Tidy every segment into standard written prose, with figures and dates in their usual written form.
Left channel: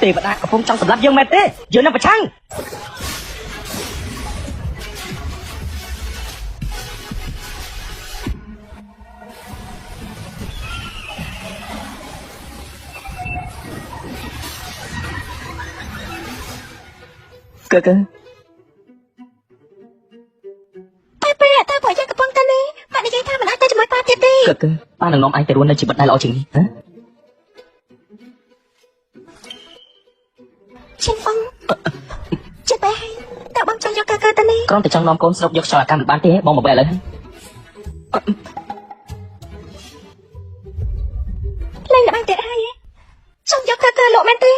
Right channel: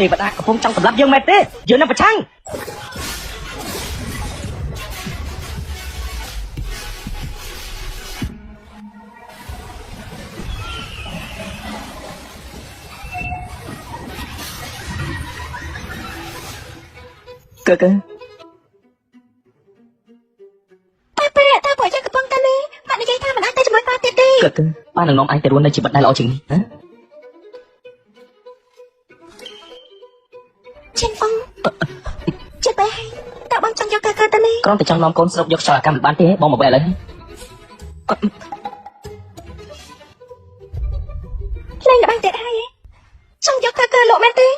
Tìm bạn không trong lớp dương mệt đi, dương lên mặt trăng. Cơ cơ. Cơ, bạn ngọc anh tới chỉ bắt đầu chừng hả? Chim ông, chim bé, tao bắn cho cơ cơ đi. Con thì trong lo con sâu vô sợ cam bán thế, ồ vậy lên. Lên bán để ai? Xong cho cơ cơ lộ bên đi.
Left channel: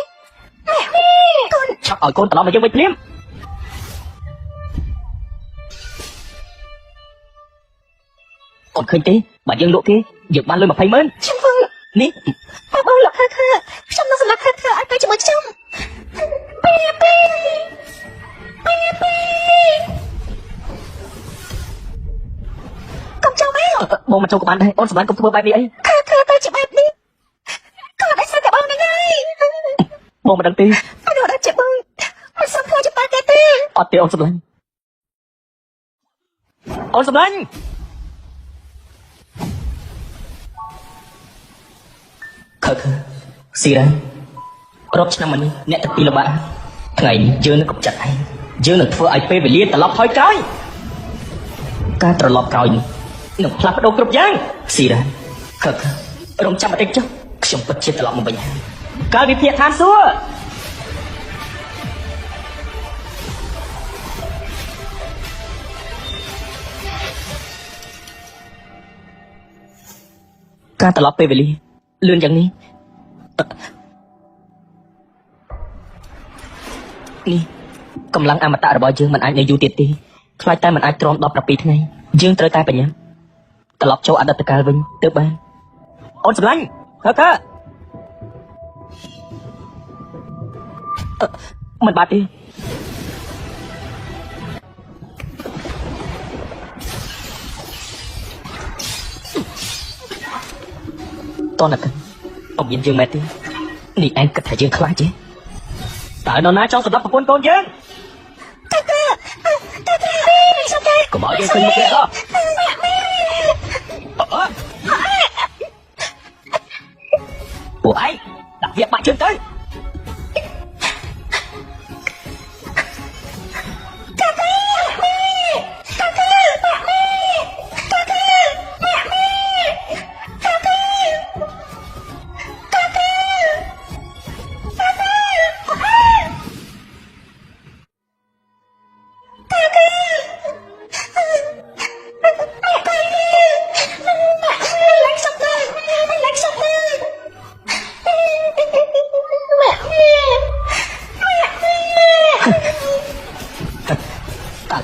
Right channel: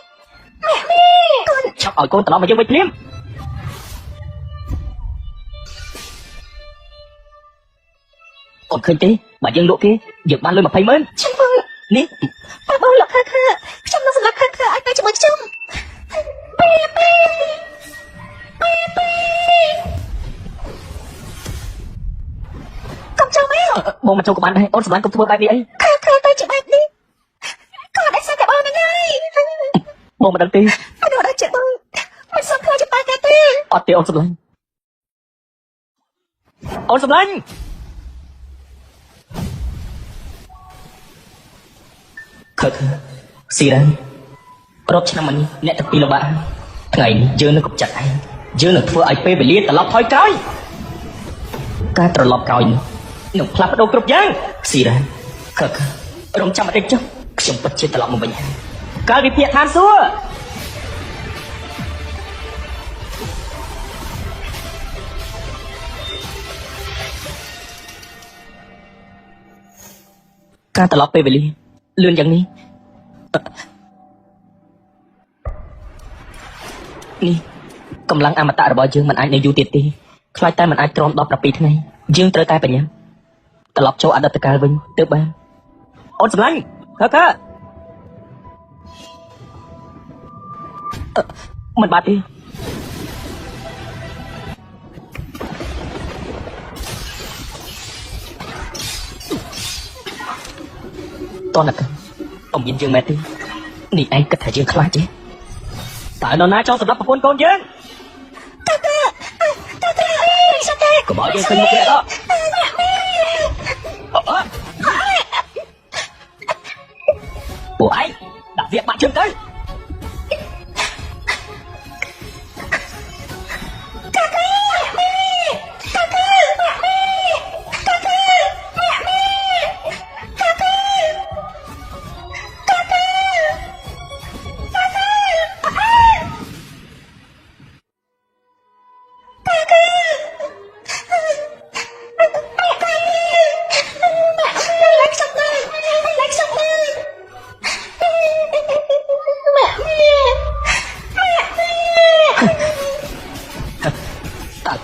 Mẹ con. Ở con đó vô bên liếm. Còn khơi tí, bạn yên lụa kia, việc bán lương phải mến. Chim ông, Ní. tao bắn lộ cơ cơ, xong nó là cơ cơ ăn cái chỗ chung. Con trong ấy. Bồn trong bạn này, ốt giải cũng thua ai đi ấy. Cơ cơ đây chị em đi. Con tại sao lại ôm cái này? Bồn đầu tiên. Con gọi là chị Bưng. Mày sao không chị bán cái đi? Ở tiêu rồi. Ốt giải. Khờ khờ. Xin lỗi. Rốt cho mình nè tập pila ba. Ngày chưa có chặt hay. Chưa thua ai phê bị tao thôi cái. Cái tao lọt còi. Ngập lạp đâu cực giang. Xin lỗi. Khờ khờ. Rốt chặt đây chứ. Không có chết lòng mình. Cái đi thiệt hả xua. Cái tao lọt phê bị lương chẳng đi. Đi, công lạc mà ta rồi chừng mình ai để du tiệt đi. Khai ta mình ai trong đọc đặc biệt này. Dương tới ta bệnh. Ta lọc cho ada tất cả luôn, tới ba. Ôi sáng, hả ta? Mình bạc đi. Tôi là ông nhìn chưa mẹ đi. Đi em có thể chịu khó chứ. Tại nó nát trong sọt con chứ. Cô hỏi đi xin nghe đó. Bộ ấy, đặt việc mặt trên đấy.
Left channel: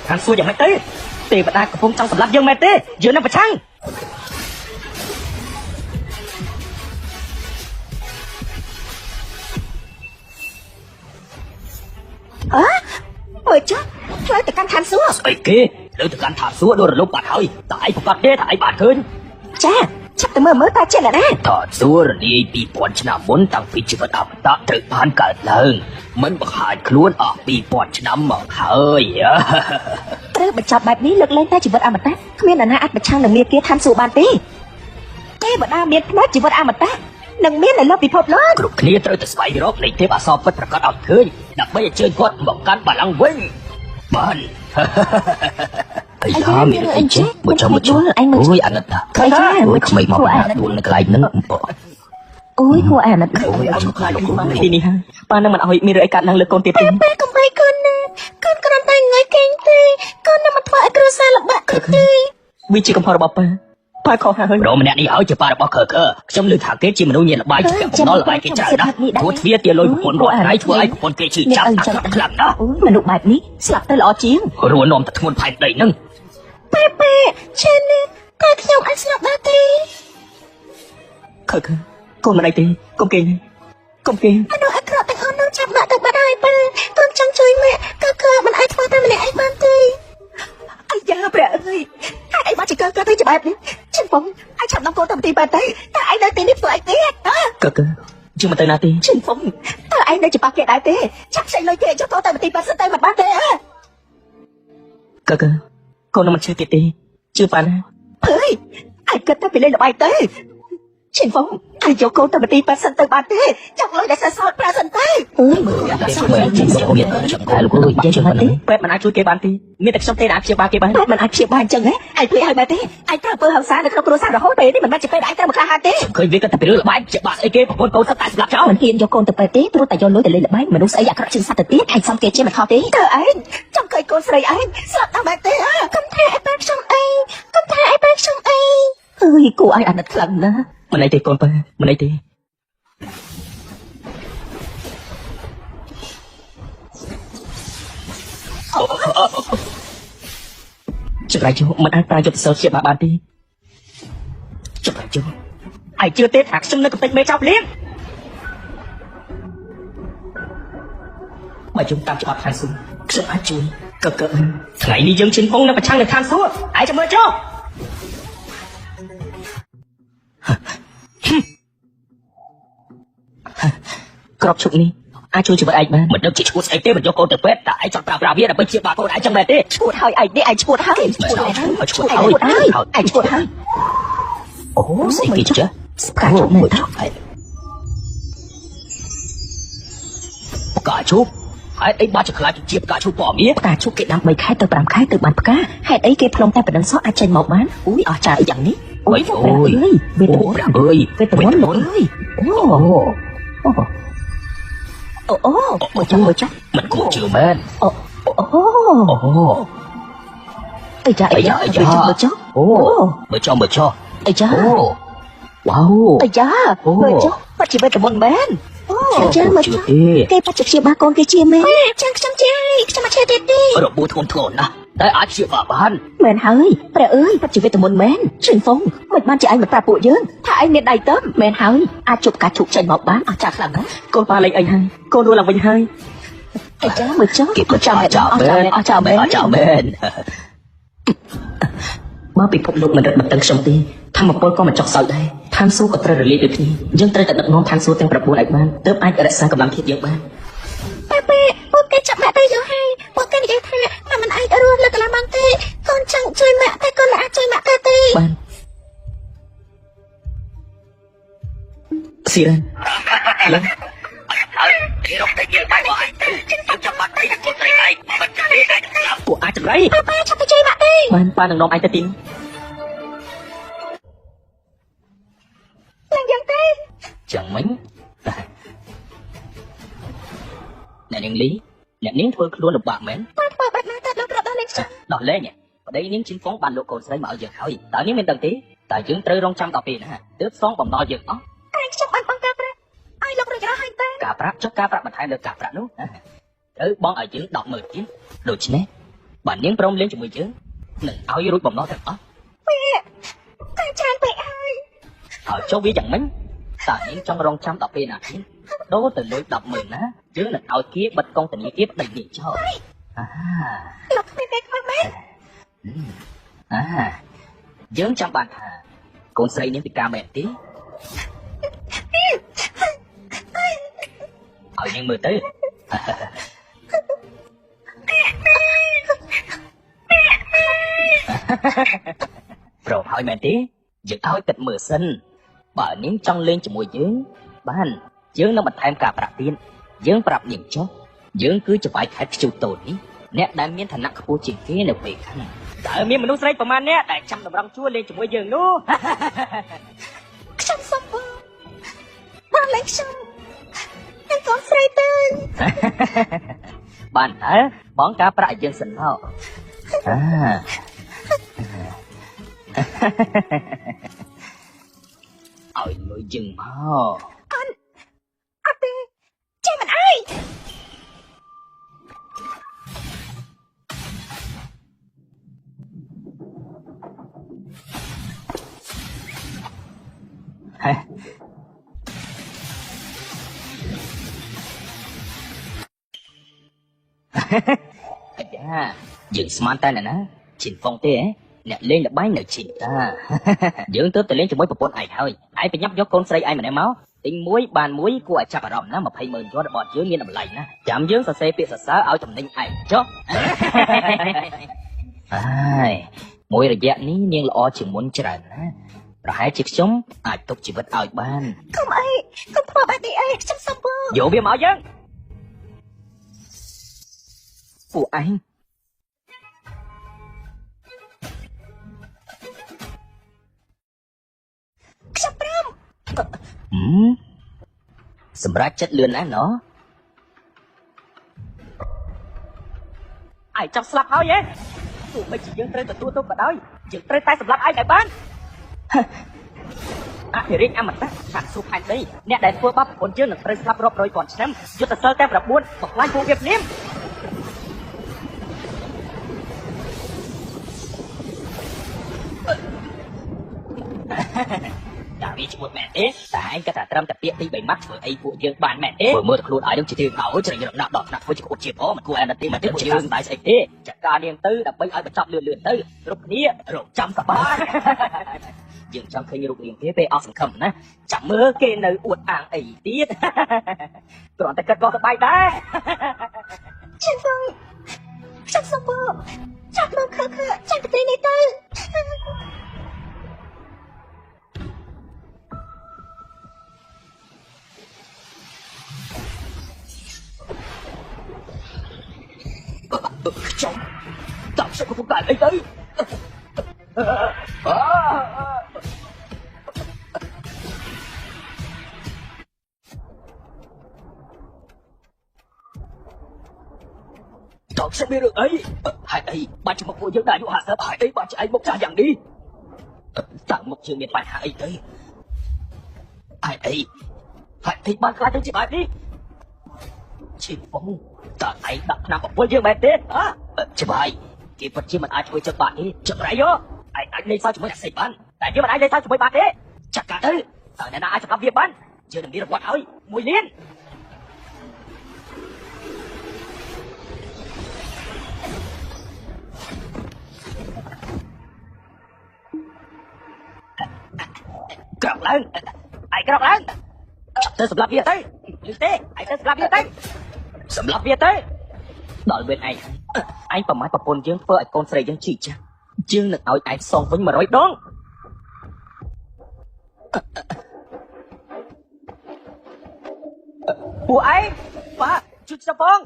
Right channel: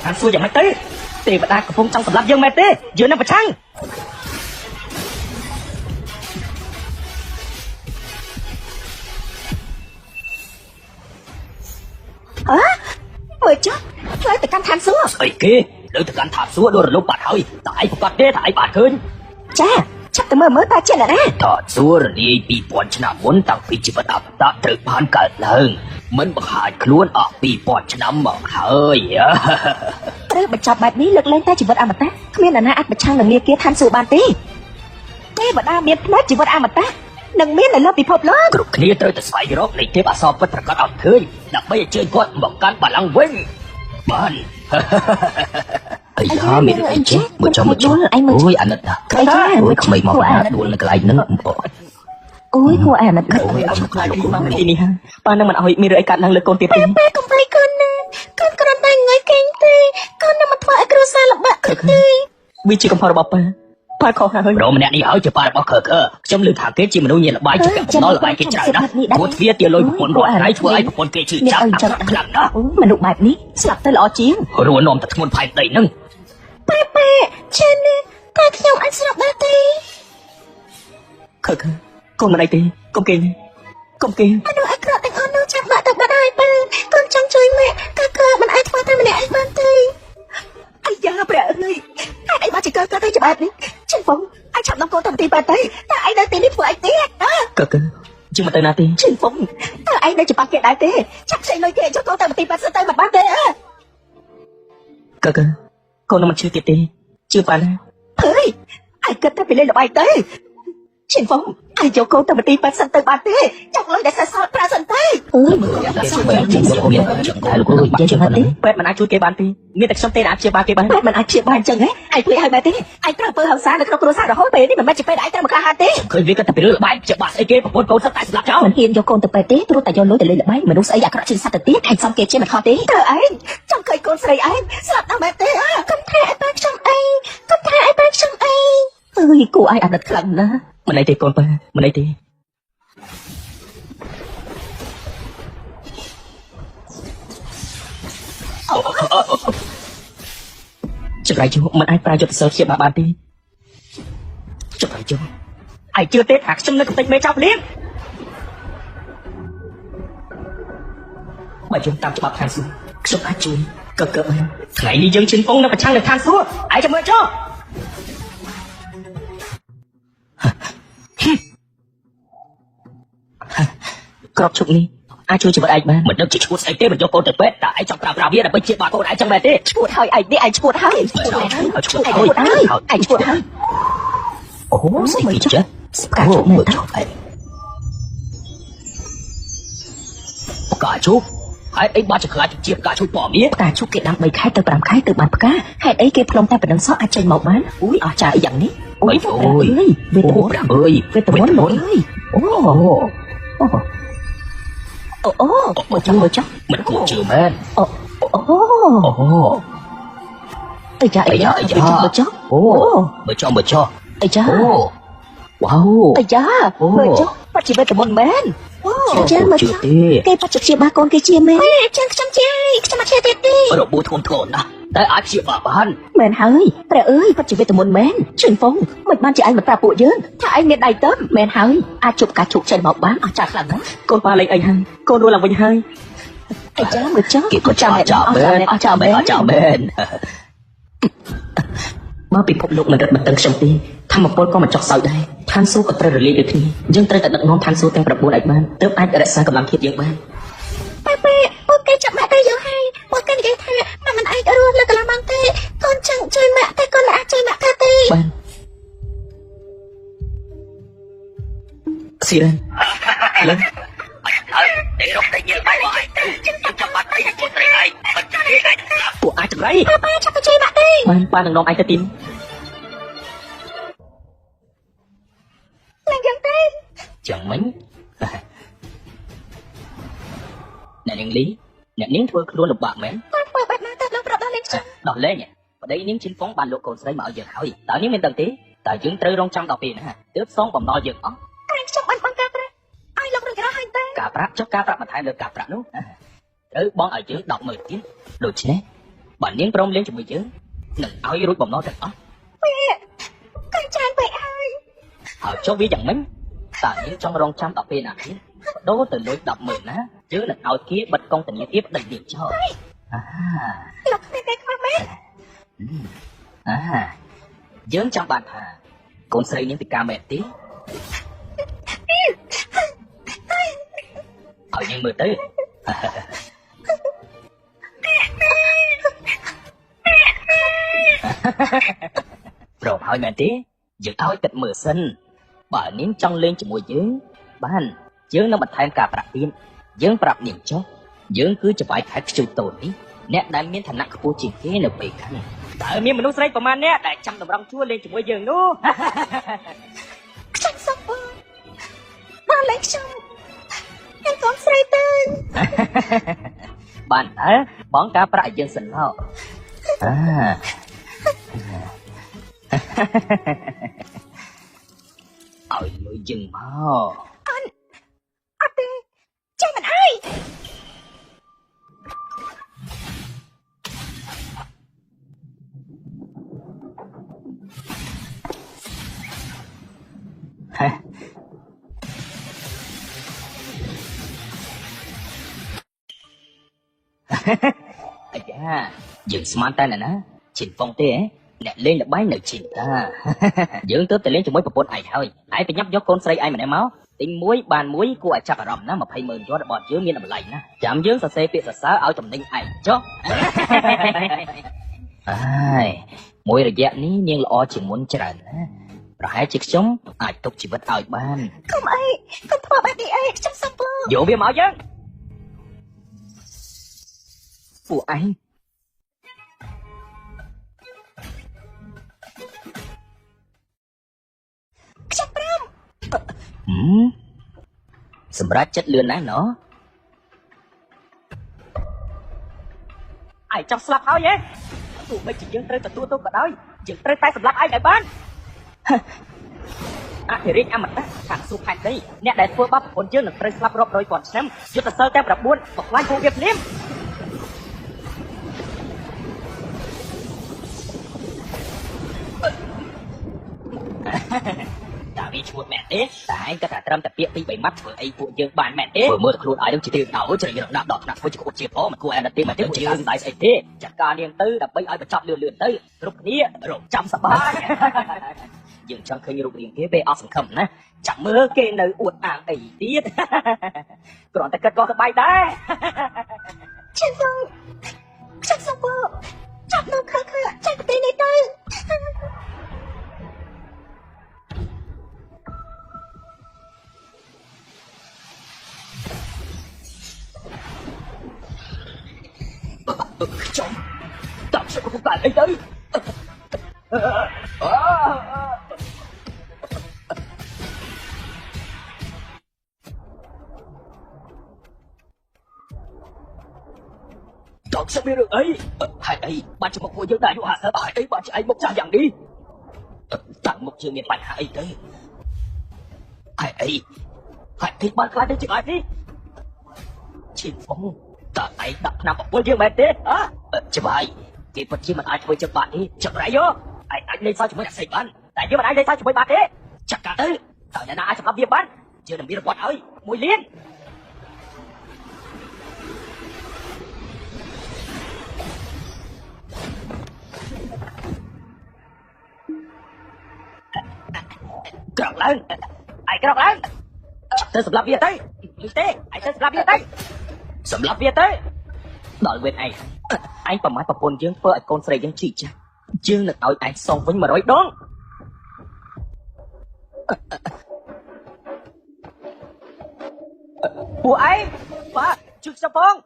Thằng xui vậy tí. Tìm ra không trong lớp dương mệt đi, dương lên mặt trăng. Ôi chứ, rồi thì can thả xuống. Vậy kia, đừng can thả xuống rồi đâu bạn ơi. Tại bạn ơi. Chà, chắc tao mới ta trẻ đấy. Thọ xuống đi bị bọn chả muốn tao bị chỉ vật ẩm ta tự phán cả lần. Mới mà hại luôn ở bị bọn chả mở hơi. Tôi phải cho bà biết được lên ta chỉ vật ăn mà ta. Khuyên là na phải trang là nghe kia khăn sụ bà tí. Thế vật ăn biết mất chỉ vật ăn mà ta. Đừng biết là nó bị phột lớn. Từ khi tôi phải rốt lấy cái bà so với cả ẩm thương. Đã bây chơi quất một căn bà ăn quên. Bạn. Ây khó bị lại chứ. Một chút là anh mới ui ăn ta. Cái đó ui không bị mỏ là ui cái nữa. Ui hoa là cơ. Thì bạn nào bị mi rễ cả năng lực con kia. Em không phải con tay người kinh tì. Con đã mặt phải cơ sao là bạn cực tì. Vì chỉ có phải bọp bà con hơi rộng nè đi áo cho bà bọp cơ. Trong lưng thả kế chìm nâu nhiệt bài nó là bài kia trả đá. Một phía kia lôi một loại hai với một kia chỉ trả đá. Mà đủ bài biết, sạp tới lọ chiến. Hồi một nồng thật một phải tẩy nâng. Bê, trên đi, con không ăn sạp bác tì. Cơ, con này đi, con kia. Con kia. Con nói cậu thì con đang chăm bạn ở bạn ai bê. Con chăm chơi mẹ, cơ mà ai con đưa mẹ anh bác tì. Anh dạy nó mẹ ơi. Hãy bắt chỉ cơ cho bạn đi. Chị bóng, anh chẳng nó có thằng tì bà đấy. Tại anh đã tí với anh tí. Cơ, chứ mà tên nào thì. Chị bóng, tại anh đang chụp cái đại đi chắc sẽ nói kể cho con thằng đi bác sĩ tay mà bán đi á cơ con làm chuyện gì chưa bán ơi anh cứ thấy bị lên ngoài tới Chị Phong, anh cho cô thằng đi bác sĩ tay bán đi chắc là để sẽ sao ra sân tay Bạn mà chui cái bàn thì nghĩa là trong tay ăn chơi bàn cái bàn mà anh chị bán chẳng ấy anh biết là đi anh có bơ xa được bơ xa không biết mà chị phải anh có ba đi khơi biết là được bạn chơi bàn cái một câu rất là cháu khi cho cô từ bài tiết tôi tại cho lối để máy mình sẽ các chính sách tiết hay sau kia trên mặt họ đi từ ấy trong cây cô say ấy sợ thằng bé tê không thể bên trong ấy không thể bên trong ấy ơi của anh đặt cẩn á mình đây thì con mình đây thì chụp lại chú mà ta chụp sơ chế bà đi chụp lại chú anh chưa tết hạt chân lên tay mê trong đi mà chúng ta bảo thang xuống chụp lại chú cơ hãy dừng chân phong là phải thang xuống ai cho mơ cho có chụp đi ai chụp bài mà mình đâu chỉ muốn say thêm cho cô được biết tại sao tao biết là bên trên bà cô đã cho mày đi chuột hơi anh đi anh chuột hơi anh chuột hơi ủa gì chứ cả chụp một cả chụp hai ấy ba chục hai chia cả chụp bỏ biết cả chụp kỹ làm mình khai từ bàn cá hai ấy kia trong tay mình sót hai chân màu má ui ở trà dạng ấy ôi ôi ôi ôi về tới bốn một trăm mình cổ trường hết ơi cha bữa cho ơi cha wow ơi cha bắt chỉ về một bên chân mình cái bắt chỉ ba con kia chia mẹ chân chia đi buồn không thổ nè tại ai chịu bảo ban mẹ hằng mẹ ơi bắt chỉ về một bên truyền phong mình ba chạy một tạp bộ chứ thà anh đi đầy tớm mẹ hằng a chụp cả chụp chạy bỏ bán chả cả cô ba lấy anh cô luôn là mình hai ơi cha vừa chứ cô chào bên mà bị con luôn là mình tự sống đi thằng một con mà chọc sợ đây thang số của tôi đi được thì nhưng tôi đã ngon thang số theo đặc bộ đại mà tớ ai đã sao làm cái gì mà ok chậm lại đây rồi hay ok vậy mà anh ơi là làm bằng thế con chẳng chơi mẹ thế con đã chơi mẹ thế đi xin của ai đấy ba nó ai tin chẳng mấy nè lý nè nín vừa luôn được bạn mến đọc lên để những chính phóng bàn đồ cổ xây mở dược hỏi tại những đầu tí tại những tới long trăm đọc tiền ha tứ số còn nói dược ống cả rap cho cả rap hai được cả rap đúng tứ bọn ở dưới đọc mười tiếng được chứ bạn nín rong lên chùi chứ áo yêu còn nói được ống họ cho biết chẳng mấy tại những trong rong trăm đọc tiền này đố từ đôi đọc mười ná chứ là ở kia bật công tình kiếp đầy gì cho dưỡng trong bạn cùng xây những ca mẹ tí ở những mười tới rồi hỏi mẹ tí giữ áo tịch mười sinh bà nín trong lên cho mùi dưỡng ban dưỡng nó bật hai cả bạc viên dưỡng bạc niềm chót dưỡng cứ cho bài thay chiều tổ đi nét đã miễn thành nặng khu chỉ kế đều về khăn ở miễn nó xây của ma nét để chăm được răm chúa đi cho bây giờ nó chăm sóc nó lấy xong em còn xây tên bạn hả bón cá bạc dân sinh hò ở người chừng hò anh đi chết ai giữ smart đây nè chỉ phong thế អ្នកលេងល្បែងនៅឈីយើងទៅលេងជាមួយប្រពន្ធឯងហើយឯងទៅញ៉ាំយកកូនស្រីឯងម្នាក់មកទី1បាន1គួរឲ្យចាប់អារម្មណ៍ណា20,000យន់របស់យើងមានតម្លៃណាចាំយើងសរសេរពាក្យសរសើរឲ្យចំណេញឯងចុះហើយមួយរយៈនេះញៀងល្អជាងមុនច្រើនណាប្រហែលជាខ្ញុំអាចទុកជីវិតឲ្យបានក ុំអីកុំធ្វើបែបនេះអីខ្ញុំសប្បុរស យកវាមកយើងពួកឯងសម្រាប់ចិត្តលឿនណាស់ណោះឯងចាប់ស្លាប់ហើយទេទោះបីជាយើងត្រូវទទួលទោសក៏ដោយយើងត្រូវតែសម្លាប់ឯងឲ្យបានអភិរិយអមតៈខាសួរផែនដីអ្នកដែលធ្វើបាបប្រពន្ធយើងនឹងត្រូវស្លាប់រាប់រយពាន់ឆ្នាំយុទ្ធសាស្ត្រតែ9មកខ្លាចមួយវាមតាពីឈ្មោះមែនទេតែឯងក៏ត្រឹមតែពាក្យពី3ម៉ាត់ធ្វើអីពួកយើងបានមែនទេមើលគ្រូឲ្យយើងជឿឲ្យជ្រើសដាក់ដកដាក់ធ្វើជាគប់ជាបងគួរតែទីមកទៀតជាស្ដាយស្អីទេចាត់ការរៀងទៅដើម្បីឲ្យបញ្ចប់លឿនៗទៅគ្រប់គ្នារកចាំសប្បាយយើងចង់ឃើញលោកនាងគេពេលអស់សង្ឃឹមណាចាំមើលគេនៅអួតអាងអីទៀតគ្រាន់តែក៏សប្បាយដែរ ខ្ញុំសប្បុរសចាំទៅខឹកចាំទៅលេងទៅខ្ញុំដាក់ស្រួលបាក់អីទៅដល់ស្រួលអីហើយអីបាច់មកពួកយើងតែមកសើហើយអីបាច់ឆ្លៃមកចាំយ៉ាងនេះតាមមកជឿមានបញ្ហាអីទៅហើយអីហើយទីបានខ្លាចឆ្លាតនេះជីវងតើឯងដាក់ឆ្នាំពួកយើងមែនទេច្បាយគេពិតជាមិនអាចធ្វើចិត្តបាក់ទេចម្រៃយោឯងអាចលេងសើចជាមួយស្អីបានតែយើងមិនអាចលេងសើចជាមួយបានទេចាក់កាទៅតើអ្នកណាអាចស្បវាបានយើងមានរបស់ឲ្យ1លានក្រោកឡើងឯងក្រោកឡើងទៅស្លាប់វាទៅទេឯងទៅស្លាប់វាទៅសម្លាប់វាទៅដល់ពេលឯងប្រមាណប្រពន្ធយើងធ្វើឲ្យកូនស្រីយើងជីចាស់យើងនឹងឲ្យឯងសងវិញ100ដងពួកឯងបាទជួយចាប់បង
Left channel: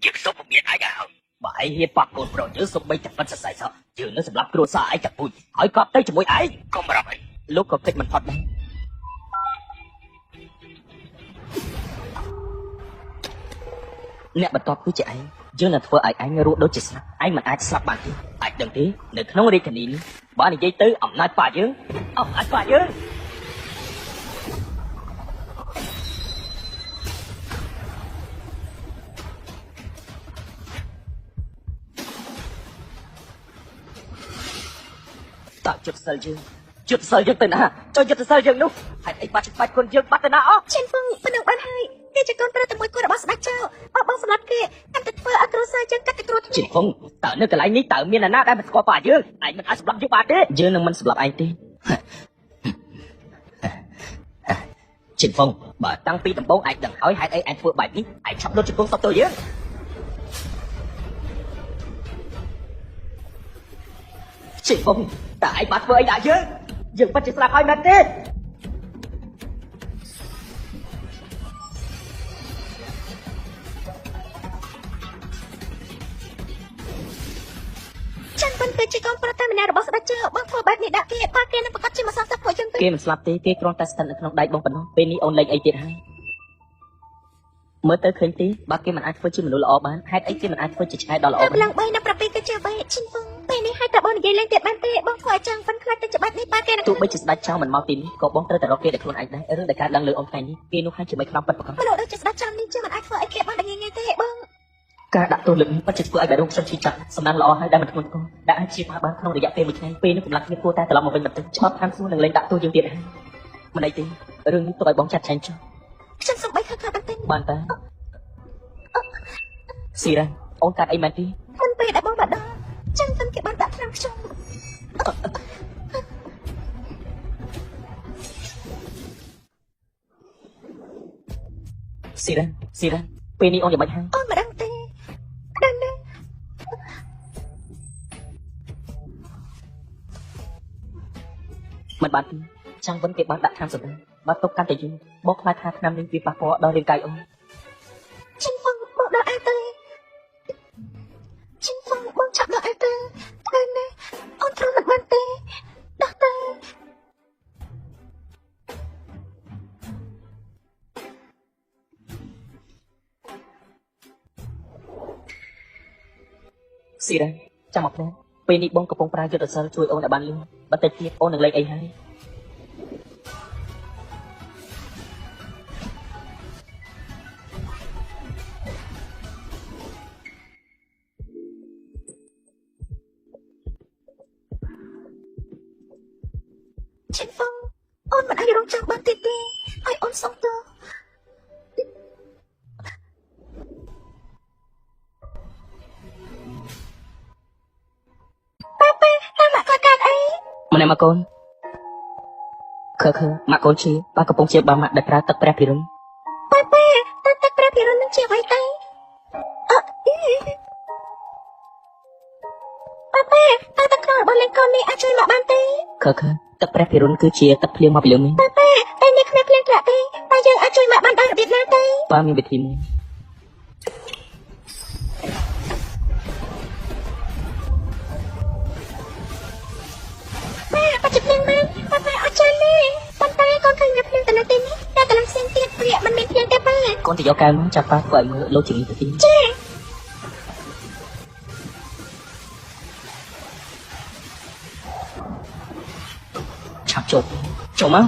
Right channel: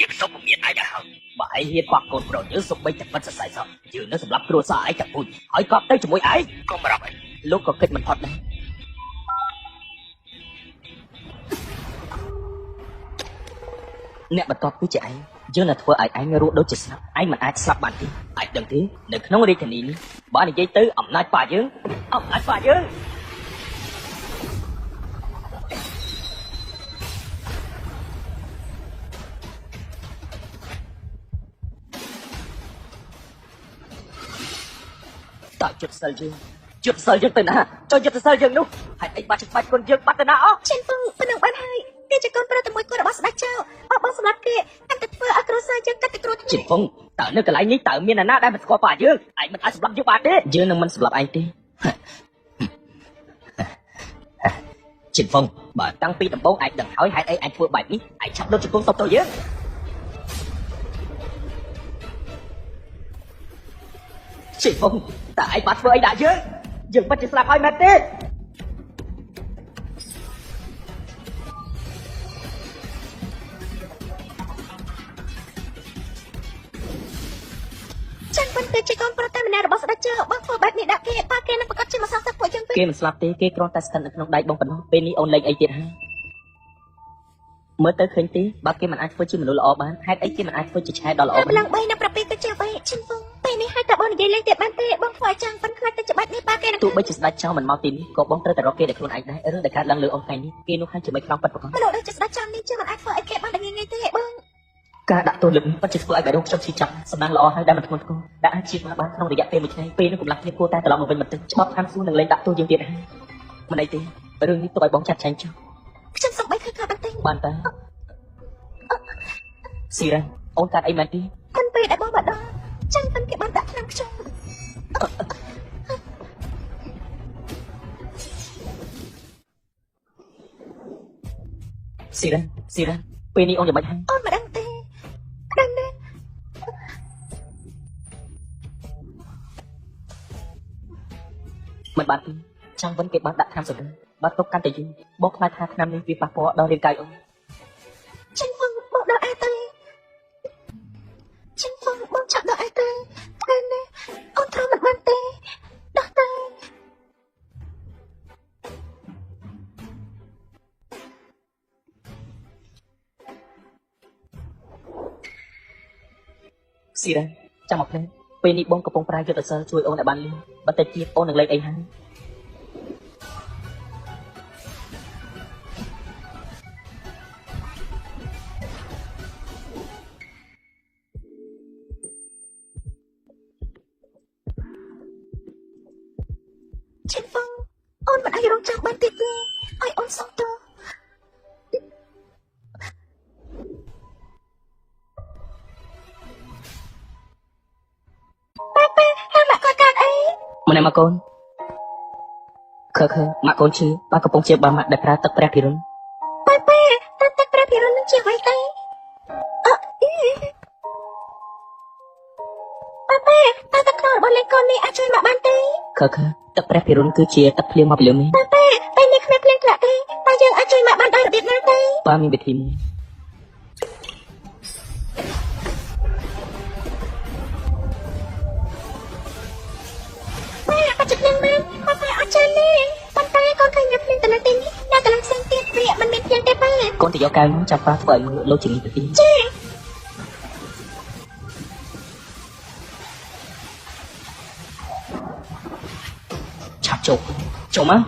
យើងសុំមានឯងហើយបើឯងនិយាយបាក់កូនប្រុសយើងសុំបីតែប៉ុណ្្នឹងសរសៃសោះយើងនឹងស្លាប់គ្រួសារឯងតែពូជហើយក៏ទៅជាមួយឯងក៏ប្រាប់លោកក៏គិតមិនផុតដែរអ្នកបន្តគឺជាឯងយើងនឹងធ្វើឲ្យឯងរស់ដូចជាសត្វឯងមិនអាចស្លាប់បានទេអាចដឹងទេនៅក្នុងរាជធានីនេះបើនិយាយទៅអំណាចបាក់យើងតើจุดសិលយើងទៅណាចូលจุดសិលយើងនោះហើយឯងបាច់បាច់ខ្លួនយើងបាត់ទៅណាអស់ ខ្ញុំព្រឹកបានហើយទីជាកូនប្រុសជាមួយគាត់របស់ស្ដេចចៅអបសម្រាប់គេតែទៅធ្វើអត់រសាយើងតែទៅខ្លួន ជីពងតើនៅកន្លែងនេះតើមានអ្នកណាដែលស្គាល់បាក់យើងឯងមិនអាចស្លាប់យើងបានទេយើងមិនស្លាប់ឯងទេជីពងបើតាំងពីដំបូងឯងដឹងហើយហេតុអីឯងធ្វើបែបនេះឯងឆាប់ដូចខ្លួនសត្វទៅយើងជីពងតើឯងបានធ្វើអីដាក់យើងមិនស្លាប់ហើយមែនទេចាំមិនទៅជាកូនប្រុសទៅណារបស់ស្ដេចចៅបងធ្វើបែបនេះដាក់គេប៉ាគេប្រកាសជាមិនសល់ទឹកពួកយើងទេគេមិនស្លាប់ទេគេគ្រាន់តែស្ថិតនៅក្នុងដៃបងប៉ុណ្ណោះពេលនេះអូនលេងអីទៀតហើយមើលទៅឃើញទេបើគេមិនអាចធ្វើជាមនុស្សល្អបានហេតុអីគេមិនអាចធ្វើជាឆែដល់ល្អឡើងបងណាប្រាប់ពីទៅជាបីឈឹងបងពេលនេះហើយតើបងនិយាយទេបានទេបងធ្វើចាំប៉ុន្តែទៅច្បាស់នេះប៉ាគេទោះបីជាស្ដេចចង់មិនមកទីនេះក៏បងត្រូវតែរកគេតែខ្លួនឯងដែរតែការដល់លើអូនឯងគេនោះខាងជាមួយខ្លោបប៉ុណ្ណោះទៅស្ដេចចង់នេះចាំអាចធ្វើអីគេបាននេះទេបងការដាក់ទោសលើពិតជាធ្វើឲ្យលោកសុខជីចាត់សំណាងល្អហើយដែលមិនធ្ងន់ធ្ងរដែលជាបានក្នុងរយៈពេលមួយថ្ងៃពេលនោះឡើងគ្នាគួរតែត្រឡប់មកវិញប្រទេសឆ្លងខាងស៊ូនឹងលេងដាក់ទោសយើងទៀតមិនអីទេរឿងនេះទៅឲ្យបងចាត់ចែងចុះខ្ញុំសប្បាយខាងតែបានតើសៀអូនកាអីមែនទេខ្ញុំពេលអីបងបាត់ ចាំទៅគេបានដាក់តាមខ្ញុំ ស៊ីឡាពេលអូនយ៉ាងម៉េចហើយ អូនមិនដឹងទេគ្រាន់តែ មិនបានចាំមើលគេបានដាក់ខាងស្រីបើគ្រប់កាន់តែយូរបងខ្លាចថាខាងនេះវាប៉ះពាល់ដល់រាងកាយអូន ចាំបងដល់អីទៅចាំបងចាប់ដល់អីទៅគ្រាន់តែអូនធ្វើមិនបានទេដល់ទៅ ស៊ីឡាចាំមកខ្ញុំពេលនេះបងកំពុងប្រើយុទ្ធសាស្ត្រជួយអូនឲ្យបានយូរបើតែជាអូននឹងលេងអីហើយ ចាំបងអូនមិនឲ្យរងចាំបានទៀតទេឲ្យអូនសុំទៅ ម្នាក់មកកូនឃើញមកកូនឈឺបើកំពុងជាបាមកដែលប្រើទឹកព្រះពីរឿង តែព្រះពីរឿងជាអ្វីទៅអត់ទេតែកូនបងកូននេះអាចជួយមកបានទេ ឃើញទឹកព្រះពីរឿងគឺជាទឹកភ្លៀងមកលឿងនេះ ពេលនេះគ្មានក្រាក់ទេតែយើងអាចជួយមកបានដល់ទីហ្នឹងទេ បានវិធីនេះ អាចជួយមិនគាត់អាចជួយនេះតែគាត់ឃើញយើងមានត្រឹមទីនេះតែដល់សិនទៀតវាមិនមានទៀតទេបើ កូនទីយកការចាប់ប្រើធ្វើឲ្យមើលលោកជាវិធី ចា ឆាប់ចូលមក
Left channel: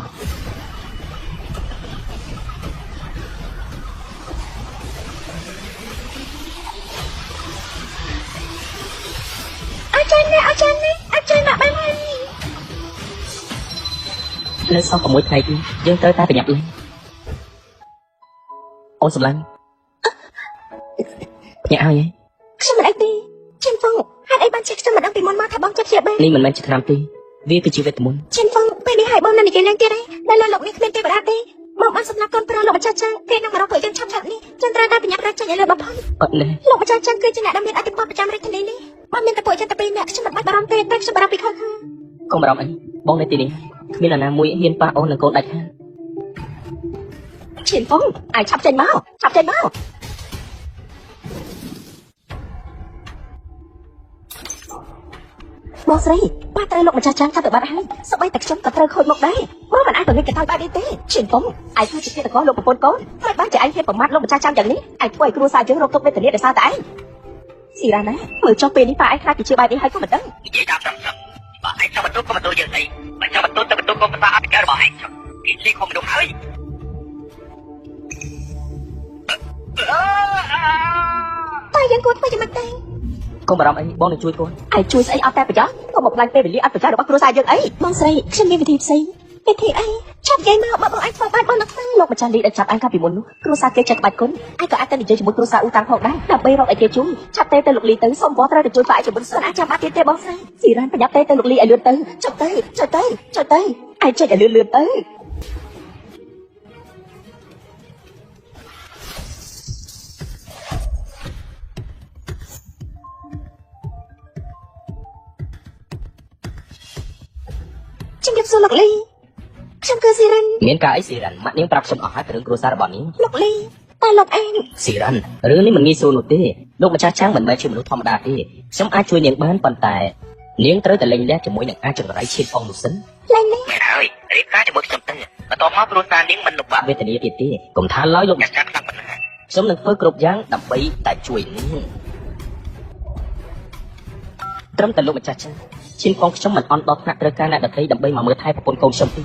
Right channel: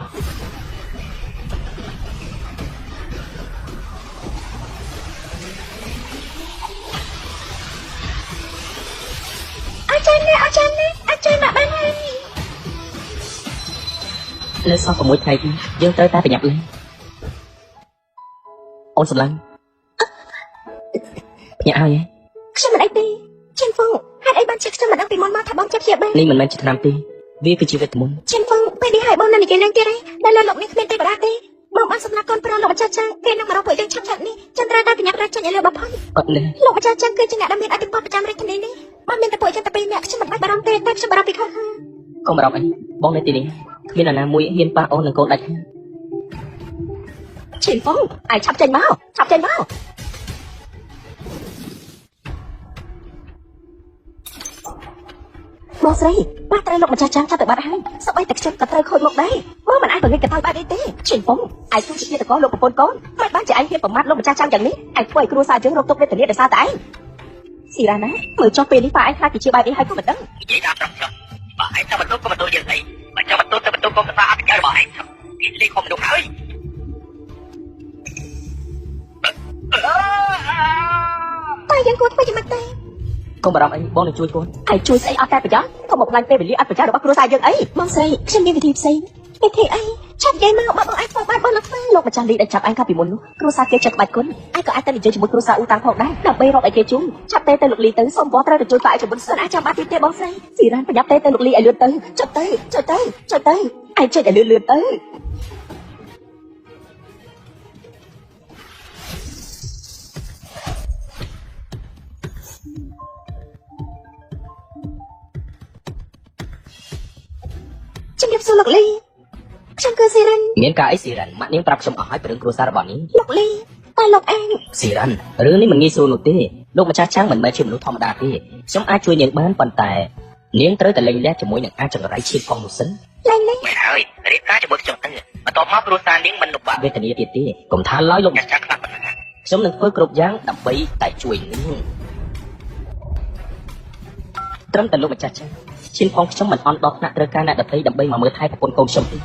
អាចជួយមកបានហើយ លើស6ថ្ងៃយើងត្រូវតែប្រយ័ត្នអូនស្លាញ់ញ៉ាំហើយ ខ្ញុំមិនដឹងទេជិនបងហើយអីបានជិះស្រាប់ពីមុនមកបងចិត្តជាមិន នេះមិនមែនឆ្នាំទេវាគឺជាវិធីមុន ជិនបងពេលហើយបងនិយាយទេដែលលោកមានគ្នាទេបាទទេបងអសនាកូនប្រុសលោកចាចាគេនឹងមកពេលឆាប់នេះចន្ទ្រាណាញ៉ាំប្រាជិះរបស់ អត់នេះ លោកចាចាគឺជាអ្នកមានអធិបតេយ្យតាមនេះបងមានប្រពន្ធតែពីរអ្នកខ្ញុំមិនបានទេតែខ្ញុំបានពីខាង កូនរំបងនៅទីនេះគ្មានអ្នកណាមួយហ៊ានប៉ះអូននឹងកូនដាច់ ជិនបងអាចឆាប់ចេញមកបងស្រីបានតែលោកចាចាថាបានស្អីតែខ្ញុំក៏ត្រូវខូចមកដែរបងមិនអាចមានកថាបានទេជិនបងអាចជួយជាតកលោកប្រពន្ធកូនតែបានចាយវាប្រមាថលោកចាចាយ៉ាងនេះអាចធ្វើឲ្យគ្រូសាយើងរកទៅពេលទៅរៀនសារតែស៊ីឡាណាមើលចុងពេលនេះប៉ាឯងថាជាបាយហើយមិនដឹង Hãy subscribe cho kênh Ghiền Mì Gõ để không bỏ lỡ những video hấp dẫn តែយើងគួរពេញមែនទេ កូនរំបងនឹងជួយខ្លួន អាចជួយស្អីអត់តែប្រយោជន៍ក៏មកឡើងពេលវេលាអត់ប្រយោជន៍របស់គ្រូសាយើងអីមកស្អីខ្ញុំមានទីផ្សេងពេលទីអីឆាប់គេមកបងអាចទៅបានបងទៅលោកប្រចាំទីដែលចាប់អានកាពីមុនគ្រូសាគេចេះបាយគុណអាចក៏អាចទៅនិយាយជាមួយគ្រូសាតាមផងដែរដើម្បីរកអីគេជូនឆាប់ទៅលីទៅសូមបងត្រូវជួយបាយជាមួយស្រាចាំបានទៀតទេបងស្រីស៊ីណាប្រយ័ត្នទៅលីឲ្យលឿនទៅចុះទៅអាចជួយឲ្យលឿនទៅជំរាបសួរលោកលីខ្ញុំគឺស៊ីរ៉ាន មានការអីស៊ីរ៉ានម៉ាក់នាងប្រាប់ខ្ញុំអស់ហើយពីគ្រួសាររបស់នាង លោកលីតែលោកអី ស៊ីរ៉ានរឿងនេះមិនងាយស្រួលនោះទេលោកម្ចាស់ចាំមិនមែនជាមនុស្សធម្មតាទេខ្ញុំអាចជួយនាងបានប៉ុន្តែនាងត្រូវតែលេងដែរជាមួយនឹងអាចចរៃជាកងសិន លេងនេះ មិនហើយរីកាជាមួយខ្ញុំទៅបន្តមកគ្រួសារនាងមិនរំបាក់វេទនាទេកុំថាឡើយលោកម្ចាស់ខ្ញុំនឹងធ្វើគ្រប់យ៉ាងដើម្បីតែជួយត្រឹមតែលោកម្ចាស់ជាផងខ្ញុំមិនអន់ដល់ថ្នាក់ត្រូវការអ្នកដទៃដើម្បីមកមើលថែប្រពន្ធកូនខ្ញុំទេ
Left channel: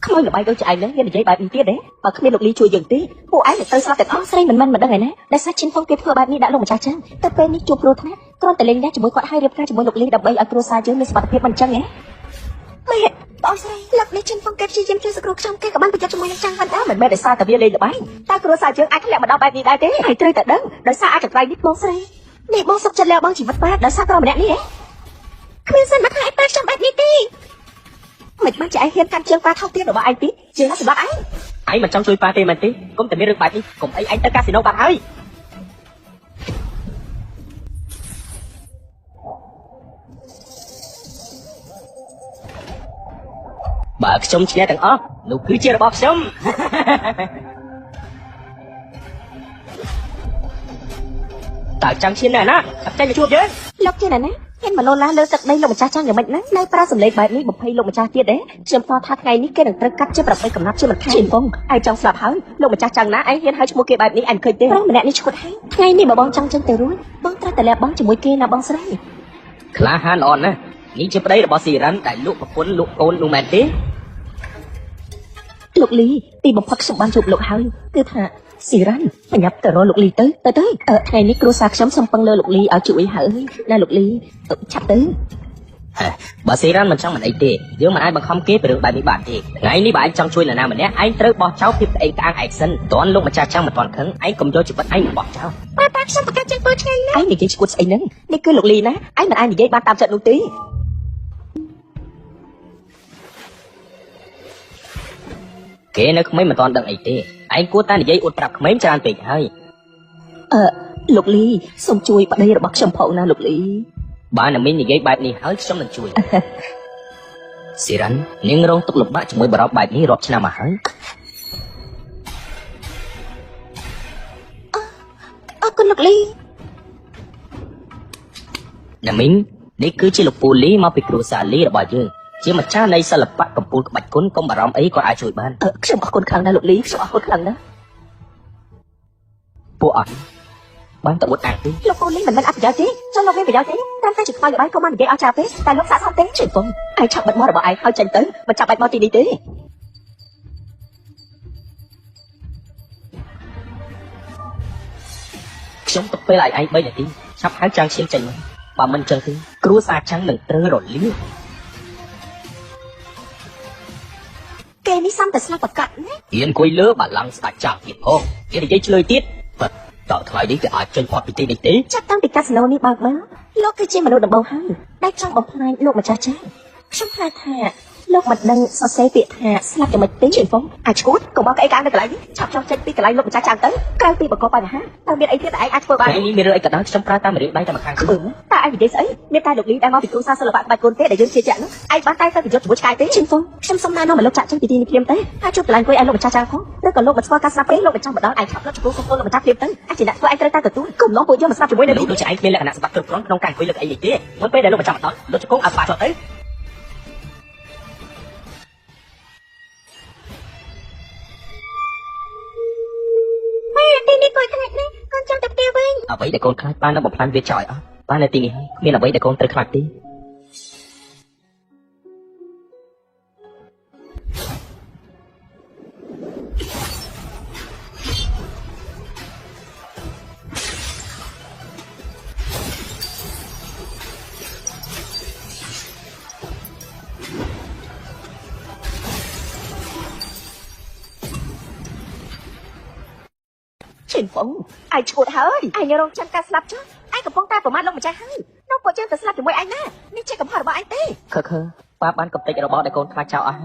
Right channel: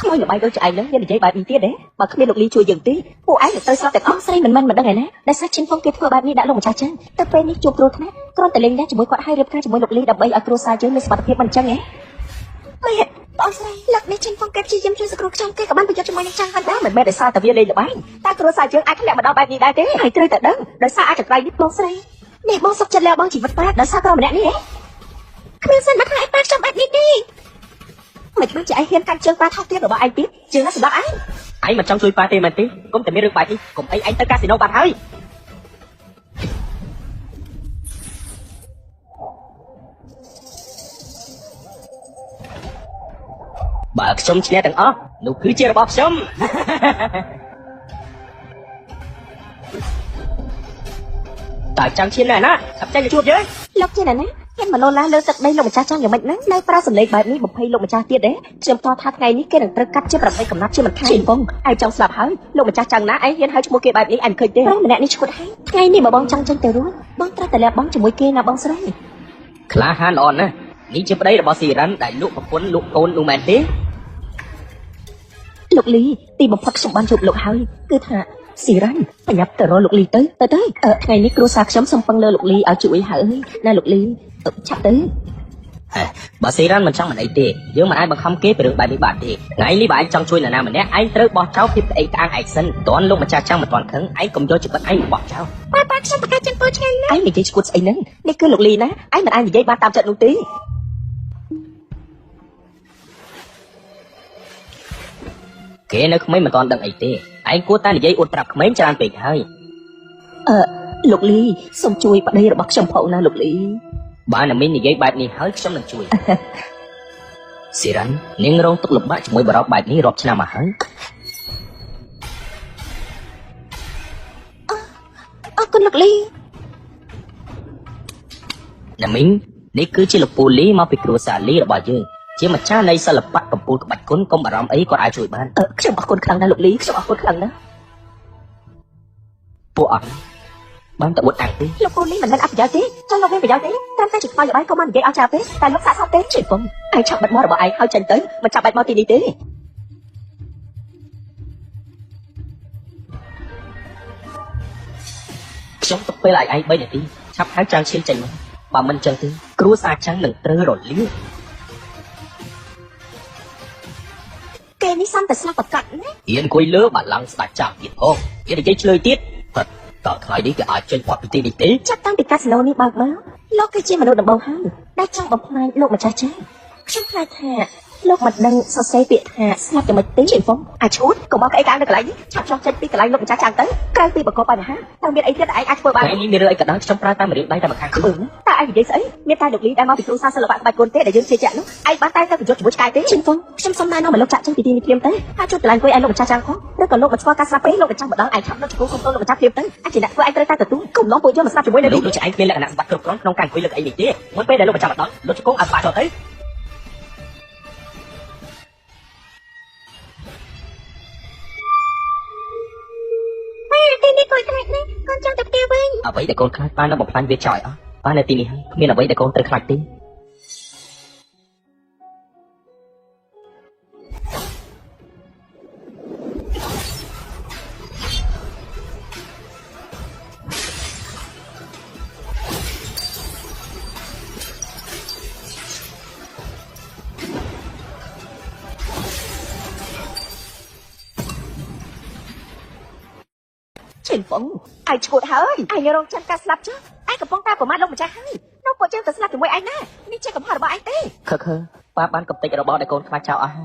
ខ្ញុំបាយដូចឯងនឹងនិយាយបាយទៀតទេបើគ្មានលោកលីជួយយើងទេពួកឯងត្រូវសោះតែអស់ស្រីមិនមែនទេណាដែលសាជាងពួកគេធ្វើបាយនេះដាក់លោកចាចាទៅពេលនេះជួបគ្រូថាគ្រូតែលេងណាជាមួយគាត់ហើយរៀបការជាមួយលោកលីដើម្បីឲ្យគ្រូសាយើងមានសុខភាពមិនចឹងណាម៉ែអស់ស្រីលោកនេះជាងពួកគេជាយើងជួយស្រួលចាំគេក៏បានយកជាមួយចាំគាត់ដែរមិនមែនដោយសារតែវាលេងបាយតែគ្រូសាយើងអាចអ្នកបដបាយនេះដែរទេហើយត្រូវតែដឹងដោយសារអាចបាយនេះគ្រូស្រី នេះបងសុខចិត្តលះបង់ជីវិតប្រាដោយសារតែម្នាក់នេះគឺសិនណាឯងបានចង់បានទីទីមិនដូចជាឯងហ៊ានកាត់ជើងបានថោកទៀតរបស់ឯងទីជឿស្ដាយឯងមិនចង់ជួយបានទេមែនទេគុំតែមានរឿងបាច់នេះគុំអីឯងទៅកាស៊ីណូបានហើយបើខ្ញុំជាទាំងអស់នោះគឺជារបស់ខ្ញុំតើចាំឈៀនណាកាប់តែជួបទេលោកជាណាគេមករងឡើងលើទឹកដីលោកម្ចាស់ចង់យ៉ាងម៉េចណានៅប្រាសម្លេងបែបនេះ20លោកម្ចាស់ទៀតទេខ្ញុំថតថាថ្ងៃនេះគេនឹងត្រូវកាត់ជើងរត់ឯកំណត់ជើងរត់ខាងបងឯងចង់ស្លាប់ហើយលោកម្ចាស់ចាំណាឯងហ៊ានហៅឈ្មោះគេបែបនេះឯងឃើញទេម្នាក់នេះឈ្មោះថ្ងៃនេះបងចង់ទៅបងត្រូវតែបងជាមួយគេណាបងស្រីក្លាហានអត់ណានេះជាប្តីរបស់ស៊ីរ៉ាន់ដែលលោកប្រពន្ធលោកកូនលោកម៉ែទេលោកលីទីបំផុតខ្ញុំបានជួបលោកហើយគឺថាស៊ីរ៉ាន់ប្រញាប់ទៅលោកលីទៅថ្ងៃនេះគ្រូសាខ្ញុំសូមពឹងលើលោកលីឲ្យជួយហើយនៅលោកលីឆាប់ទៅបើស៊ីរ៉ាន់មិនចង់អីទេយើងមិនអាចបង្ខំគេពីរឿងបែបនេះបានទេថ្ងៃនេះបើឯងចង់ជួយនរណាម្នាក់ឯងត្រូវបោះចោលពីផ្ទៃក្អាងឯសិនតើលោកម្ចាស់ចង់មិនបានខឹងឯងកុំយកជីវិតឯងបោះចោលបាទខ្ញុំប្រកាសជិះទៅឆ្ងាយឯងនិយាយឈួតស្អីហ្នឹងនេះគឺលោកលីណាឯងមិនអាចនិយាយបានតាមចិត្តនោះទេគេនៅក្មេងមិនបានដឹងអីទេឯងគួរតែនិយាយអួតប្រាប់ក្មេងច្រើនពេកហើយលោកលីសូមជួយប្តីរបស់ខ្ញុំផងណាលោកលីបានមាននិយាយបែបនេះហើយខ្ញុំនឹងជួយស៊ីរ៉ាន់នាងរងទុក្ខលំបាកជាមួយបរិបទបែបនេះរាប់ឆ្នាំមកហើយអរគុណលោកលីណាមីងនេះគឺជាលោកពូលីមកពីគ្រួសារលីរបស់យើងជាម្ចាស់នៃសិល្បៈកំពូលក្បាច់គុណកុំអារម្មណ៍អីក៏អាចជួយបានខ្ញុំអរគុណខ្លាំងណាស់លោកលីខ្ញុំអរគុណខ្លាំងណាស់ពួកអត់បានទៅអាចទេលោកពូនេះមិនដឹងអត់ទេចូលមកប្រយោជន៍ទេតែជួយបានក៏មិននិយាយអត់ចាទេតែលោកសាកសោះទេជួយបងឯងឆាប់បានមករបស់ឯងហើយចេញទៅមិនចាំបាច់មកទីនេះទេខ្ញុំទៅពេលឯង3នាទីឆាប់ហៅចាំឈៀនចេញបើមិនចឹងទេគ្រូសាចាស់នឹងត្រូវរលីគេនេះសំតែស្លាប់ប្រកាសណាហ៊ានអង្គុយលើបាឡាំងស្ដាច់ចាប់ទៀតអូហ៊ាននិយាយឆ្លើយទៀតតើថ្ងៃនេះគេអាចចេញផុតពីទីនេះទេចាតាំងពីកាស៊ីណូនេះបើលោកគឺជាមនុស្សរបស់ហើយដែលចង់បំផ្លាញលោកម្ចាស់ចាខ្ញុំថាលោកមិនដឹងសរសេរពាក្យថាស្លាប់ចំណុចទេជួយបងអាចឈួតក៏បងអីឡើងកន្លែងឆាប់ចេញពីកន្លែងលោកម្ចាស់ចាទៅក្រៅពីបកបញ្ហាតើមានអីទៀតឯងអាចធ្វើបានមានរឿងកណ្ដាលខ្ញុំប្រើតាមលេខបាយដល់ខាងខ្លួនតើឯងនិយាយស្អីមានតែលោកលីដែលមកពីគ្រូសាស្ត្រសិល្បៈបែបគោលទេដែលយើងជាចឹងឯងបានតែទៅយកមួយឆាយទេជួយបងខ្ញុំសុំតាមលោកចាក់ចេញពីទីនេះទៅអាចជួបកន្លែងវិញឯងលោកម្ចាស់ចាផងឬក៏លោកមិនស្គាល់ការស្លាប់ទេលោកម្ចាស់ម្ដងឯងថតទៅគ្រូសុំទៅម្ចាស់ទៀតទៅអាចជាអ្នកធ្វើឯងត្រូវតែទទួលគុំលោកពួកយើងស្ដាប់ជាមួយលោកចែកពេលលក្ខណៈស្បាក់គ្រប់គ្រាន់ក្នុងការធ្វើអីទេមួយពេលដែលលោកចាប់ដល់លោកឈោអាបាក់ទៅអ្វីដែលកូនខ្លាចបានមកបានវាចោលបាននៅទីនេះគ្មានអ្វីដែលកូនត្រូវខ្លាចទេជិះបងឯងឈួតហើយឯងរងចាំការស្លាប់chứឯងកំពុងតែប្រមាថលោកម្ចាស់ហើយនោះពួកយើងទៅស្លាប់ជាមួយឯងណានេះជាកំហុសរបស់ឯងទេប៉ាបានកំទេចរបស់ឯកូនខ្លាចចោលអស់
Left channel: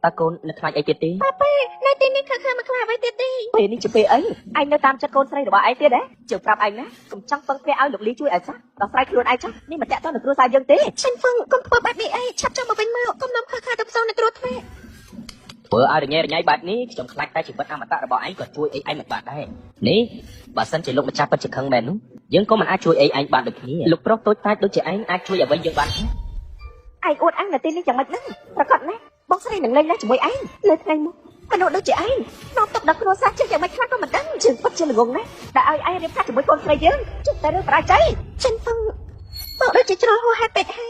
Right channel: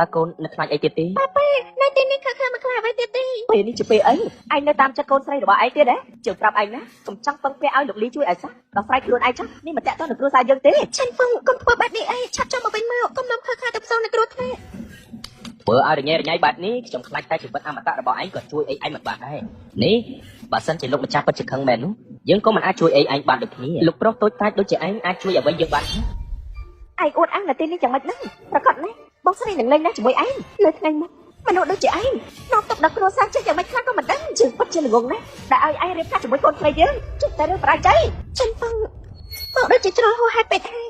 តើកូននឹងខ្លាចអីទៀតទេប៉ានៅទីនេះគឺមិនខ្លាចអីទៀតទេពេលនេះជាពេលអីឯងនៅតាមចិត្តកូនស្រីរបស់ឯងទៀតហ៎ជឿប្រាប់ឯងណាកុំចាំពឹងពាក់ឲ្យលោកលីជួយឯងសោះដល់ប្រែខ្លួនឯងចុះនេះមិនតាក់ទងនឹងគ្រូសាយើងទេឆេញពឹងគ្រប់បែបនេះអីឆាប់មកវិញមកកុំមកខឹងខារផ្សំនឹងគ្រូទេព្រោះឲ្យញ៉ែបែបនេះខ្ញុំខ្លាចតែជីវិតអមតៈរបស់ឯងក៏ជួយឯងមិនបានដែរនេះបើសិនជាលោកម្ចាស់ពិតជាខឹងមែនយើងក៏មិនអាចជួយឯងបានដូចគ្នាលោកប្រុសតូចតាចដូចជាឯងអាចជួយឲ្យវិញយើងបានឯងអួតឯងនៅទីនេះចាំបាច់ហ្នឹងប្រកាសណាបងស្រីនឹងនៅដែរជាមួយឯងលើថ្ងៃនេះមិនដូចជាឯងក្នុងទឹកដល់គ្រួសារជាយ៉ាងម៉េចខ្លះក៏មិនដឹងជឿពិតជាងងណាដែលឲ្យឯងរៀនថាជាមួយកូនស្រីយើងជឿតែប្រាជ័យជិះពឹងដូចជាឆ្លោះហេតុពេកឯង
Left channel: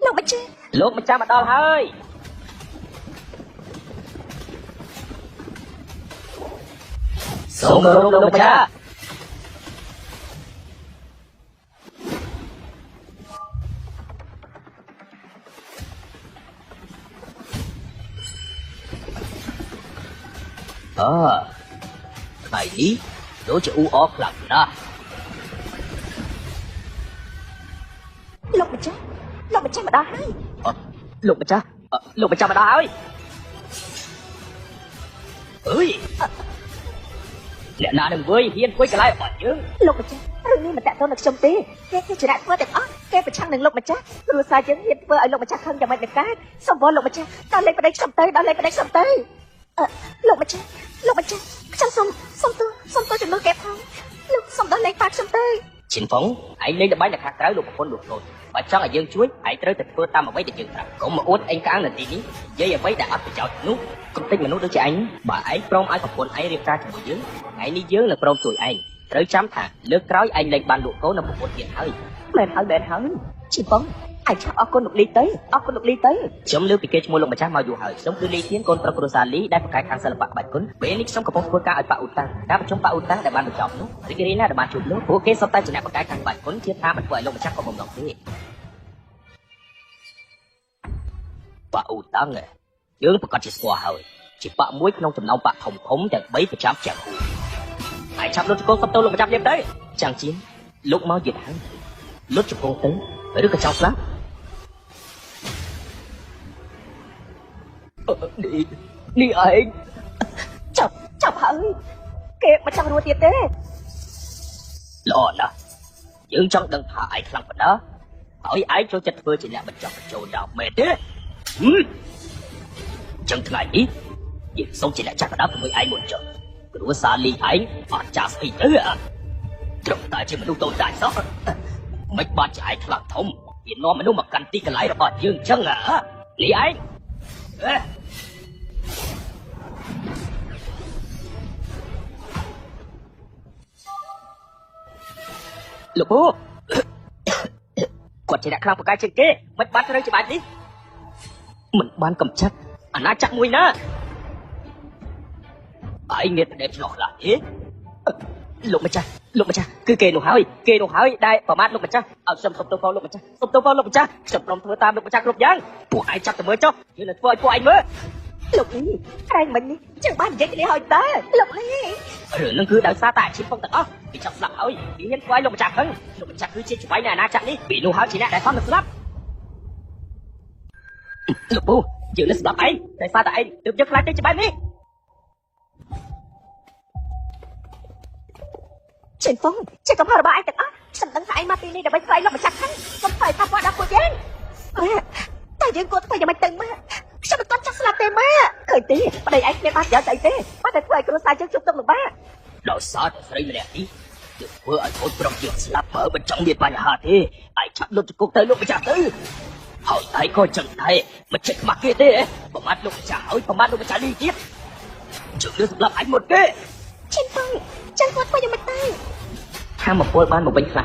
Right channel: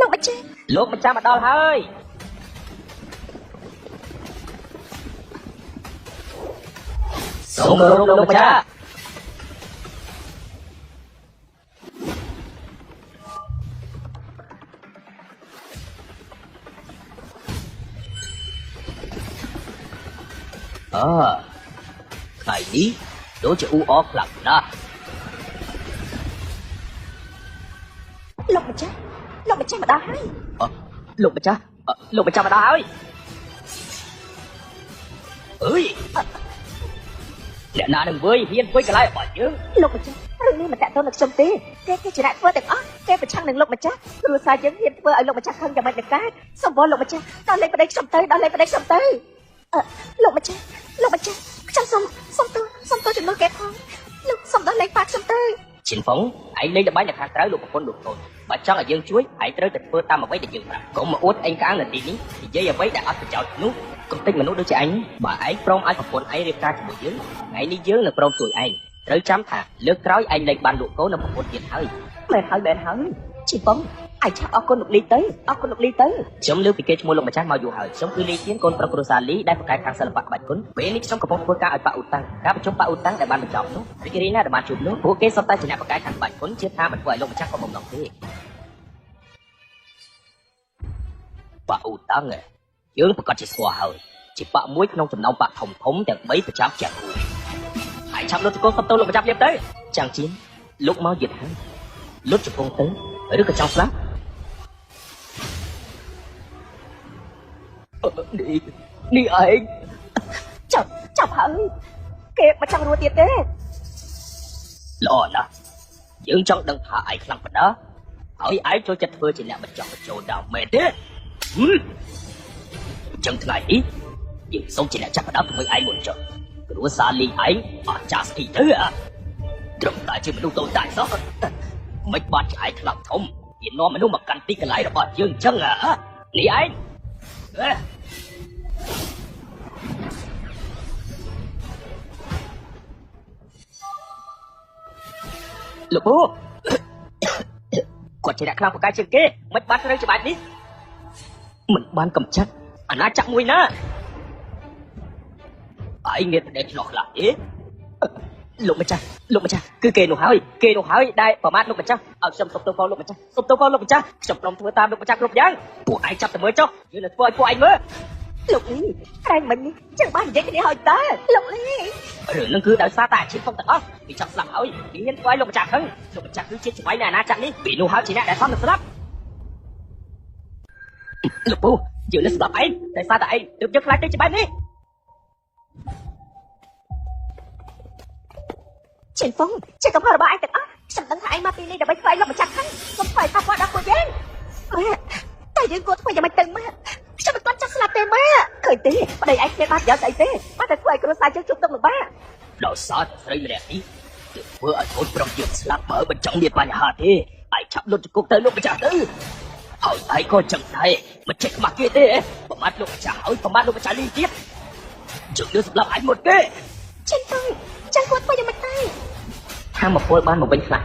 លោកម្ចាស់ម្ដងហើយសូមលោកម្ចាស់ថ្ងៃនេះដូចជាអ៊ូអរខ្លាំងណាស់ លោកម្ចាស់ម្ដាយ លោកម្ចាស់លោកម្ចាស់ដែរអើយអ្នកណាទៅមើលហ៊ានធ្វើឆ្លើយបាត់យើង លោកម្ចាស់រឿងនេះមិនដាក់ទោសដល់ខ្ញុំទេគេជាអ្នកធ្វើទាំងអស់គេប្រឆាំងនឹងលោកម្ចាស់គ្រូសាយើងហ៊ានធ្វើឲ្យលោកម្ចាស់ខឹងយ៉ាងម៉េចដែរសូមលោកម្ចាស់តើលេខប្តីខ្ញុំទៅលោកម្ចាស់ខ្ញុំសូមទៅលោកគេផងលោកសូមដល់លេខប៉ាខ្ញុំទៅ ឈិនបងឯងលេងល្បែងតែខាងក្រៅលោកប្រពន្ធបើចង់ឲ្យយើងជួយឯងត្រូវតែធ្វើតាមអ្វីដែលយើងប្រាប់កុំមកអួតឯងកាលនៅទីនេះនិយាយអ្វីដែលអត់ប្រយោជន៍នោះកុំតែមនុស្សដូចឯងបើឯងព្រមឲ្យប្រពន្ធឯងរៀបការជាមួយយើងថ្ងៃនេះយើងនឹងព្រមជួយឯងត្រូវចាំថាលើក្រោយឯងលែងបានលោកកូននិងប្រពន្ធទៀតហើយ មែនហើយជីបងអាចអរគុណលោកលីទៅខ្ញុំលើពីគេឈ្មោះលោកម្ចាស់មកយូរហើយខ្ញុំគឺលីជាកូនប្រពន្ធសាលីដែលប្រកែកខាងសិល្បៈបាយគុណពេលនេះខ្ញុំកំពុងធ្វើការឲ្យបាក់ឧតាការប្រជុំបាក់ឧតាដែលបានបញ្ចប់នោះគេនេះដែលបានជួបនោះពួកគេសុទ្ធតែជាអ្នកប្រកែកខាងបាយគុណជឿថាមិនធ្វើឲ្យលោកម្ចាស់ប្រពន្ធនោះទេបាក់ឧតាយើងក៏ជាស្គាល់ហើយជាបាក់មួយក្នុងចំណោមបាក់ធំដែលបីប្រចាំជាហើយចាំរត់កូនបន្តប្រចាំទៀតទេចាំជាលោកមកទៀតហើយលុតច្បងទៅឬក៏ចោលខ្លះនេះឯងចាប់ហើយគេមិនចាំរួចទៀតទេល្អណាស់យើងចង់ដឹងថាឯងខ្លាំងប៉ុណ្ណាហើយឯងចូលចិត្តធ្វើជាអ្នកបញ្ចប់ចូលដល់មែនទេចឹងថ្ងៃនេះយើងសូមជាអ្នកចាប់ដាក់មួយឯងមួយចុះព្រោះសាលីឯងអត់ចាប់ពីទេត្រឹមតែជាទូទៅដែរសោះមិនបានឆ្អែតខ្លាំងធំវានាំមនុស្សមកកាន់ទីកន្លែងរបស់យើងចឹងនេះឯងលោកពូគាត់ជាអ្នកខ្លាំងប្រកែកជាងគេមិនបានត្រូវច្បាប់នេះមិនបានកំចាត់អាណាចក្រមួយណាឯងមានតែឆ្លោះខ្លះទេលោកម្ចាស់គឺគេនោះហើយដែលប្រមាណលោកម្ចាស់ខ្ញុំទៅលោកម្ចាស់ខ្ញុំនាំធ្វើតាមលោកម្ចាស់គ្រប់យ៉ាងពួកឯងចាប់ទៅមើលចុះយើងនឹងធ្វើឲ្យពួកឯងមើលលោកនេះឯងមិនចេះបាននិយាយទេហើយតើលោកនេះនឹងគឺដោយសារតែអាជីពទាំងអស់ពីចាប់ស្លាប់ហើយមានខ្វាយលោកម្ចាស់ហ្នឹងលោកម្ចាស់គឺជាស្វ័យនៃអាណាចក្រនេះពីនោះហើយជាអ្នកដែលខំទៅស្លាប់លោកពូយើងនឹងស្លាប់ឯងតែសារតែឯងទើបជិះខ្លាចទេច្បាស់នេះchị có vào bài được áฉันต้องให้มาที่นี่เดี๋ยวไปไฟกับฉันก็ไฟทำอะไรคุณเย็นแต่ยังกูยังไม่เต็มมั้ยฉันต้องจัดสลากเต็มมั้ยเคยตีไปไอ้เจ้าบ้าเยอะตีมาแต่ไฟกูตายจนจุดตัวบ้าเราสาดใส่แหล่นี้เพื่อคนประยุทธ์สลับมาเป็นจังมีปัญหาที่ไอ้ชักโดนกูเตะลูกจับเลยเอาไอ้คนจังไทยมันเช็ดมาเกเรประมาณลูกจ่าประมาณลูกจ่าจริงๆจุดเดือดร้อนหมดเลยchị muốn quay mặt tay hai một cô ba một bệnh lạc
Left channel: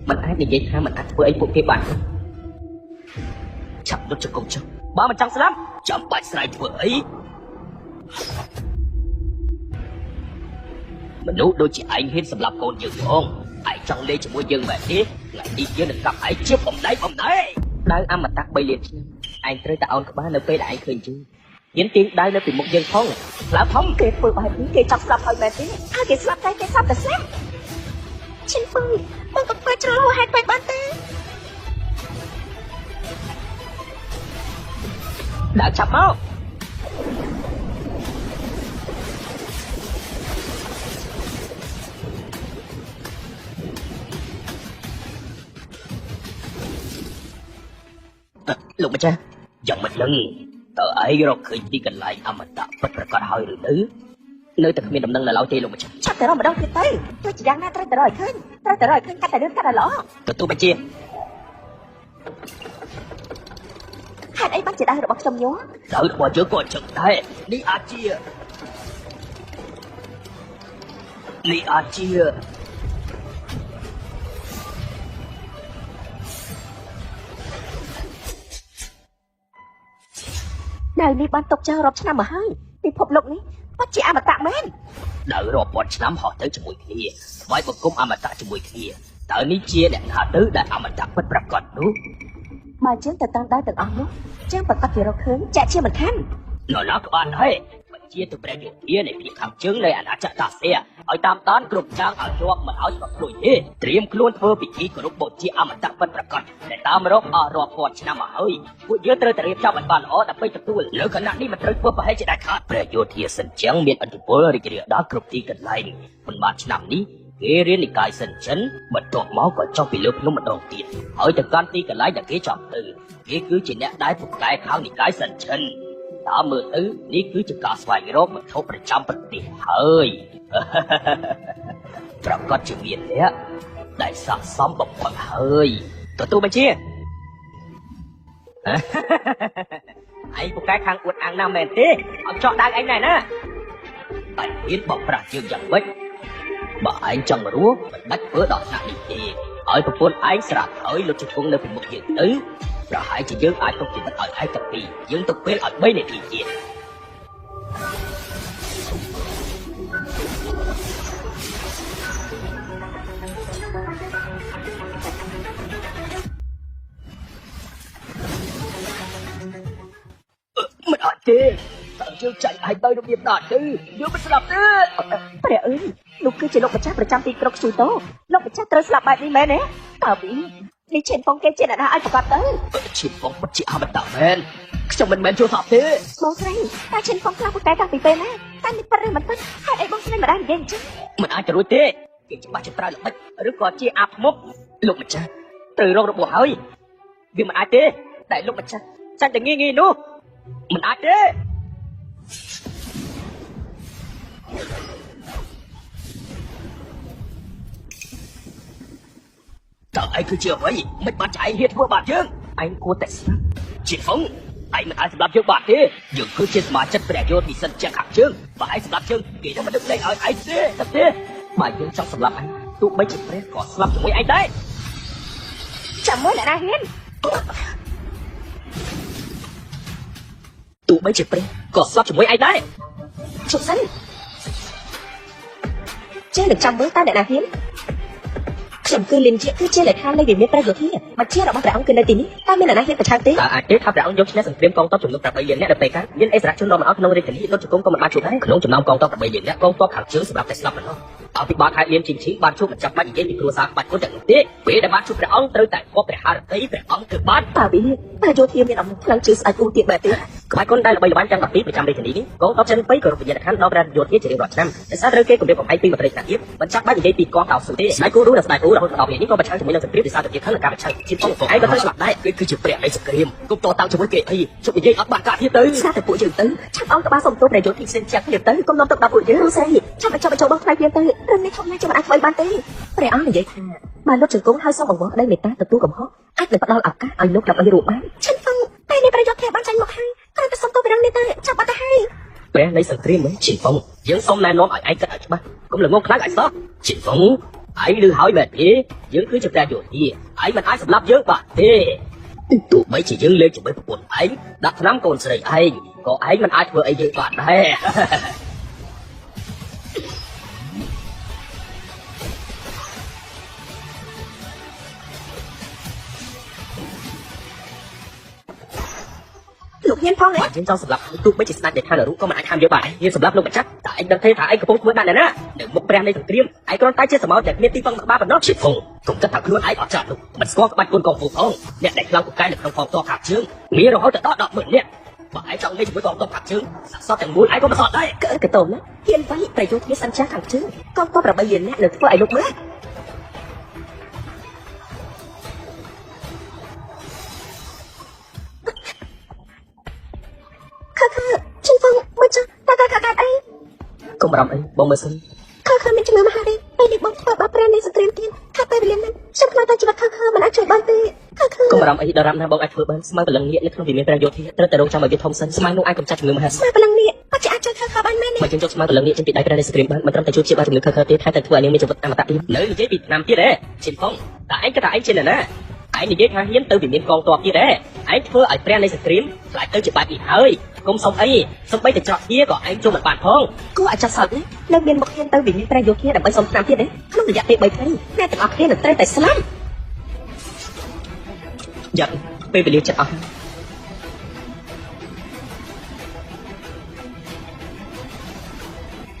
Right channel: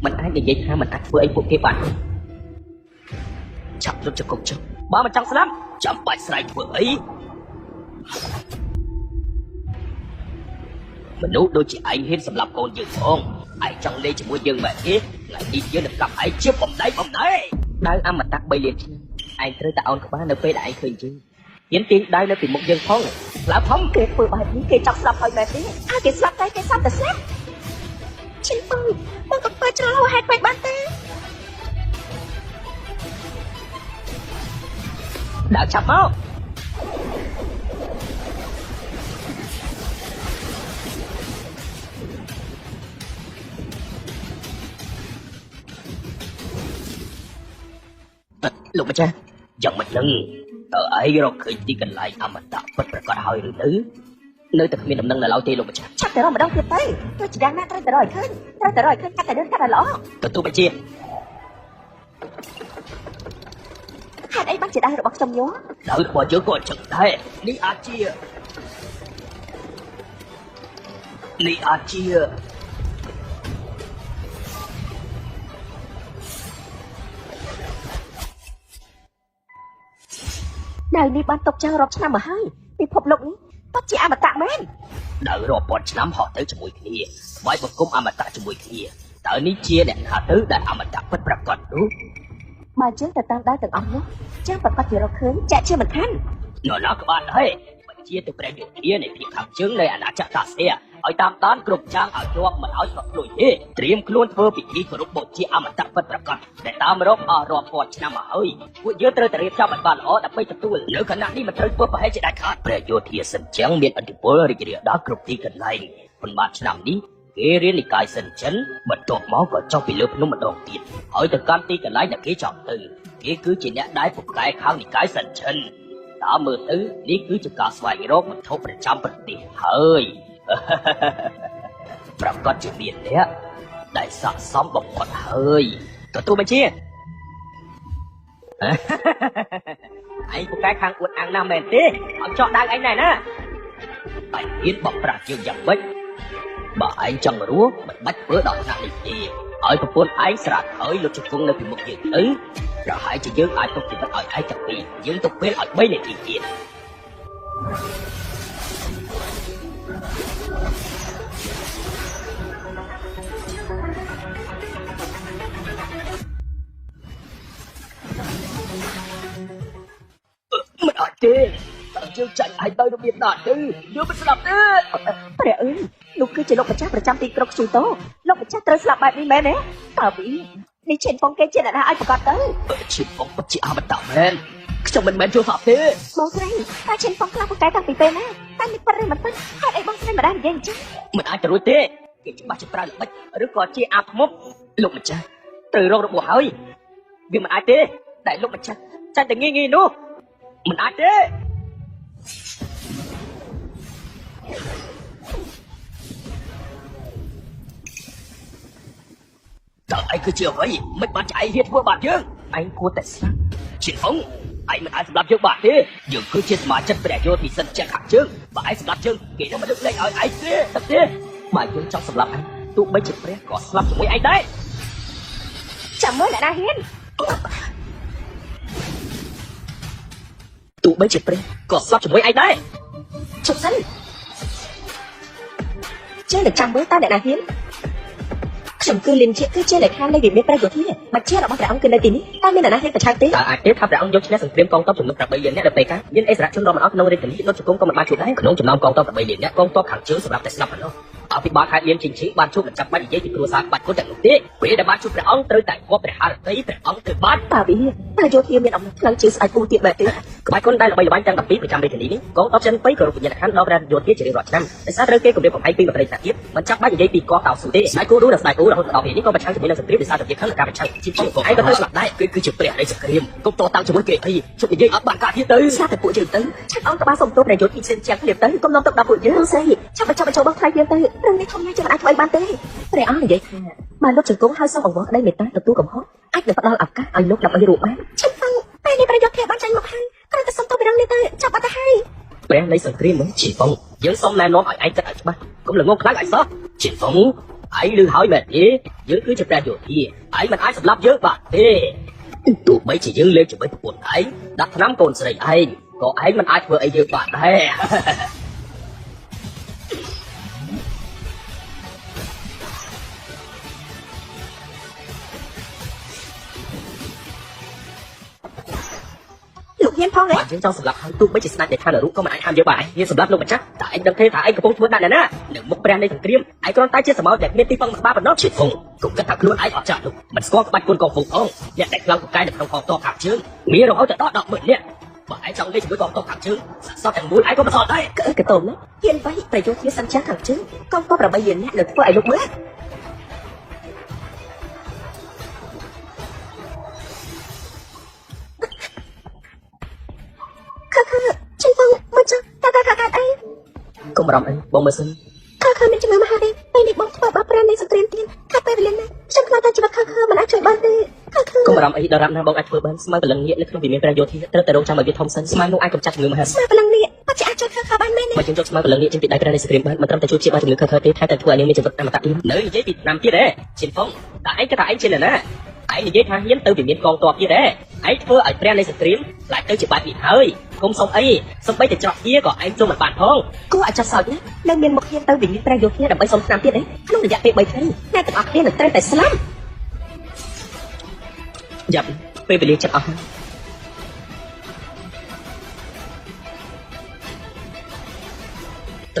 mình ăn thì vậy hai mình ăn với cô kia bạn chặt rồi cho cô chứ ba mà chặt lắm chọn bài sai với mình đúng đôi chị anh hết là cô nhiều không anh trong đây chỉ muốn dương mà hết là gì dương được gặp anh chưa vòng đấy đang ăn mà tạc bì anh cứ đạo quán cà phê anh cười chứ những tin đang lên từ một game không là phóng kê phương bài kê chọc sạp ở đây anh kê sạp tay kê sạp được xét Chính phương một bài trao hai bài bán tên đã chạm không lúc ra dòng mình lưng ở ấy rồi khi đi gần lại mà ta bất cả hơi thứ nơi thực hiện mình là đầu tiên lúc chắc chắc là đâu thì thấy tôi chỉ đang ra đời cái cái là đó tôi mà chia hai em chỉ đang được bọc sông nhớ đợi bỏ trước của chừng thế đi à chia Nàng đi ban tộc chơi rọt sao mà hay Vì phục lục ní Có chị mà tạm bên Đợi rồi bọn xám họ tới chuỗi kia Bởi một cô mà ta chuỗi kia Đợi đi chia đèn hạ tứ đại mà ta bất rạp còn đúng Mà chứ tờ tăng đá được ống Chứ bà ta được hướng chạy chưa mà khăn Nói là bạn hay ជាទៅព្រះរាជានៃទីខាងជើងនៃអាណាចក្រតាសៀឲ្យតាមដានគ្រប់យ៉ាងឲ្យរកមិនឲ្យប្រព្រឹត្តទេត្រៀមខ្លួនធ្វើពិធីគោរពបូជាអមតៈពិតប្រាកដតែតាមរកមករាប់ពាន់ឆ្នាំមកហើយពួកយើងត្រូវតែរៀបចំឲ្យបានល្អដើម្បីទទួលលើគណៈនេះមិនត្រូវធ្វើប្រហែលជាដាច់ខាតព្រះយោធាសិនចឹងមានអធិពលរីករាលដាលគ្រប់ទីកន្លែងប៉ុន្មានឆ្នាំនេះគេរៀននិកាយសិនចិនបន្ទាប់មកក៏ចុះពីលើភ្នំម្ដងទៀតហើយទៅកាន់ទីកន្លែងដែលគេចង់ទៅគេគឺជាអ្នកដែលពូកែខាងនិកាយសិនចិនតាមមើលទៅនេះគឺជាការស្វែងរកវត្ថុប្រចាំប្រទេសហើយប្រកាសជាមានអ្នកដែលស័ក្តិសមបំផុតហើយទទួលមកជាឯងពូកែខាងខ្លួនអាណាមែនទេអត់ចង់ដើរឯណែណាតែទៀតបបប្រាស់យើងយ៉ាងម៉េចបើឯងចង់រស់មិនបាច់ធ្វើដល់ណានេះទេឲ្យប្រពន្ធឯងស្រាប់ហើយលោកជង្គង់នៅមុខគេទៅប្រហែលជាយើងអាចប្រតិបត្តិឲ្យឯងទៅពីយើងទៅពេលឲ្យ3នាទីទៀតមិនអត់ទេជឿចាក់ឲ្យទៅវាដល់ទេយើងមិនស្ដាប់ទេព្រះអើយលោកគឺជាលោកម្ចាស់ប្រចាំទីក្រុងជូតូលោកម្ចាស់ត្រូវស្លាប់បែបនេះមែនទេតើនេះជាបងគេជាអ្នកអាចបាត់ទៅជាបងពិតជាអមតៈមែនខ្ញុំមិនមែនយល់អត់ទេបងឯងតែជាបងខាងកែតាពីពេលតែប៉ិនមិនទៅហើយឯងបងមិនបាននិយាយមិនអាចរួចទេគេច្បាស់ជាប្រើល្បិចឬក៏ជាអាប់មុខលោកម្ចាស់ត្រូវរករបស់ហើយវាមិនអាចទេតែលោកម្ចាស់ចាត់តែងាយនោះមិនអាចទេតើឯងគឺជាអ្វីមិនបានឯងហ៊ានធ្វើបាបយើងឯងគួរតែស្លាប់ជាអង្គឯងមិនអាចស្លាប់យើងបាក់ទេយើងគឺជាសមាជិកព្រះយោធាសិនជាខាងជើងបើឯងស្លាប់យើងគេមិនលើកលែងឲ្យឯងទេបើយើងចង់ស្លាប់ទោះបីជាព្រះក៏ស្លាប់ជាមួយឯងដែរចាំមើលឯងហ៊ានទោះបីជាព្រះក៏ស្លាប់ជាមួយឯងដែរជិះទៅចេះតែចាំមើលតើអ្នកណាហ៊ានខ្ញុំគឺលៀនជាគឺជាអ្នកខាងនៃវិមានប្រយោជន៍ទៀតមកជារបស់ដើមគឺនៅទីនេះតើមានអ្នកណាហ៊ានប្រឆាំងទេទេថាដើមយកឈ្នះសង្គ្រាមកងទ័ពជំនុំ8យើងនៅពេលខាងយើងឯកសារជនរងអត់នៅនៃទីរត់គោកុំបានជាដែរក្នុងចំណោមកងទ័ព8អ្នកកងទ័ពខាងជើងសម្រាប់តែស្លាប់នោះអភិបាលការយើងជីបានជួបចាំបាច់និយាយពីគ្រួសារបាច់គុណតែទេពេលដែលបានជួបព្រះអង្គត្រូវតែគប់ព្រះハរតីព្រះអង្គគឺបានតើយោធាមានអង្គខ្លាំងជាងខ្សែគូទៀតបែបទេក្បាច់គុណដែលបីបានតែ7ឆ្នាំនេះកងទ័ពចិន3គ្រប់វិញ្ញាណដល់ដល់យោធាជារបស់ឆ្នាំតែសាររឿងគេគម្រាមកំហែងពីបរិយាកាសមិនចាំបាច់និយាយពីកងទ័ពសុទេស្នាគូរសាយគូរដល់នេះក៏ប្រឆាំងជាមួយនឹងសង្គ្រាមសារប្រទេសខាងការប្រឆាំងជាផងឯរបស់ស្ដាយគឺជាព្រះអេសគ្រីមកងទ័ពតាមជាមួយគេទីជួយនិយាយអត់បាក់កាទៀតទៅសារពួកយើងទៅអង្គបានសុំទោសដែលយោធាសិនជាទៀតទៅកងទ័ពទៅដល់ពួកយើងស្អីចាំចូលខ្លាំងទៀតទៅនេះខ្ញុំជាបានបានទេព្រះអង្គនិយាយថាបានរត់ជង្គង់ហើយសូមរបស់ដែលមេតាទទួលកំហុសអាចទៅដល់ឱកាសឲ្យលោកដើម្បីរូបបានជិះទៅពេលនេះលោកគេបានចាញ់មកហើយគាត់ទៅសុំទោសដល់នេះទៅចាប់បានហើយពេលនៃសង្គ្រាមជាបងយើងសូមណែនាំឲ្យឯងទៅច្បាស់កុំល្ងងខ្លាំងអីសោះជាបងឯងឮហើយបែបនេះយើងគឺជាព្រះយោធាឯងមិនអាចស្លាប់យើងបាក់ទេទោះបីជាយើងលេងជាមួយពួកឯងដាក់ឆ្នាំកូនស្រីឯងក៏ឯងមិនអាចធ្វើអីយើងបាក់ដែរលោកហ៊ានផងទេយើងចង់ស្លាប់ទោះបីជាស្នាដៃខាងនោះក៏មិនអាចធ្វើបានយើងស្លាប់លោកចាស់តែឯងដឹងទេឯងកំពុងធ្វើណាស់ណាមុខព្រះនៃសង្គ្រាមឯងគ្រាន់តែជាសម្បត្តិដែលមានទីពឹងស្បាប៉ុណ្ណោះជាផងគង់គិតថាខ្លួនឯងអត់ចាស់នោះមិនស្គាល់បាច់ខ្លួនក៏ពុកអងយ៉ាងតែខ្លាំងពូកែនៅក្នុងកងទ័ពខាងជើងមានរហូតដល់10នាក់បើឯងចង់លេងជាមួយកងទ័ពខាងជើងសោះតែមួយឯងក៏មិនអត់ដែរគឺកតុងហ៊ានបាញ់ប្រយោជន៍ជាសញ្ចាខាងជើងកងទ័ពរបស់យើងនឹងធ្វើឲ្យលោកមើលជំងឺមកចាតាអីកុំរំលឹកបងមើលសិនមានជំងឺណាទេពេលបងធ្វើបាបព្រះនេះសង្គ្រាមទៀតខាពេលនេះខ្ញុំបានជួបខាងណាខ្ញុំបានទេកុំរំលឹកដល់ណាបងអាចធ្វើបានស្មើលឹងងាកនៅក្នុងវិមានព្រះយោធាត្រូវតែរកចាំឲ្យធំសិនស្មើនឹងអាចកម្ចាត់ជំងឺណាស្មើលឹងងាកអត់អាចជួយខាងបានទេមិនយកស្មើលឹងងាកជាដៃព្រះសង្គ្រាមមិនត្រូវតែជួយជាបានជំងឺខាងទេតែធ្វើឲ្យមានជំងឺតាមបាត់នៅនិយាយពី5ទៀតដែរជាផងតែឯងក៏ឯងជាណាឯងនិយាយថាហ៊ានទៅវិមានកងទ័ពទៀតដែរឯងធ្វើឲ្យព្រះនៃសង្គ្រាមlạiទៅជាបាត់នេះហើយកុំសុំអីសំបីតែចោះជាក៏ឯងចូលបានផងគួរអាចសិននៅមានមកគ្នាទៅវិមានព្រះយោធាដើម្បីសុំតាមទៀតទេក្នុងរយៈពេល3ថ្ងៃតែទាំងអស់គ្នាត្រូវតែស្លាប់យ៉ាងពេលរៀនចិត្តអស់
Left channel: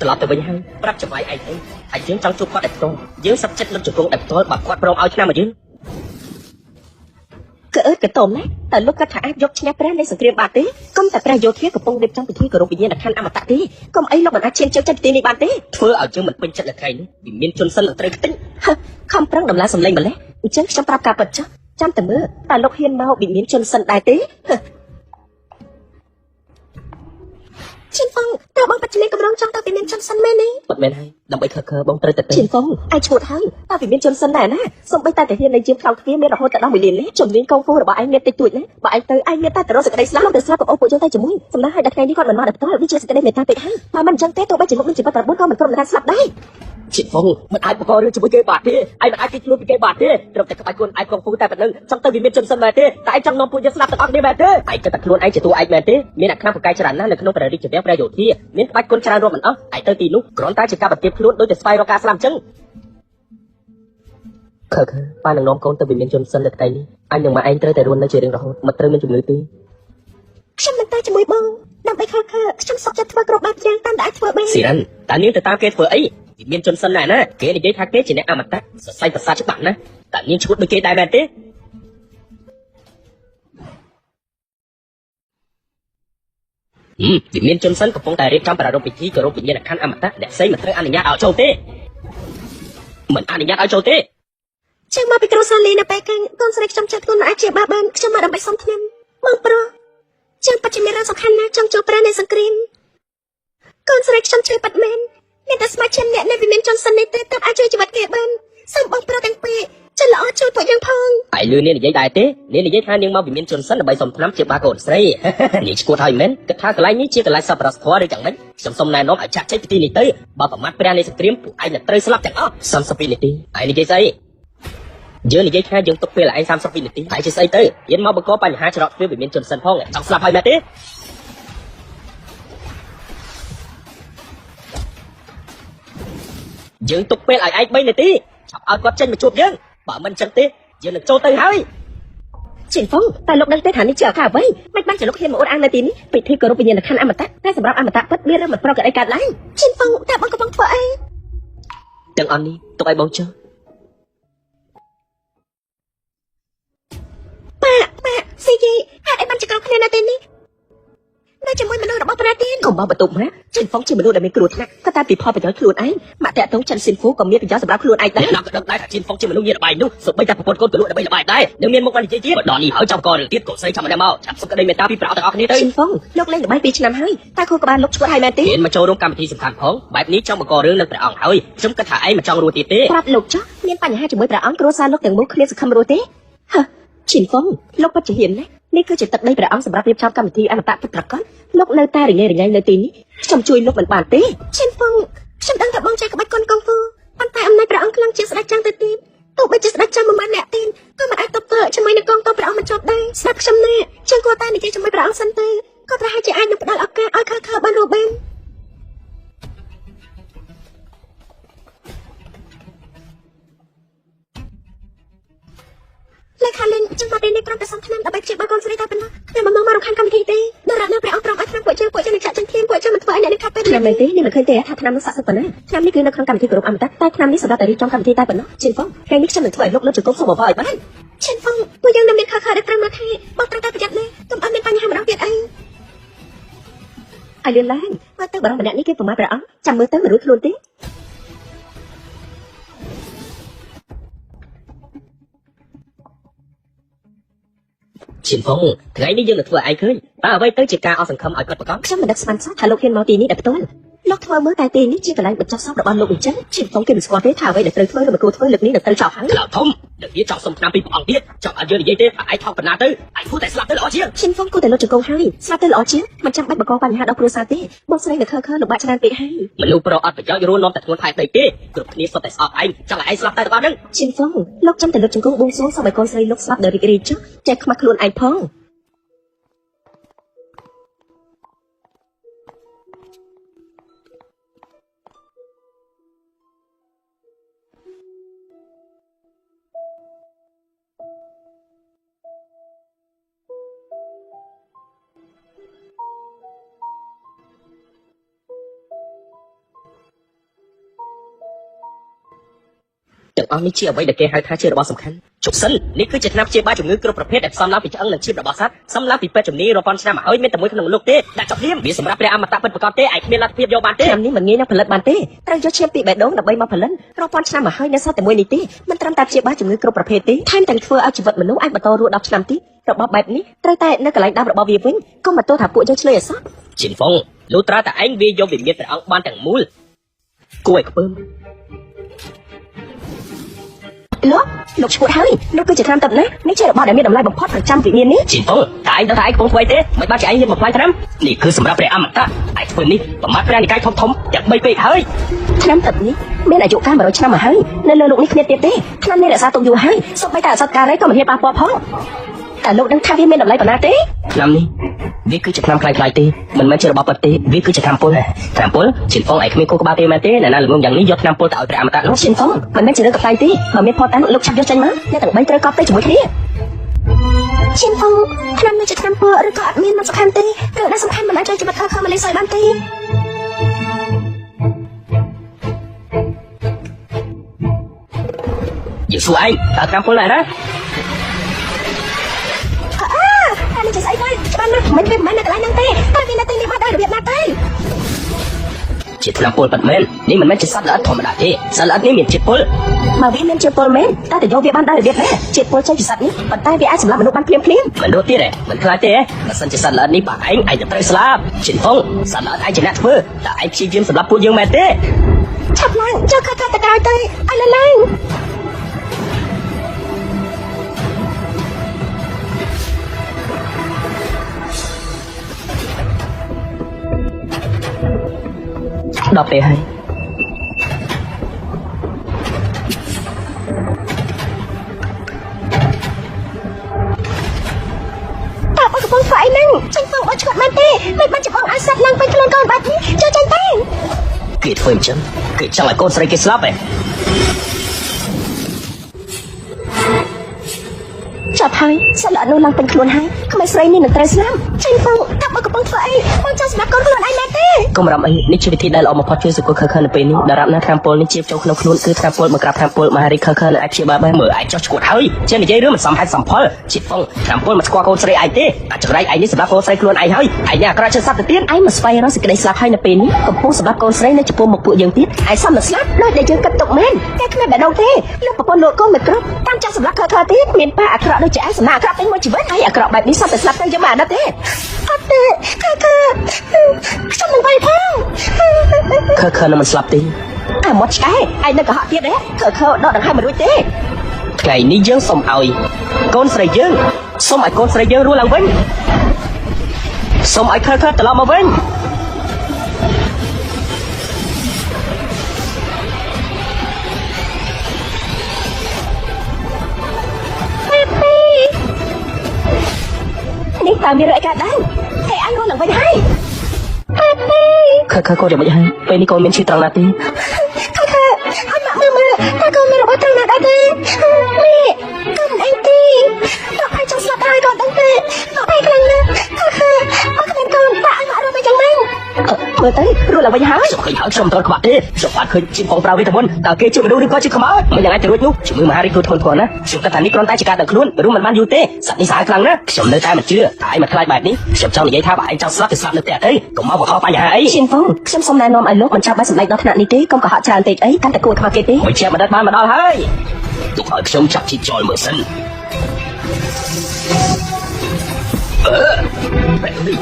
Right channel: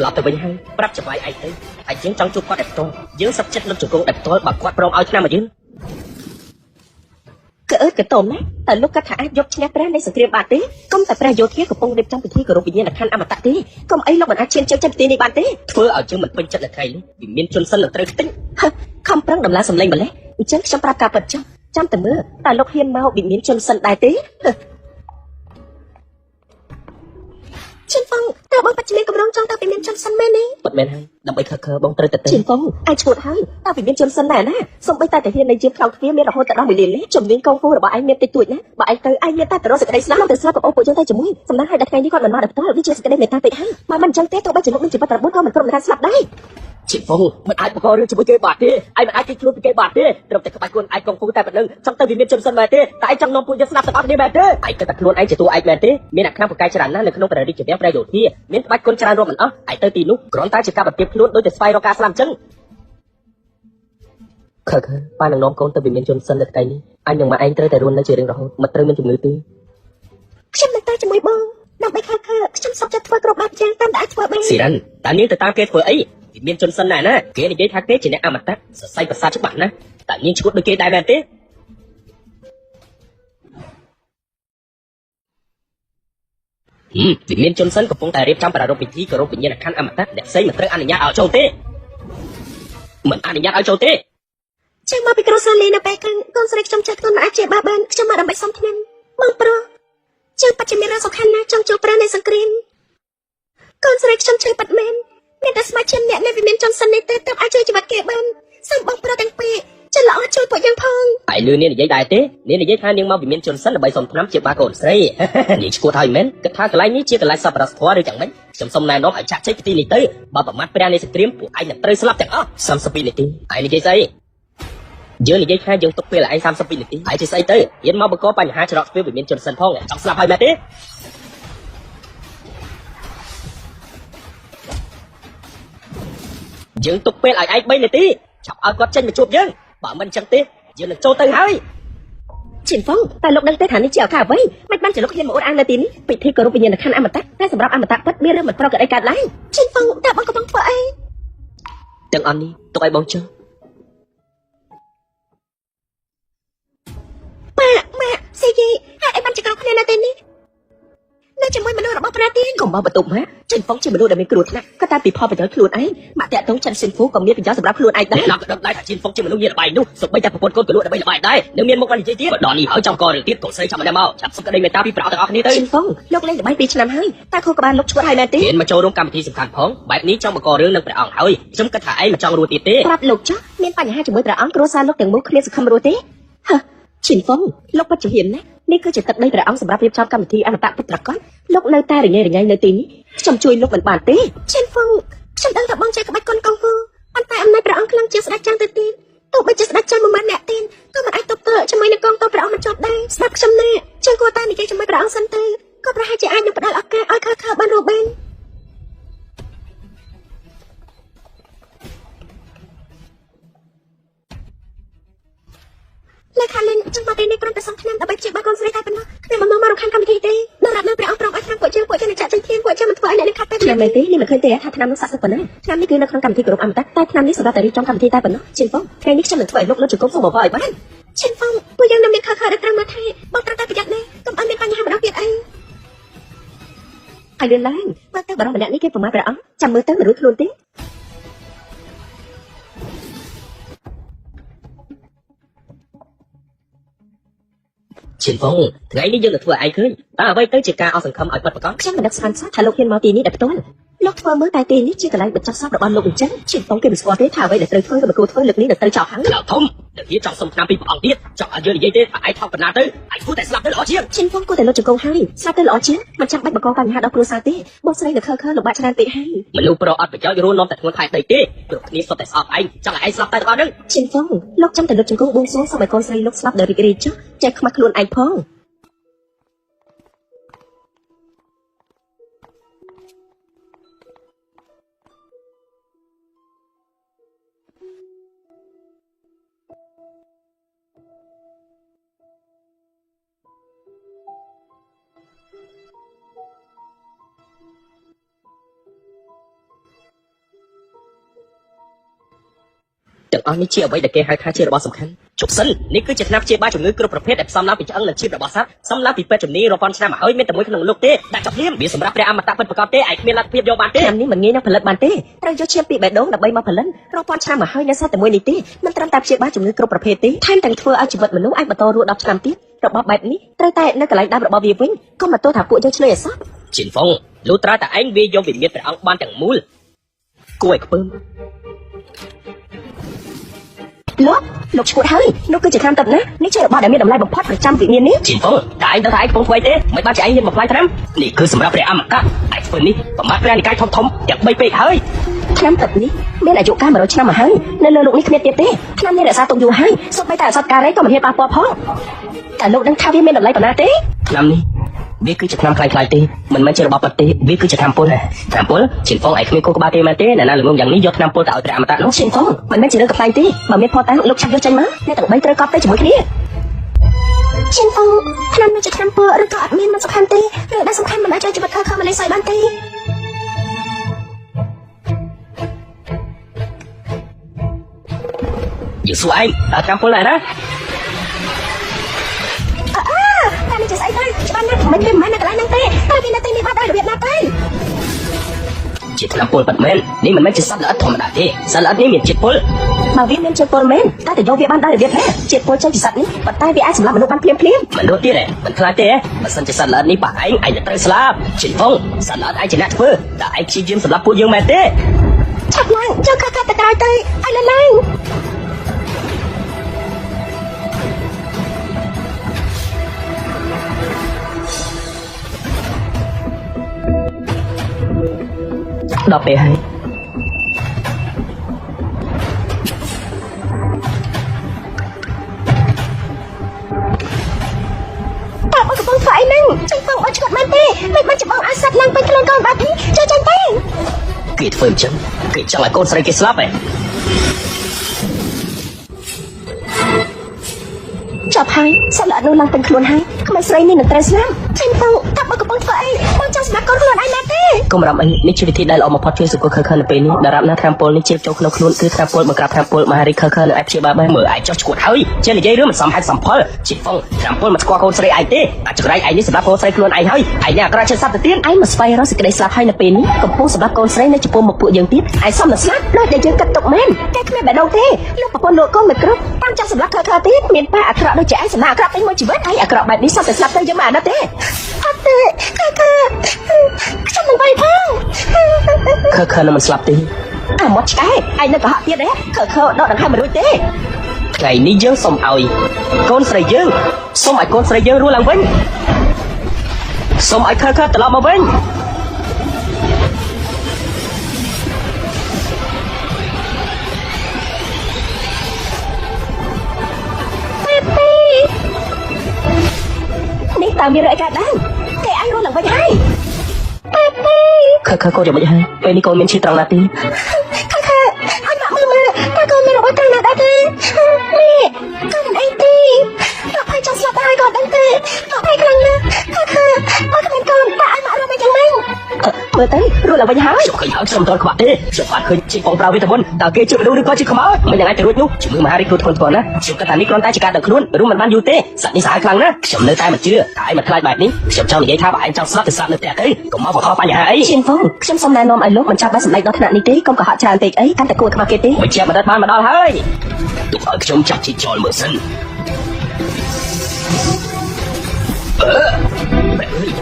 ត្រឡប់ទៅវិញហើយប្រាប់ច្បាស់ឯងទៅហើយយើងចង់ជួបគាត់តែផ្ទាល់យើងសឹកចិត្តលើជង្គង់តែផ្ទាល់បើគាត់ព្រមឲ្យឆ្នាំយើងកតុំតែលោកគាត់ថាយកឈ្នះព្រះនៃសង្គ្រាមបាត់ទេកុំតែព្រះយោធាកំពុងរៀបចំពិធីគោរពវិញ្ញាណក្ខន្ធអមតៈទេកុំអីលោកមិនអាចឈានចូលចិត្តទេបាត់ទេធ្វើឲ្យយើងមិនពេញចិត្តតែឯងមានជនសិលត្រូវតិចខំប្រឹងដំណើរសម្លេងម្លេះអញ្ចឹងខ្ញុំប្រាប់ការពិតចាស់ចាំតែមើលតើលោកហ៊ានមកវិមានជនសិនដែរទេជីពងតើបងបាច់មានកំណត់ចង់ទៅវិមានជនសិនមែនទេមិនមែនដើម្បីធ្វើខើបងត្រូវតែជីពងអាចជួយហើយតើវិមានជនសិនដែរណាសូម្បីតែហ៊ានដែលជាខំគ្នាមានរហូតដល់វិមានជំនាញកងគូរបស់ឯងមានតិចតួចណាបើឯងទៅអាចមានតែរកសេចក្តីស្លាប់ទៅស្លាប់បងពួកយើងតែជំនាញសម្រាប់ឲ្យតែគេហត់រំលឹកទៅជាសេចក្តីនៃតាមពេកមកមិនចឹងទេទោះបីជាមុខជីវិតរបស់ក៏មិនប្រមាថស្លាប់ដែរជីពងមិនអាចប្រកបជាមួយគេបាត់ទេឯងអាចទីខ្លួនគេបាត់ទេត្រឹមតែក្បាច់ខ្លួនឯងក៏គូតែទៅចង់ទៅវិមានជនសិនមែនទេតែឯងចង់នាំពួកយើងស្លាប់ទាំងអស់នេះមែនទេឯងគិតថាខ្លួនឯងជាតួឯងមែនទេមានអ្នកខាងប្រកែកច្រើនណាស់នៅក្នុងរលីជំនាញដែលយោធាមានបាច់ខ្លួនច្រើនរួមអស់ឯងទៅទីនោះគ្រាន់តែជាការប្រទាបខ្លួនដោយតែស្វែងរកការស្លាប់អញ្ចឹងខើបាយនាំកូនទៅវិមានជនសិនទៅឯងអញនឹងមកឯងត្រូវតែរស់នៅជារៀងរហូតមិនត្រូវមានជំងឺទេខ្ញុំមិនតែជាមួយបងដើម្បីខំខ្ញុំសុខចិត្តធ្វើគ្រប់បែបយ៉ាងតាមដែលធ្វើបានស៊ីនតានេះទៅតាមគេធ្វើអីមានជនសិនណាគេនិយាយថាគេជាអ្នកអមតៈសរសៃប្រសាទច្បាស់ណាតែមានឈ្មោះដូចគេដែរមែនទេវិមានជនសិនកំពុងតែរៀបចំប្រារព្ធពិធីគោរពវិញ្ញាណក្ខន្ធអមតៈដែលផ្សេងមិនត្រូវអនុញ្ញាតឲ្យចូលទេមិនអនុញ្ញាតឲ្យចូលទេខ្ញុំមកពីក្រុងសាលីនៅពេលគឺកូនស្រីចំចិត្តទូនអាចជាបាបានខ្ញុំមកដើម្បីសុំធានបងប្រុសខ្ញុំបច្ចុប្បន្នសំខាន់ណាស់ចំជួបព្រះនៃសង្គ្រាមកូនស្រីខ្ញុំជួយបាត់មែនមានតែស្មារតីអ្នកនៅវិមានជនសិននេះទៅអាចជួយច្បាស់គេបានសូមបងប្រុសទាំងពីរច្រឡំជួយពួកយើងផងតែលឿននិយាយដែរទេនិយាយថានាងមកវិមានជនសិនដើម្បីសុំឆ្នាំជាបាកូនស្រីនេះឈួតហើយមែនគិតថាកន្លែងនេះជាកន្លែងសប្បុរសធម៌ឬយ៉ាងម៉េចខ្ញុំសុំណែនាំឲ្យចាស់ចេញទីនេះទៅបើប្រមាថព្រះនៃសង្គ្រាមពួកឯងត្រូវស្លាប់ទាំងអស់32នាទីឯងនិយាយស្អីយើងនិយាយថាយើងទុកពេលឯង32នាទីឯងនិយាយស្អីទៅយើងមកបង្កបញ្ហាច្រកពេលវិមានជនសិនផងចង់ស្លាប់ហើយទេយើងទុកពេលឲ្យឯង3នាទីចាប់ឲ្យគាត់ចេញទៅជួបយើងបើមិនចឹងទេយើងនឹងចូលទៅហើយជីហ្វងតែលោកដឹងទេថានេះជាអ្វីមិនបានជាលោកគ្នាមួយអាននៅទីនេះពិធីគោរពវិញ្ញាណក្ខន្ធអមតៈតែសម្រាប់អមតៈពិតមានរឿងមិនប្រក្រតីកើតឡើងជីហ្វងតែបងកំពុងធ្វើអីទាំងអស់នេះទុកឲ្យបងជឿម៉ាក់ស៊ីហើយបានជាក្នុងគ្នានេះនៅជាមួយមនុស្សរបស់ព្រះទីក៏មកបន្ទប់ណាជីហ្វងជាមនុស្សដែលមានគ្រោះថ្នាក់ក៏តែពីផលប្រយោជន៍ខ្លួនឯងមកតាក់ទងចិនស៊ីហ្វូក៏មានប្រយោជន៍សម្រាប់ខ្លួនឯងដែរតែជីហ្វងជាមនុស្សមានបាយនោះសូម្បីតែប្រពន្ធកូនក៏ដូចតែមានបាយដែរនឹងមានមុខបាននិយាយទៀតដល់នេះឲ្យចាំកលទៀតក៏ស្រីចាំតែមកចាំសុខដីមេតាពីប្រអត់នេះលើជីហ្វងលោកលេងបាយ2ឆ្នាំហើយតែគូបានលោកជួយហើយទេមកចូលក្នុងកម្មវិធីសំខាន់ផងបែបនេះចង់បង្ករឿងនឹងតែអត់ហើយខ្ញុំគិតថាឯងមិនចង់រួចទៀតទេបាទលោកចាស់មានបញ្ហាជាមួយព្រះអង្គគ្រួសារលោកទាំងមូលគ្នាសង្ឃឹមរួចទេហ៎ជីហ្វងលោកក៏ជំនាញណានេះគឺជាទឹកដីព្រះអង្គសម្រាប់រៀបចំកម្មវិធីអមតៈពិតប្រាកដលោកនៅតែរញ៉េរញ៉ៃនៅទីនេះខ្ញុំជួយលោកមិនបានទេជីហ្វងខ្ញុំដឹងថាបងចង់បាច់កូនកងគូប៉ុន្តែអំណាចព្រះអង្គខ្ញុំជាស្ដេចចន្ទទៅទៀតទោះបីជាស្ដេចចន្ទមិនបានអ្នកទីក៏មិនអាចទប់ទល់ជាមួយនឹងកងទ័ពព្រះអង្គមិនជាប់ដែរស្រាប់ខ្ញុំណាខ្ញុំគាត់តែនិយាយជាមួយព្រះអង្គសិនទៅក៏ប្រហែលជាអាចនឹងផ្ដល់ឱកាសឲ្យខើបានមកវិញលេខាលេងខ្ញុំមកនេះប្រកាសសំខាន់ដើម្បីជាបងស្រីហើយខ្ញុំមកមកខាងនេះទេនៅនៅព្រះអង្គប្រកាសថាពួកយើងចាក់ចេញទីពួកយើងមិនខ្លាចអ្នកខាងពេលនេះមិនឃើញទេឆ្នាំសាក់ប៉ុណ្ណាឆ្នាំនេះគឺនៅក្នុងកម្មវិធីក្រុមអមតៈតែឆ្នាំនេះសម្រាប់តែtrongកម្មវិធីតែប៉ុណ្ណោះជិះបងពេលនេះខ្ញុំនឹងស្វែងរកលើជង្គង់សមបាយបានជិះបងពួកយើងនឹងមានខខនៅក្នុងមកនេះបងត្រូវតែប្រយ័ត្ននេះកុំឲ្យមានបញ្ហាដល់គេអីហើយឡើងបើតែម្នាក់នេះគេប្រមាថព្រះអង្គចាំមើលទៅមនុស្សខ្លួនទេជីហ្វងថ្ងៃនេះយើងនឹងធ្វើឯងឃើញតើអ្វីទៅជាការអស់សង្ឃឹមឲ្យពិតប្រាកដខ្ញុំមិនស្មានថាលោកគេមកទីនេះតែផ្ទាល់លោកធ្វើមើលតែទីនេះជាកន្លែងបញ្ចុះសពរបស់លោកអញ្ចឹងជីហ្វងគេមិនស្គាល់ទេថាអ្វីដែលត្រូវធ្វើលោកគ្រូធ្វើលើកនេះត្រូវចប់ហើយធំនិយាយចប់សំខាន់ពីអត់ទៀតចប់ឲ្យយើងនិយាយទេឯងថតបណ្ណាទៅអាចพูดតែស្លាប់ទៅល្អជាងជីហ្វងគួរតែរកជង្គង់ហើយស្លាប់ទៅល្អជាងមិនចាំបាច់បង្កបញ្ហាដល់គ្រួសារទេបងស្រីទៅខើលំបាកច្រើនទេហើយមនុស្សប្រអត់ប្រយោជន៍រួមនាំតែខ្លួនខែទៅទេព្រោះគ្នាសុទ្ធតែស្អប់ឯងចង់ឯងស្លាប់តែដល់ហ្នឹងជីហ្វងលោកចាំតែរកជង្គង់បួងសួងសម្រាប់កូនស្រីលោកស្លាប់ដល់រីករាយចុះចេះខ្មាស់ខ្លួនឯងផង ទាំងអស់នេះជាអ្វីដែលគេហៅថាជារបស់សំខាន់ជប់សិននេះគឺជាឆ្នាំព្យាបាលជំងឺគ្រប់ប្រភេទដែលសំឡាពីឆ្លងលើជីវិតរបស់សត្វសំឡាពីពេទ្យជំនាញរាប់ពាន់ឆ្នាំហើយមានតែមួយក្នុងលោកទេដែលចង់មានវាសម្រាប់ព្រះអមតៈពិតប្រាកដទេអាចមានលទ្ធភាពយកបានទេនេះមិនងាយនឹងផលិតបានទេត្រូវយកឈាមពីបេះដូងដើម្បីមកផលិតរាប់ពាន់ឆ្នាំមកហើយនៅសត្វតែមួយនេះទេមិនត្រឹមតែព្យាបាលជំងឺគ្រប់ប្រភេទទេថែមទាំងធ្វើឲ្យជីវិតមនុស្សអាចបន្តរស់ដល់ឆ្នាំទៀតរបស់បែបនេះត្រូវតែនៅកន្លែងដើមរបស់វាវិញកុំបន្ទោសថាពួកយើងឆ្លើយអសោះជីហ្វុងលុះត្រាតែឯងវាយកវិញ្ញាណទាំងអង្គបានទាំងមូលគួរឲ្យធ្វើលោកជួយហើយលោកគឺជាតាមដល់ណានេះជារបស់ដែលមានតម្លៃបំផុតប្រចាំវិញ្ញាណនេះជីហ្វុងតែឯងកុំໄວទេមិនបាច់ឯងមានបំផានតាមនេះគឺសម្រាប់ព្រះអមតៈឯងធ្វើនេះប្រមាថព្រះកាយធំទាំង3ពេកហើយឆ្នាំแบบนี้មានអាយុកាល100ឆ្នាំហើយនៅលើលោកនេះទៀតទេខ្ញុំនេះរក្សាទុកយូរហើយសូម្បីតែអសតកាលនេះក៏មានបានផងតែលោកនឹងថាមានតម្លៃប៉ុណ្ណាទេខ្ញុំនេះវាគឺជាឆ្នាំខ្លីៗទេមិនមែនជារបស់ប្រទេសវាគឺជាឆ្នាំពុលឆ្នាំពុលជាបងឯងគឺគូបាទេមែនទេណាលោកយ៉ាងនេះយកឆ្នាំពុលទៅឲ្យតាមដល់លោកជាបងមិនមែនជារឿងខ្លីទេមកមានផងដែរលោកឆ្លើយចេញមកតែមិនត្រូវកត់ទៅជាមួយគ្នាជាបងខ្ញុំជាឆ្នាំពុលអត់ក៏មានសំខាន់ទេរឿងដែលសំខាន់មិនអាចជួយបកាខំលេខបានទេយីស្វ័យអត់កម្មពុលណាជាថាពលបែបមែននេះមិនមែនជាសត្វល្អិតធម្មតាទេសត្វល្អិតនេះមានជាពលមកវាមានជាពលមែនតែលោកវាបានដែរជាពលចេញសត្វនេះប៉ុន្តែវាអាចស្លាប់ដូចបានភ្លាមៗមិនដូចទេមិនខ្លាចទេបើសិនជាសត្វល្អិតនេះបាក់ឯងត្រូវស្លាប់ជាពលសត្វល្អិតឯងជាអ្នកធ្វើតែឯងជាយើងសម្រាប់ពួកយើងមែនទេចាំមកចូលកាត់ទៅដល់ទៅអត់ឡើយដល់ពេលហើយខ្ញុំស្អីនឹងខ្ញុំទៅអត់ចាំទេមិនបាច់ចាំអាសាឡើងទៅក្នុងកងបាត់នេះជួយទៅគេធ្វើអញ្ចឹងគេចោលកូនស្រីគេស្លាប់ចាប់ហើយស្លាប់នៅឡើងទៅខ្លួនហើយកូនស្រីនេះនៅតែស្លាប់ខ្ញុំទៅថាបងកូនស្រីមិនចាំស្លាប់កូនខ្លួនឯងទេកុំរាប់នេះជាវិធីដែលល្អបំផុតជួយសុខភាពនៅពេលនេះដែលរំលឹកតាមពលនេះជាចូលក្នុងខ្លួនគឺតាមពលបង្ក្រាបតាមពលមហារីខខដែលជាបានមើលអាចចុះឈ្មោះហើយជានិយាយរឿងសំហេតុសំផលជាពលតាមពលមិនស្គាល់កូនស្រីឯងទេអាចរៃឯងសម្រាប់កូនស្រីខ្លួនឯងហើយអាយ៉ាប្រាជិសត្វទៅទៀតឯងមិនស្វែងរកសេចក្តីស្លាប់ហើយនៅពេលនេះកំពុងសម្រាប់កូនស្រីចំពោះមកពួកយើងទៀតឯងសំស្លាប់នៅតែយើងកាត់ទុកមែនតែគ្មានបែរទេលោកប្រពន្ធលោកកូនមិនក្របានចាស់សម្រាប់ខខទៀតមានបាអាក្រក់នឹងចាស់សម្រាប់តែមួយជីវិតហើយអាក្រក់បែបនេះសត្វទៅស្លាប់ទៅយើងបានទេអត់ទេខ្ញុំមិនផងខមិនស្លាប់ទេអត់មកឆ្កែឯងនៅបាក់ទៀតទេខដល់ហើយមិនទេថ្ងៃនេះយើងសូមឲ្យកូនស្រីយើងសូមឲ្យកូនស្រីយើងរស់ឡើងវិញសូមឲ្យខត្រឡប់មកវិញនេះតាមវារកកាត់ហើយតែអត់រស់ឡើងវិញហើយខក៏យ៉ាងនេះពេលកូនមានជីតឡាទីមើលទៅរស់ឡើងវិញហើយអត់សម្រាប់បាត់ទេចាំអត់ឃើញជីបងប្រាវិធនតើគេជួយលោកនេះក៏ជាខោមិនអាចជួយលោកជួយហើយខ្លួនប៉ុណ្ណាជួយតែនេះគាត់តែឆ្កាតែខ្លួនឬមិនបានយូរទេសត្វនេះស្អាតខ្លាំងណាស់ខ្ញុំនៅតែមិនជឿឯងមិនខ្លាចបែបនេះខ្ញុំចង់និយាយថាឯងចង់ស្លាប់ទៅស្លាប់នៅផ្ទះអីកុំមកខកបញ្ហាអីရှင်ហ្វុងខ្ញុំសូមណែនាំឲ្យលោកមិនចាំបាច់សម្ដែងដល់ថ្នាក់នេះទេកុំកុហកច្រើនពេកអីតែគួរខកគេទេមិនចាំបានមកដល់ហើយទោះឲ្យខ្ញុំចាប់ជីជន់មកសិន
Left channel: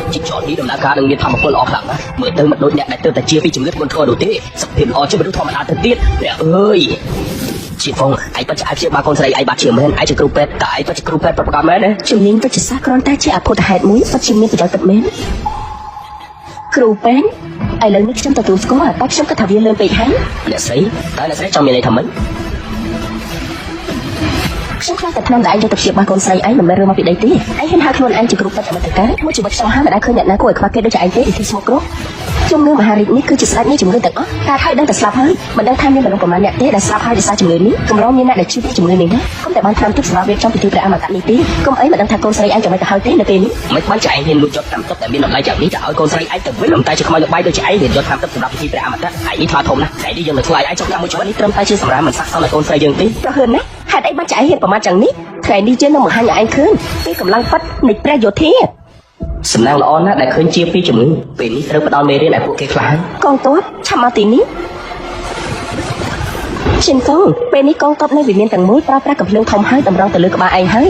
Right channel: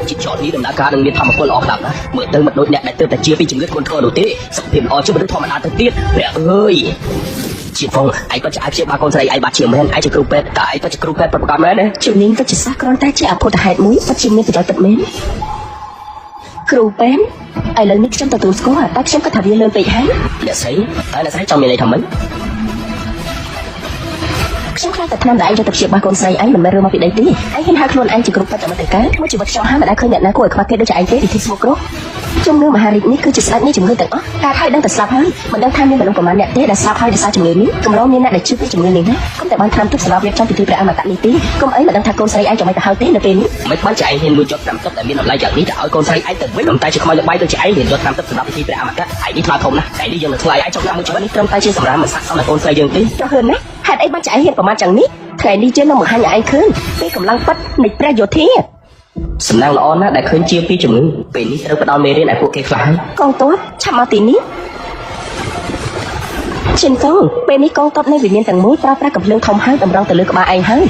ជីចោនេះដំណើរការលើធម្មពលអត់ណាមើលទៅមិនដូចអ្នកដែលទើបតែជាពីជំងឺធ្ងន់ធ្ងរទេសភាពអត់ជួយធម្មតាទៅទៀតព្រះអើយជីផងឯងក៏ឆ្លាតជាមកកូនស្រីឯងបាត់ជាងឯងជាគ្រូពេទ្យតែឯងក៏ជាគ្រូពេទ្យប្រកបមែនជំនាញក៏ជាសាគ្រាន់តែជាអពុទ្ធហេតុមួយសុទ្ធជាមានប្រយោជន៍ទៅមានគ្រូពេទ្យឥឡូវនេះខ្ញុំទទួលស្គាល់តែខ្ញុំក៏ថាវាលើពេកហើយអ្នកស្រីតែស្រីចង់និយាយថាម៉េចខ្ញុំតែឯងទៅជាបានកូនស្រីឯងមិនមែនមកពីដីទេឯងហៅខ្លួនឯងជាគ្រូពេទ្យអន្តរការខ្ញុំជាបច្ចាស់មិនដែលឃើញអ្នកណាគួរឲ្យកត់គេដូចឯងទេទីស្មោះគ្រូ ជំងឺមហារីកនេះគឺជាស្អីជំងឺទាំងអស់ការហៅដល់ទៅស្លាប់ហើយមិនដឹងថាមានមនុស្សប្រមាណអ្នកទៀតដែលស្លាប់ហើយដោយសារជំងឺនេះក៏មានអ្នកដែលជឿពីជំងឺនេះណាតែបានថាទៅស្លាប់វាចាំពីព្រះអមតៈនេះទីក៏អីមិនដឹងថាកូនស្រីឯងមិនហៅទេនៅពេលនេះ មិនខ្វល់ចៃហ៊ានលួចតាមទឹកតែមានម្លាយយ៉ាងនេះឲ្យកូនស្រីឯងទៅវិញតែឆ្លងបាយទៅចៃទៅតាមទឹកតាមទីព្រះអមតៈឯងមកផងណាឯងយើងធ្វើឲ្យចង់តាមជួយត្រឹមតែជាសម្រាប់មិនសាក់ឲ្យកូនស្រីយើងទេ ទៅឃើញទេហេតុអីបានចែកប្រមាណចឹងនេះថ្ងៃនេះជឿមកឲ្យឯងឃើញពីកម្លាំងប៉ាត់នៃព្រះយោធា សំណាងល្អណាស់ដែលឃើញជាពីជំងឺពេលនេះត្រូវផ្ដល់មេដែលពួកគេខ្លាំង កូនតោះឆាប់មកទីនេះชินฟงពេលនេះកូនតោះនៅវិញ្ញាណទាំងមួយតើតែកំភ្លើងខំហើយតម្រូវទៅលើក្បាលឯងហើយ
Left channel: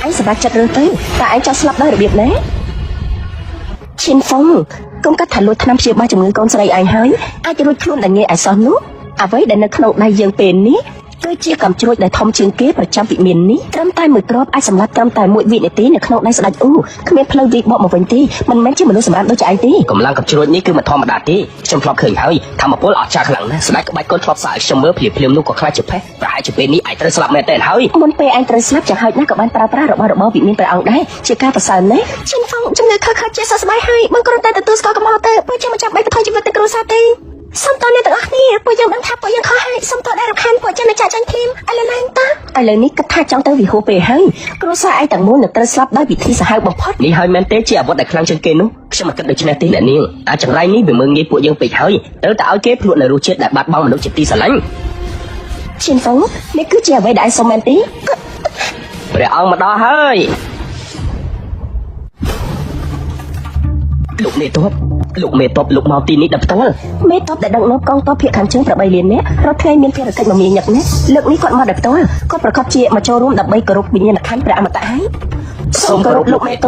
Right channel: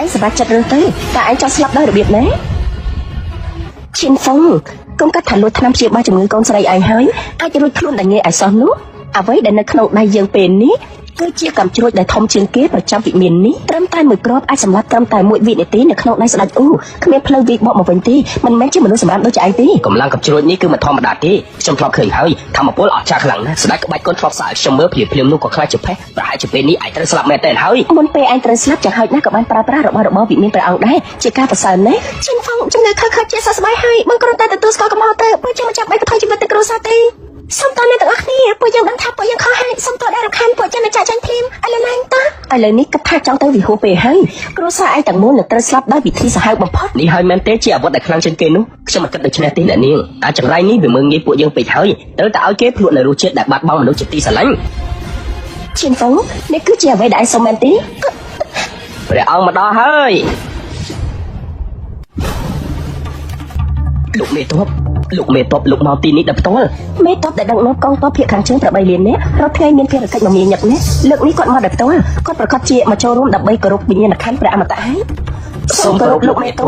ឯងសម្រាប់ចិត្តរឿងទៅតែឯងចង់ស្លាប់ដល់របៀបណាชินฟงកូនកាត់ថាលោកថាជាបាច់ជំងឺកូនស្រីឯងហើយអាចរួចខ្លួនតែងាយអាសន្ននោះអ្វីដែលនៅក្នុងដៃយើងពេលនេះគឺជាកំជ្រួយដែលធំជាងគេប្រចាំវិមាននេះត្រឹមតែមួយគ្រាប់អាចសម្រាប់ត្រឹមតែមួយវិនាទីនៅក្នុងដៃស្ដេចគ្មានភ្លើងទីមកវិញទេមិនមែនជាមនុស្សសម្រាប់ដូចឯងទេ កម្លាំងកំជ្រួយនេះគឺមិនធម្មតាទេខ្ញុំធ្លាប់ឃើញហើយធម្មពលអស្ចារ្យខ្លាំងណាស់ស្ដេចក្បាច់កូនធ្លាប់សាកខ្ញុំមើលភ្លាមនោះក៏ខ្លាចជាផេះប្រហែលជាពេលនេះឯងត្រូវស្លាប់មែនទេហើយ មុនពេលឯងត្រូវស្លាប់ចាំហើយណាក៏បានប្រើប្រាស់របស់វិមានព្រះអង្គដែរជាការប្រសើរណាស់ជាងផងជំងឺខឹកខឹកជាសស្បាយហើយមកគ្រាន់តែទទួលស្គាល់របស់ទៅមិនចាំឯងថយជីវិតទៅគ្រួសារទេសូមតើអ្នកទាំងអស់គ្នាពួកយើងមិនថាពួកយើងខុសហើយសូមតើអ្នកខាងពួកយើងចាក់ចាញ់ធីមឥឡូវនេះតើឥឡូវនេះក៏ថាចង់ទៅវិហូពេលហើយគ្រួសារឯងតែមួយត្រូវស្លាប់ដោយវិធីសាហាវបំផុត នេះហើយមែនទេជាអ្វីដែលខ្លាំងជាងគេនោះខ្ញុំគិតដូច្នេះទេអ្នកនាងអាចចម្លើយនេះវាមើលងាយពួកយើងពេកហើយត្រូវតែឲ្យគេព្រោះនៅរសជាតិដែលបាត់បង់នៅជាទីស្រឡាញ់ ជាងផងនេះគឺជាអ្វីដែលសមមែនទេ ព្រះអង្គមកដល់ហើយលោកមេតបលោកមកទីនេះដល់ផ្ទាល់ មេតបដែលដល់កងទ័ពភាគខាងជើងតែបីនេះរត់ថ្ងៃនេះភារកិច្ចរបស់ញញឹកនេះលោកនេះក៏មកដល់ផ្ទាល់ក៏ប្រកបជាមកចូលរួមដើម្បីគោរពវិញ្ញាណក្ខន្ធព្រះអមតៈហើយសូមគោរពលោកមេតប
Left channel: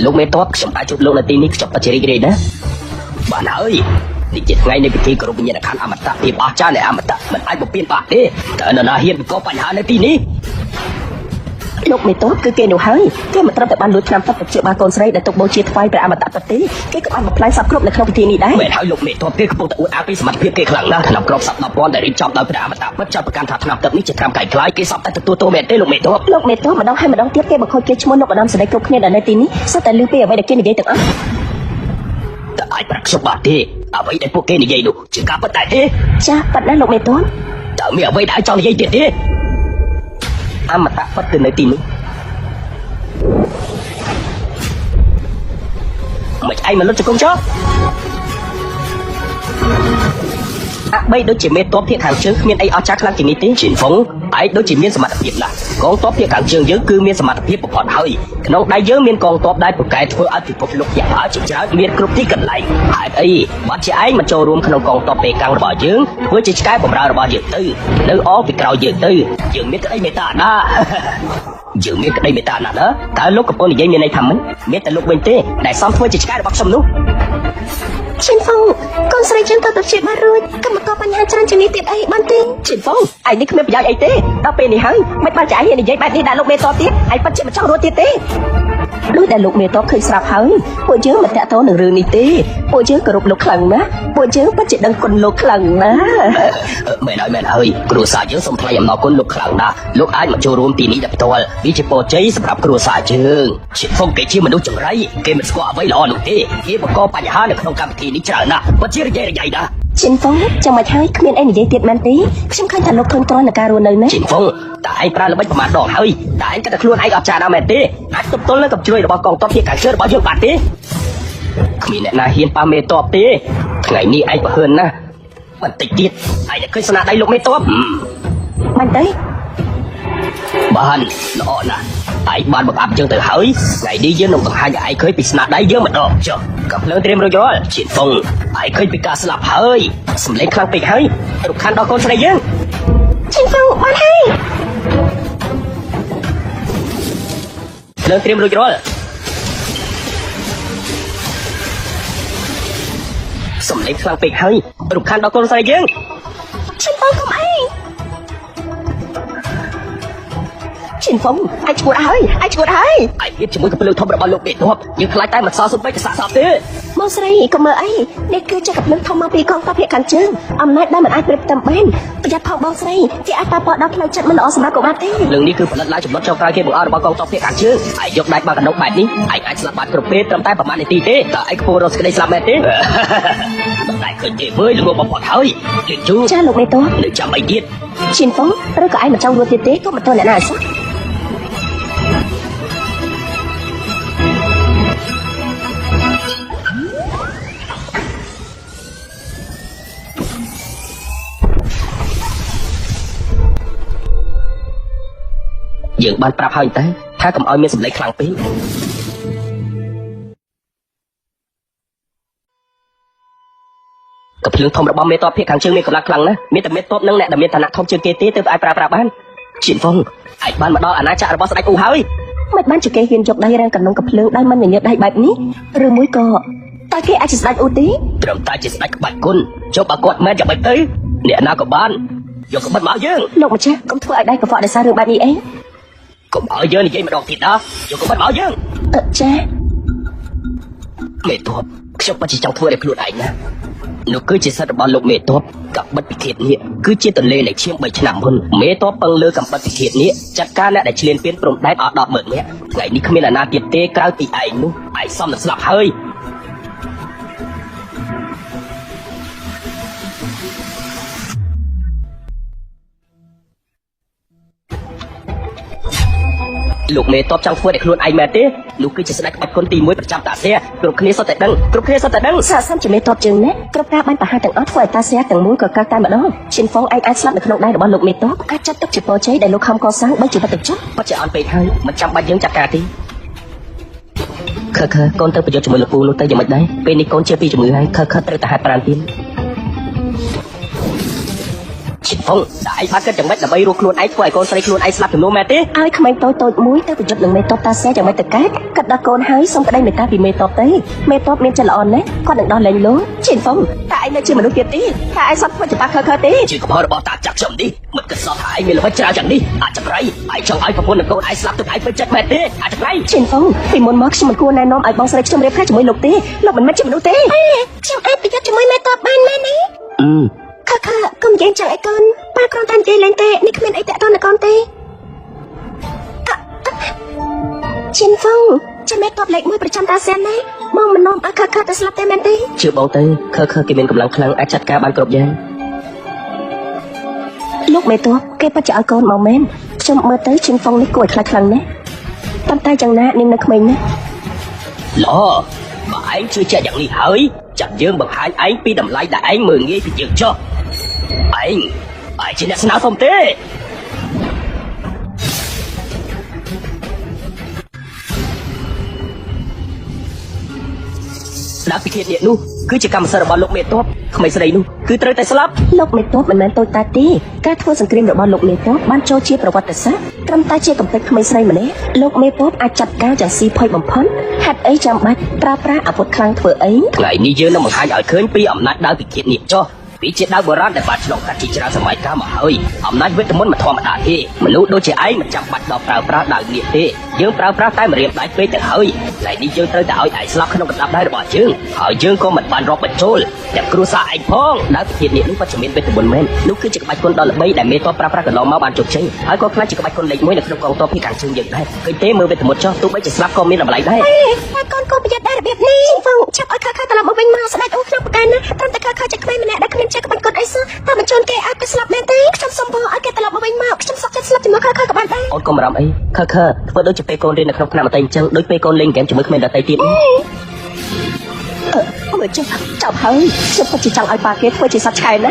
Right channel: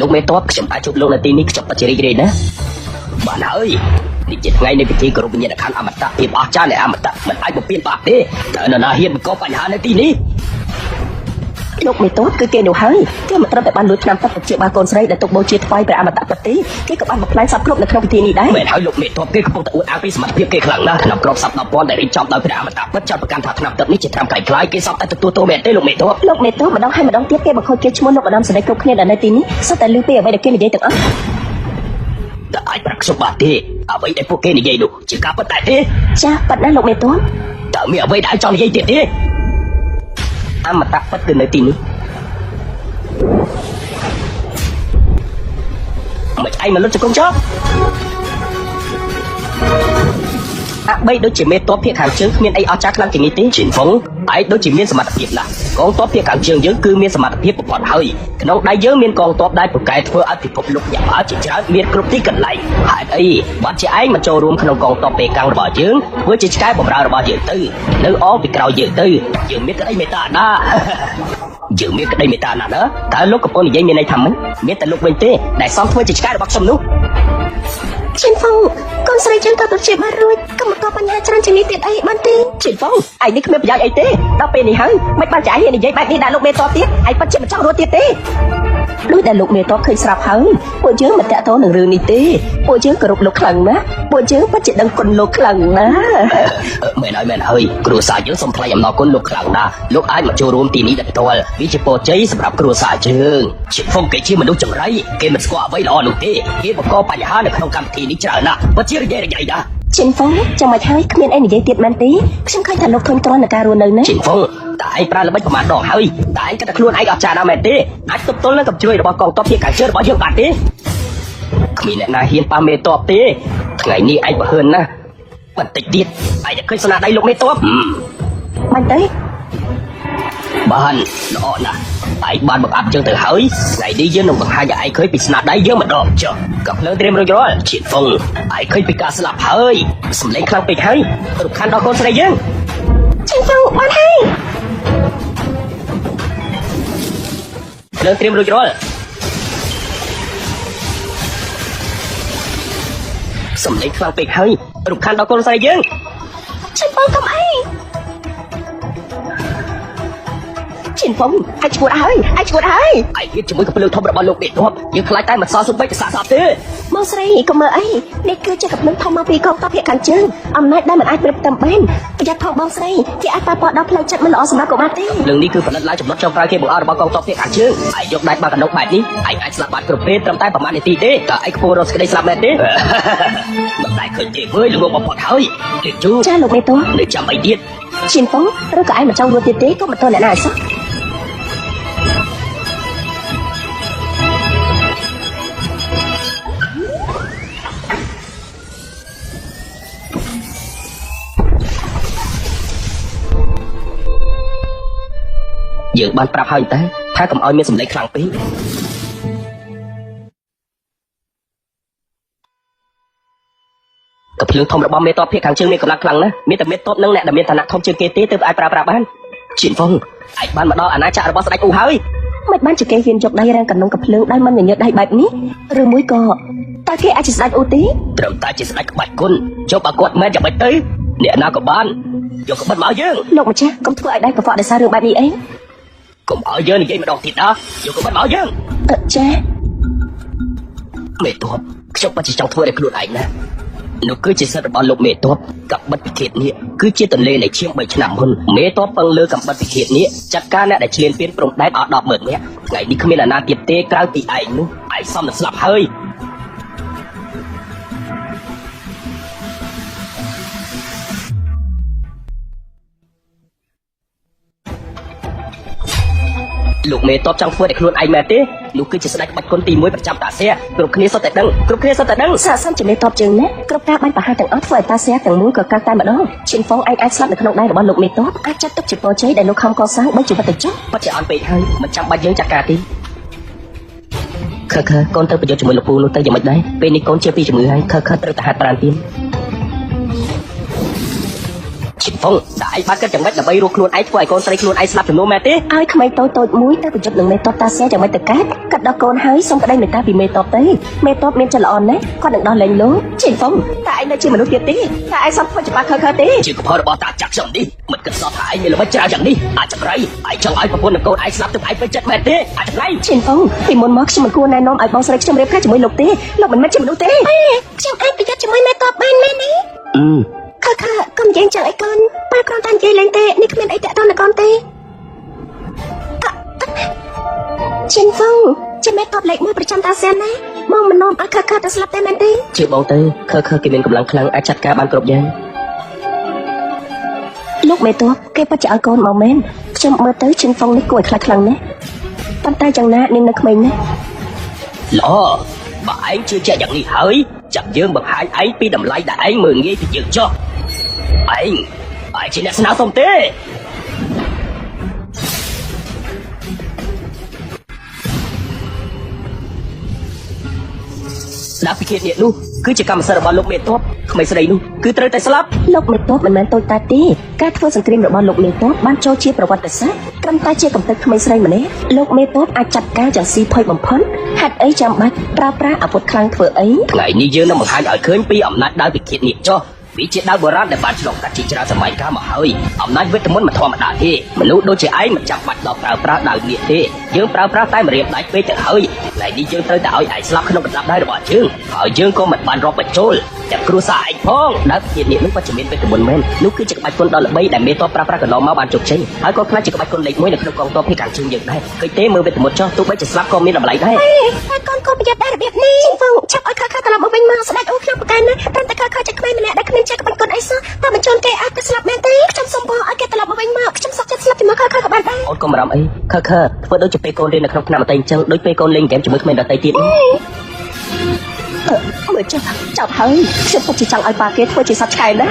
លោកមេតបខ្ញុំអាចជួបលោកនៅទីនេះខ្ញុំពិតជារីករាយណាស់បានហើយនេះជាថ្ងៃនៃពិធីគោរពវិញ្ញាណក្ខន្ធអមតៈពីអស្ចារ្យនៃអមតៈមិនអាចបំពេញបាបទេតែហ៊ានក៏បញ្ហានៅទីនេះ លោកមេតបគឺគេនោះហើយគេមិនត្រូវតែបានលួចតាមប្រតិជាបានកូនស្រីដែលទុកបូជាថ្វាយព្រះអមតៈប្រទីគេក៏បានបំផ្លាញសពគ្រប់នៅក្នុងពិធីដែរ មិនឲ្យលោកមេតបគេកំពុងអួតអាពីសមត្ថភាពគេខ្លាំងណាស់ក្នុងក្រុមសត្វ10ពាន់ដែលរៀបចំដោយព្រះអមតៈមិនចាប់កម្មថាឆ្នាំទៅនេះជាកម្មតែខ្លាយគេសពតែទទួលទោសមែនទេលោកមេតប លោកមេតបម្ដងហើយម្ដងទៀតគេបង្ខំគេឈ្មោះនៅម្ដងស្រីគ្រប់គ្នាដែលនៅទីនេះសុទ្ធតែលឺពីអ្វីដែលគេនិយាយទាំងអស់ តែអាចប្រកបបាក់ទេអ្វីដែលពួកគេនិយាយនោះជាការពិតដែរទេ ចាស់ប៉ណ្ណាលោកមេតប តើមានអ្វីដែលចង់និយាយទៀតទេអមតៈពិតគឺនៅទីនេះមកឯងមិនលុបជង្គង់ចុះបីដូចជាមេតបភាគខាងជើងគ្មានអីអស្ចារ្យខ្លាំងជាងនេះទេជីហុងឯងដូចជាមានសមត្ថភាពណាស់កងទ័ពភាគខាងជើងយើងគឺមានសមត្ថភាពបំផុតហើយក្នុងដៃយើងមានកងទ័ពដែលពូកែធ្វើអភិភពលោកយ៉ាងអស្ចារ្យមានគ្រប់ទីកន្លែងហើយអីបើជាឯងមកចូលរួមក្នុងកងទ័ពពេកាំងរបស់យើងធ្វើជាឆ្កែបម្រើរបស់យើងទៅលើអពីក្រោយយើងទៅយើងមានតែមេត្តាណាយើងមានតែមេត្តាណាតើលោកកំពុងនិយាយមានន័យថាមិនមានតែលោកវិញទេដែលសងធ្វើជាឆ្កែរបស់ខ្ញុំនោះ ជាផងកូនស្រីជឿទៅជាបានរួចកុំតបបញ្ហាចាំជីវិតទៀតអីបានទេជាផងឯងនេះគ្មានយ៉ាងអីទេដល់ពេលនេះហើយមិនបាច់ចាយនិយាយបែបនេះដល់លោកមេតបទៀតឯងបាត់ជាចង់រត់ទៀតទេតែលោកមេតបឃើញស្រាប់ហើយពួកយើងមិនតាក់ទងនឹងរឿងនេះទេពួកយើងគោរពលោកខ្លាំងណាស់ពួកយើងបាត់ជាដឹងគុណលោកខ្លាំងណាស់ មែនហើយគ្រូសាយើងសូមថ្លែងអំណរគុណលោកខ្លាំងណាស់លោកអាចមកចូលរួមទីនេះផ្ទាល់វាជាពរជ័យសម្រាប់គ្រូសាយើងជាពួកគេជាមនុស្សចម្រៃគេមិនស្គាល់អ្វីល្អនោះទេគេបង្កបញ្ហានៅក្នុងកម្មវិធីនេះច្រើនណាស់បើជានិយាយអីណា ជាផងចាំឲ្យហើយគ្មានអីនិយាយទៀតបានទេខ្ញុំឃើញតែលោកឃើញតើការរស់នៅនេះ ជាផងតែឯងប្រើល្បិចប្រមាណដងហើយតែឯងតែខ្លួនឯងអត់ចាស់មែនទេអាចទទួលនឹងជួយរបស់កងទ័ពទីខាងជើងរបស់យើងបានទេគ្មានអ្នកណាហ៊ានប៉ាមេតបទេថ្ងៃនេះឯងប្រហែលណាបន្តិចទៀតឯងឃើញស្នាដៃលោកមេតប បានទេ បានល្អណាស់ឯងបានបង្អាប់ជើងទៅហើយថ្ងៃនេះយើងនឹងបង្ហាញឲ្យឯងឃើញពីស្នាដៃយើងម្ដងចុះក៏ភ្លើងរៀបរួចរាល់ជាធំឯងឃើញពីការស្លាប់ហើយសម្លេងខ្លាំងពេកហើយទុកខានដល់កូនស្រីយើង ជាផងបានហើយ ភ្លើងរៀបរួចរាល់សម្លេងខ្លាំងពេកហើយទុកខានដល់កូនស្រីយើង ជាផងកុំអីជា phong ai chùi ai ai chúng tôi lưu thông được bao nhiêu biệt thôi nhưng lại tay mà sao giúp anh sạc sạc thế mô xây công lợi để cứ chặt lưu thông bao bì con tao hệ cản chứ ông mẹ đã mình ai được tầm bên giờ thọ mô xây thì ai ba bỏ đắp lần chặt mình đó mà của thế đừng đi cứ phải là chúng nó trong cái của bao con tao hệ cản chứ ai dùng đại bảo nông mại đi ai sợ bạn cờ phê trong tay bảo mại đi thế cả anh cô nó sẽ làm đấy lại cơ thể với luôn bỏ hơi để chú cha người tôi để cho mày biết xin tốt tất cả anh trong người tiền tế có một tên là sao dự ban pra hơi đấy thay cầm ao như sừng lệ khảo tí cậu chưa thông bom bê to phía kháng chưa mi cầm lạc lăng á mi tập bê tốt nâng lẹ tập bê thằng không chưa kê tí từ ai pra bán chị phong ai ban đó anh cha là bao say cùng hơi mấy bán chỉ kê phim chụp đây đang cần nông cặp lương đang mang những đây bài mí rồi mũi cò ta kê ai chỉ sai ưu tí trường ta chỉ sai bài quân cho bà con mẹ chồng bài tới nè nào của bạn giờ không bao nhiêu nông cha cũng phải đây của vợ là sao được bài gì em có bao nhiêu thì đầu thì đó giờ không bao nhiêu cha mẹ tôi sẽ bắt chỉ trong thôi để được ảnh nè nếu cứ chỉ sợ bao lâu mẹ tôi gặp bất kỳ chuyện gì cứ chỉ tự lên để chiếm bệnh nặng hơn mẹ tôi bằng lứa gặp bất kỳ chuyện gì chắc chắn là chuyện phiên prong đáy ở đó bởi nhé ngày đi không là na kiệt tê cao thì ảnh xong là sập hơi lúc này tôi trong phơi được ai mẹ thế lúc cứ chỉ sai bắt con tìm mới chạm đạp xe rồi kia sao tại đâu sao xong chỉ để to chừng nhé cơ ca bay bà hai đợt ớt phơi ta xe từ cơ ca ta nữa xin phong anh ai sao được lúc này bỏ lụm mì tốt ai cho tôi chỉ có chế để lúc không có sáng mới chịu được chút bắt chạm bể thân mà chạm bay đến chặt cả đi khờ con thơ bây giờ mưa cuốn ta chỉ mới đấy bên đi con chưa bị mưa anh khờ tới ta ra đi chị phong đại ba cái chẳng phải là bay luôn luôn ai quay con say luôn ai sao luôn mẹ thế ai không tôi muốn tới cho đường này to ta sẽ chẳng phải từ cái cả đó con hái xong đây người ta bị mê to tới mê to mê chân ổn đấy con được đó lên đúng chị phong tại đây chỉ mới kia tí tại sao phải ba khờ tí chị hỏi bỏ ta chắc chồng đi mất cái sao thái người mới trả đi chắc đấy ai cho ai mà buồn con ai sao từ ai phải chắc mẹ thế đấy chị phong thì muốn móc xong cô này nó ai bao giờ cho người khác mới lục tí lúc mà mới chịu lục tí xong em bị cho mới mê to bay lên đi con dễ chạy con ba con ta dễ lên tê đi cứ để con là con tê Chín Phong cho mẹ con lệnh một trăm ta xem đấy mong mình mong khờ ta slap tay mẹ đi chưa bao tới khờ kịp được lần ai chặt cả ba cột dây lúc mẹ tôi cái ba chợ con mong mến cho mơ tới Chín Phong với cột khờ nhé con tay chẳng ngã đi là khơi nhé lo mà anh chưa chạy đi hỏi chẳng chưa mà anh bị làm lại đại người nghĩ dừng cho anh chỉ là sao không thế đã kia để luôn cứ chỉ cầm sợ vào lúc mẹ tốt không phải xây luôn cứ tới đây slap lúc mẹ tốt mình tôi ta tí các thu sinh kinh được vào lúc mẹ tốt ban cho chi bảo vật sát cầm ta chi bảo vật không xây mẹ lúc mẹ tốt ai chặt cá chặt xì phơi bằng phấn hạt ấy trong mắt ra ở một khang phở ấy ngày như dưới lòng hai ở khơi bị ẩm nát đã bị kiện nhịp cho vì trên đá bờ rác để bắt đầu cả chỉ ra sớm mai cá mà hơi ẩm nát với thằng mà thòng đã thì lúc đôi trẻ ấy mà chạm mặt đầu ra đã nghỉ thế dương ra tay mềm lại với cái hơi lại đi dương tới đảo đại sao không được ra được chứ ở dương con mình bàn rọc bạch trôi để cứ sai phong đã chỉ đến bắt chuẩn bị với mình mới lúc cứ chụp bài con đời mấy lại mê to ra được nó máu ăn chuột trên hai con phải chụp bài con này mới được con to cái cả chương trình này cứ thế một được một cho tôi mới chỉ ra con mới làm lại đấy con biết đây biết đi vâng chắc ở các làm mình mà sai ông không can ta ta chỉ quên mẹ đã quên chắc con ấy sao ta mà chôn cái ác cái slap mẹ tí trong số bỏ cái làm mình mà trong số cái slap thì mà khờ bạn đấy con đạo ấy khờ với chụp cô lên là không nào tay chân đối với cô lên kẻ chụp mình là tay kia ôi chào thấy sẽ có chỉ chào ai ba cái cô chỉ sắp chạy đấy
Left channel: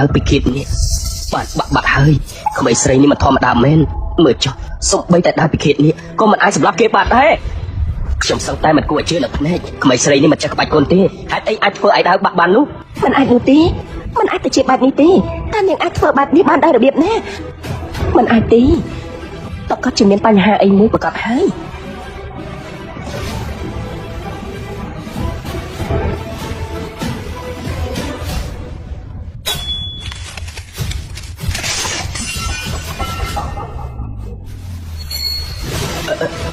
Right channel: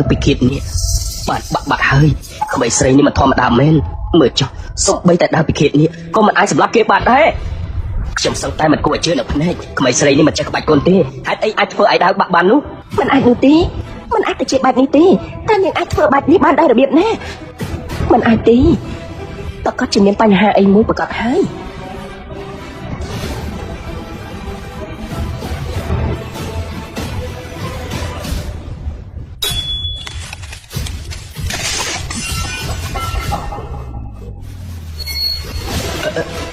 đang bị kiện nhỉ bà hơi không phải xây nhưng mà thòng đàm lên mười cho sốc bên tại đang bị kiện nhỉ có một ai slap cái bạn đấy ខ្ញុំសឹងតែមិនគួរជឿលើភ្នែកក្មេងស្រីនេះមិនចេះក្បាច់គុណទេហេតុអីអាចធ្វើឲ្យដើរបាក់បាននោះ មិនអាចនោះទេមិនអាចទៅជាបែបនេះទេតែយើងអាចធ្វើបែបនេះបានដោយរបៀបណាមិនអាចទេតើក៏ជាមានបញ្ហាអីមួយប្រកបហើយ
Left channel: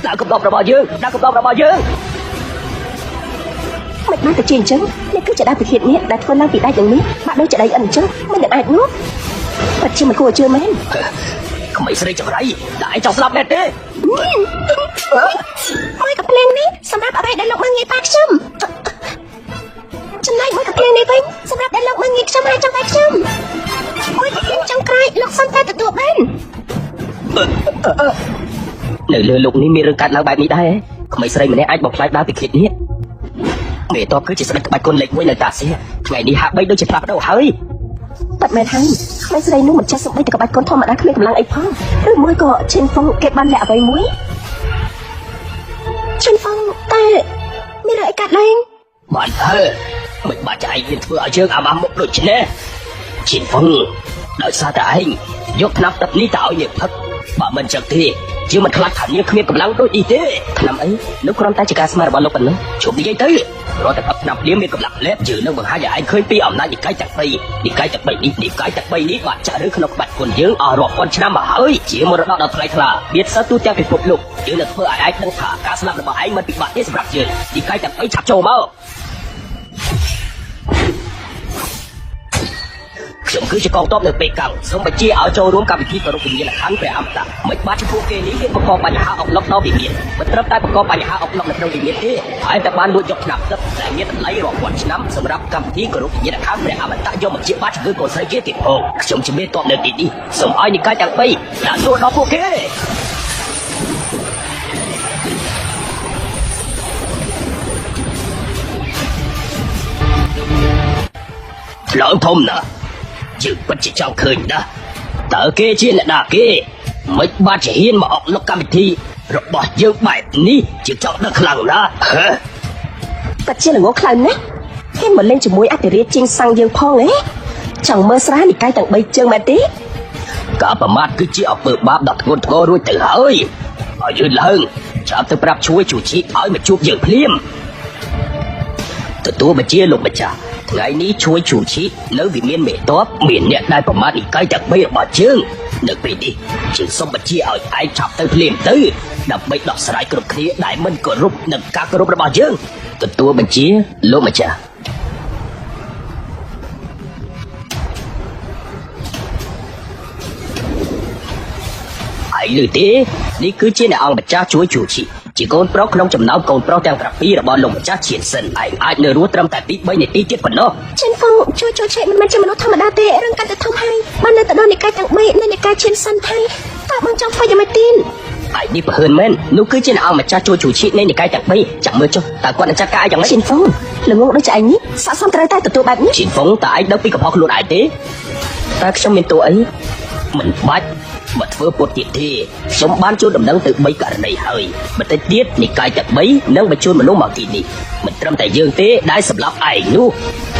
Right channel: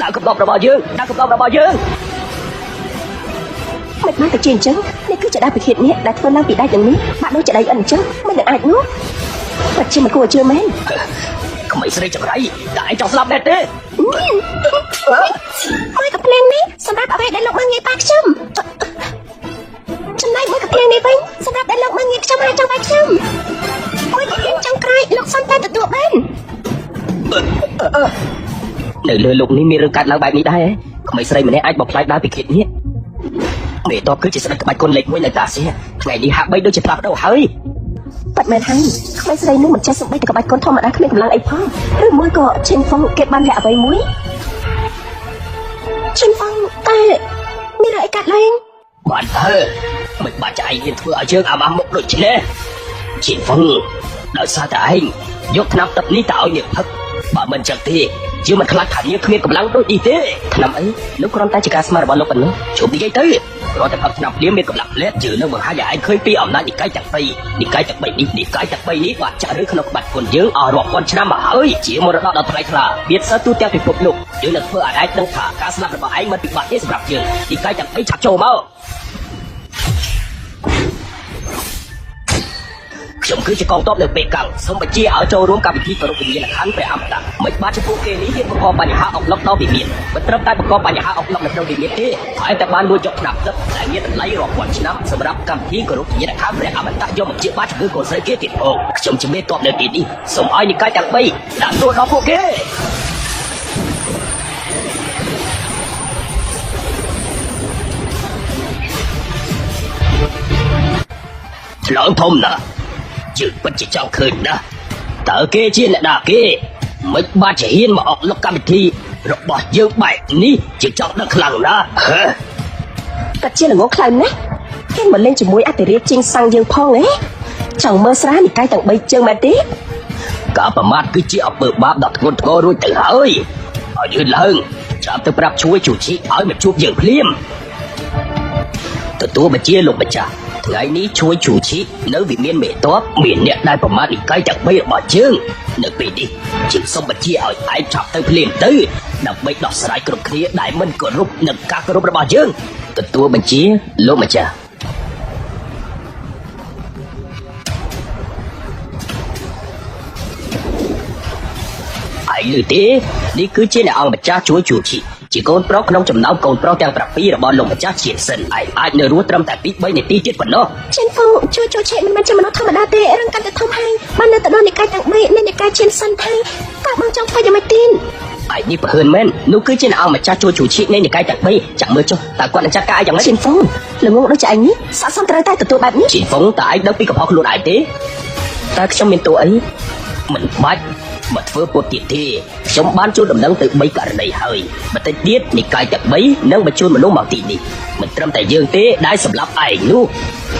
ដាក់ក្បោបរបស់យើងដាក់ក្បោបរបស់យើង មកជាអញ្ចឹងនេះគឺជាអាទិភាពនេះដែលធ្វើឡើងពីដៃដូចនេះបាក់ដូចដៃអញ្ចឹងមិនអាចនោះតែជាមិនគួរជឿមែន ក្មេងស្រីចម្រៃតែឯងចង់ស្លាប់ដែរទេ មកកាភ្លេងនេះសម្រាប់ឲ្យលោកមើងងាយប៉ាខ្ញុំចំណែកមកកាភ្លេងនេះវិញសម្រាប់ឲ្យលោកមើងងាយចាំខ្ញុំអូយចាំក្រោយលោកសំតែទទួលបាន នៅលើលោកនេះមានរឿងកើតឡើងបែបនេះដែរក្មេងស្រីម្នាក់អាចបំផ្លាញដល់ពិធីនេះមេតគឺជាស្រីក្បាច់គុណលេខ1នៅតាសៀថ្ងៃនេះហាក់បីដូចជាបាត់ទៅហើយ តែមែនហើយខ្ញុំស្រីនេះមិនចេះសុខភាពក្បាច់កូនធម្មតាគ្មានឡើយអីផងឬមួយក៏ជាផងគេបានតែអ្វីមួយជាផងតែមានអីកាត់ឡើង បានទៅមិនបាច់ចៃយើងធ្វើឲ្យយើងអាម៉ាមុខដូចនេះជាហ្វុងដោយសារតែឯងយកថ្នាំទឹកនេះទៅឲ្យយើងផឹកបើមិនចឹងទេជាមិនខ្លាចថាយើងគ្មានកម្លាំងដូចនេះទេថ្នាំនេះលោកគ្រាន់តែជាការស្មារតីរបស់លោកជុំនិយាយទៅរត់ដល់ថ្នាំនេះមានកម្លាំងលែជឿលើបង្ហាញឲ្យឯងឃើញពីអំណាចនិកាយតែ2និកាយតែ3នេះនិកាយតែ2បាក់ចៅក្នុងបាត់គុណយើងអស់រាប់ពាន់ឆ្នាំមកហើយជាមរតកដល់ថ្លៃថ្លាមានសិទ្ធិទូទាំងពិភពលោកយើងនឹងធ្វើឲ្យឯងដឹងថាការស្លាប់របស់ឯងមិនពិបាកទេសម្រាប់យើងនិកាយតែ2ចូលមកខ្ញុំគឺជាកងទ័ពនៅពេលកាលសូមបញ្ជាឲ្យចូលរួមកម្មវិធីប្រពៃណីខាងព្រះអមតាមិនបាច់ពួកគេនេះបង្កបញ្ហាអប់រំដល់វិមានមិនត្រឹមតែបង្កបញ្ហាអប់រំដល់វិមានទេហើយតែបានមួយចុះថ្នាក់ទឹកដែលមានតម្លៃរាប់ពាន់ឆ្នាំសម្រាប់កម្មវិធីប្រពៃណីខាងព្រះអមតាយកមកជាបាច់គឺប្រសិទ្ធភាពទីផងខ្ញុំជំនាញតបនៅទីនេះសូមឲ្យនិកាយទាំង3ដាក់ចូលដល់ពួកគេเราធំណាស់ជាពិតជាចង់ឃើញណាតើគេជាអ្នកណាគេមិនបាច់ហ៊ានមកអប់រំកម្មវិធីរបស់យើងបែបនេះជាចង់ដល់ខ្លាំងណាស់តែជាលោកខ្លាំងណាស់គេមកលេងជាមួយអតិរិយជាងសាំងយើងផងទេចង់មើលស្រាយតែតែ3ជើងមកទេ ការប្រមាថគឺជាអបិលបាបដល់ធ្ងន់ធ្ងររួចទៅហើយឲ្យលឿនឡើងចាំទៅប្រាប់ជួយជួយឲ្យមកជួបយើងភ្លាមទទួលបញ្ជាលោកម្ចាស់ថ្ងៃនេះជួយជួបជីនៅវិមានមេតបមានអ្នកដែលប្រមាថនិកាយតែ3របស់យើងនៅពេលនេះជាសូមបញ្ជាឲ្យឯងឆាប់ទៅភ្លាមទៅដើម្បីដោះស្រាយគ្រប់គ្នាដែលមិនគោរពនឹងការគោរពរបស់យើងទទួលបញ្ជាលោកម្ចាស់ឯងឮទេនេះគឺជាអ្នកអង្គម្ចាស់ជួយជួបជីជាកូនប្រុសក្នុងចំណោមកូនប្រុសទាំង7របស់លោកម្ចាស់ជាសិនឯងអាចនៅរស់ត្រឹមតែ2 3នាទីទៀតប៉ុណ្ណោះ ជាផងជួយមិនចំណុចធម្មតាទេរឿងការទៅធំហើយបាននៅតែនិកាយទាំង3នេះនិកាយជាសិនហើយក៏មិនចង់ធ្វើយ៉ាងម៉េចទេ ឯនេះបើមែននោះគឺជាអង្គម្ចាស់ជួយជួបជីនៃនិកាយទាំង2ចាំមើលចុះតើគាត់ចាស់កាយយ៉ាងម៉េច ជាផងលោកដូចឯងនេះស័ក្តិសមត្រូវតែទទួលបាននេះ ជីហ្វុងតើឯងដឹងពីកំហុសខ្លួនឯងទេតើខ្ញុំមានតួអីមិនបាច់មកធ្វើពោលទៀតទេខ្ញុំបានជួយដំណឹងទៅ3ករណីហើយបន្តិចទៀតនិកាយទាំង3នៅបញ្ជូនមនុស្សមកទីនេះមិនត្រឹមតែយើងទេដែលសម្រាប់ឯងនោះ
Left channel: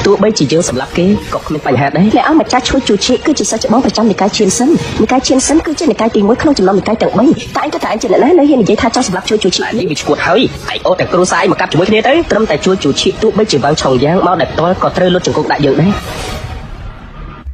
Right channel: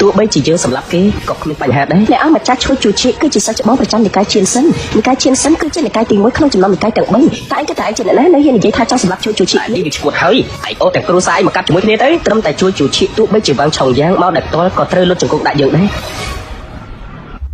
ទោះបីជាយើងសម្រាប់គេក៏គ្មានបញ្ហាដែរ អ្នកអង្គម្ចាស់ជួយជួយគឺជាសច្ចមប្រចាំនិកាយជាសិនគឺជានិកាយទី1ក្នុងចំណោមនិកាយទាំង3តែតែជានៅនិយាយថាចង់សម្រាប់ជួយ នេះវាឈ្មោះហើយឯអូតែគ្រូសាយមកកាត់ជាមួយគ្នាទៅត្រឹមតែជួយទោះបីជាបើឆោយ៉ាងមកដល់តលក៏ត្រូវលុបជង្គង់ដាក់យើងដែរ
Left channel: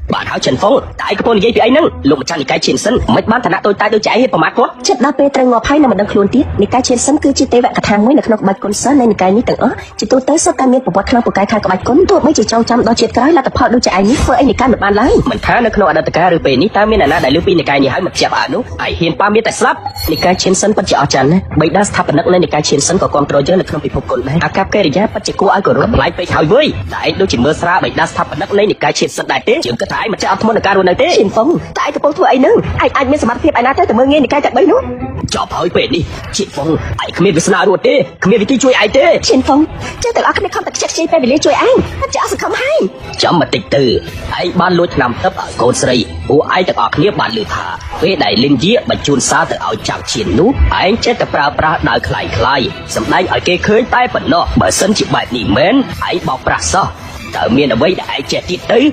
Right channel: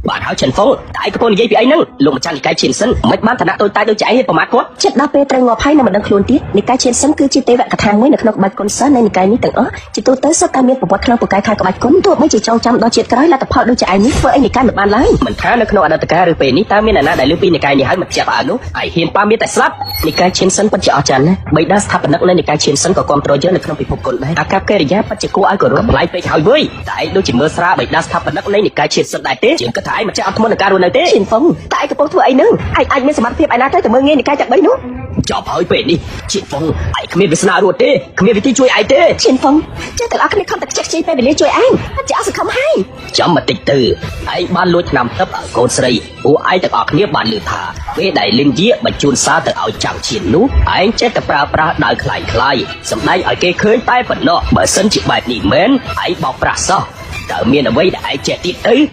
បាទហើយចិនហ្វូតែឯងគួរនិយាយពីឯងនោះលោកចាស់និកាយជាសិនមិនបានឋានៈតូចតាចដូចឯងប្រមាថគាត់ ចិត្តដល់ពេលត្រូវមកហើយនៅក្នុងខ្លួនទៀតនិកាយជាសិនគឺជាទេវកថាមួយនៅក្នុងបាយកុនសិននៃនិកាយទាំងអស់ជាទូទៅសុទ្ធតែមានប្រវត្តិក្នុងប្រកាយខាងក្បាច់គុណទោះបីជាចងចាំដល់ជាតិក្រោយលទ្ធផលដូចឯងនេះធ្វើឲ្យនិកាយមិនបានឡើយ មិនខាននៅក្នុងអតីតកាលពេលនេះតើមានអ្នកណាដែលលើពីនិកាយនេះហើយមិនជាអនុឯងហ៊ានប៉ាមានតែស្លាប់និកាយជាសិនពិតជាអស្ចារ្យណាស់បីដាស្ថាបនិកនៃនិកាយជាសិនក៏គ្រប់គ្រងយើងនៅក្នុងពិភពគុណដែរអាកប្បកិរិយាពិតជាគួរឲ្យគោរពខ្លាយពេកហើយវិញតែឯងដូចជាមើលស្រាបីដាស្ថាបនិកនៃនិកាយជាសិនដែរទេជាគិតថាឯងមិនចាស់មកដល់ការនោះទេ ជាផងតែកំពុងធ្វើអីនោះអាចមានសមត្ថភាពឯណាទៅមើលងាយនិកាយតែ3នោះ Chọc hơi về đi. Chị Phong, anh không biết sao rồi thế. Không biết đi chui ai thế. Chiến Phong, chứ tự ác không tập chết chiến về để chơi anh chả sự không hay. Trong một từ, anh ban lút nằm tấp ở cô xây. Ủa ai đã ở kia bàn lửa thả. Với đại linh giết mà chun xa từ ở chạm chiến nú. Anh chết tập ra đời khai khai. Sầm nay ở kia khơi tay bẩn nọ mà sân chị bạch đi mến. Anh bỏ ra sao. Đợi nghe là mấy đại trẻ tí ấy.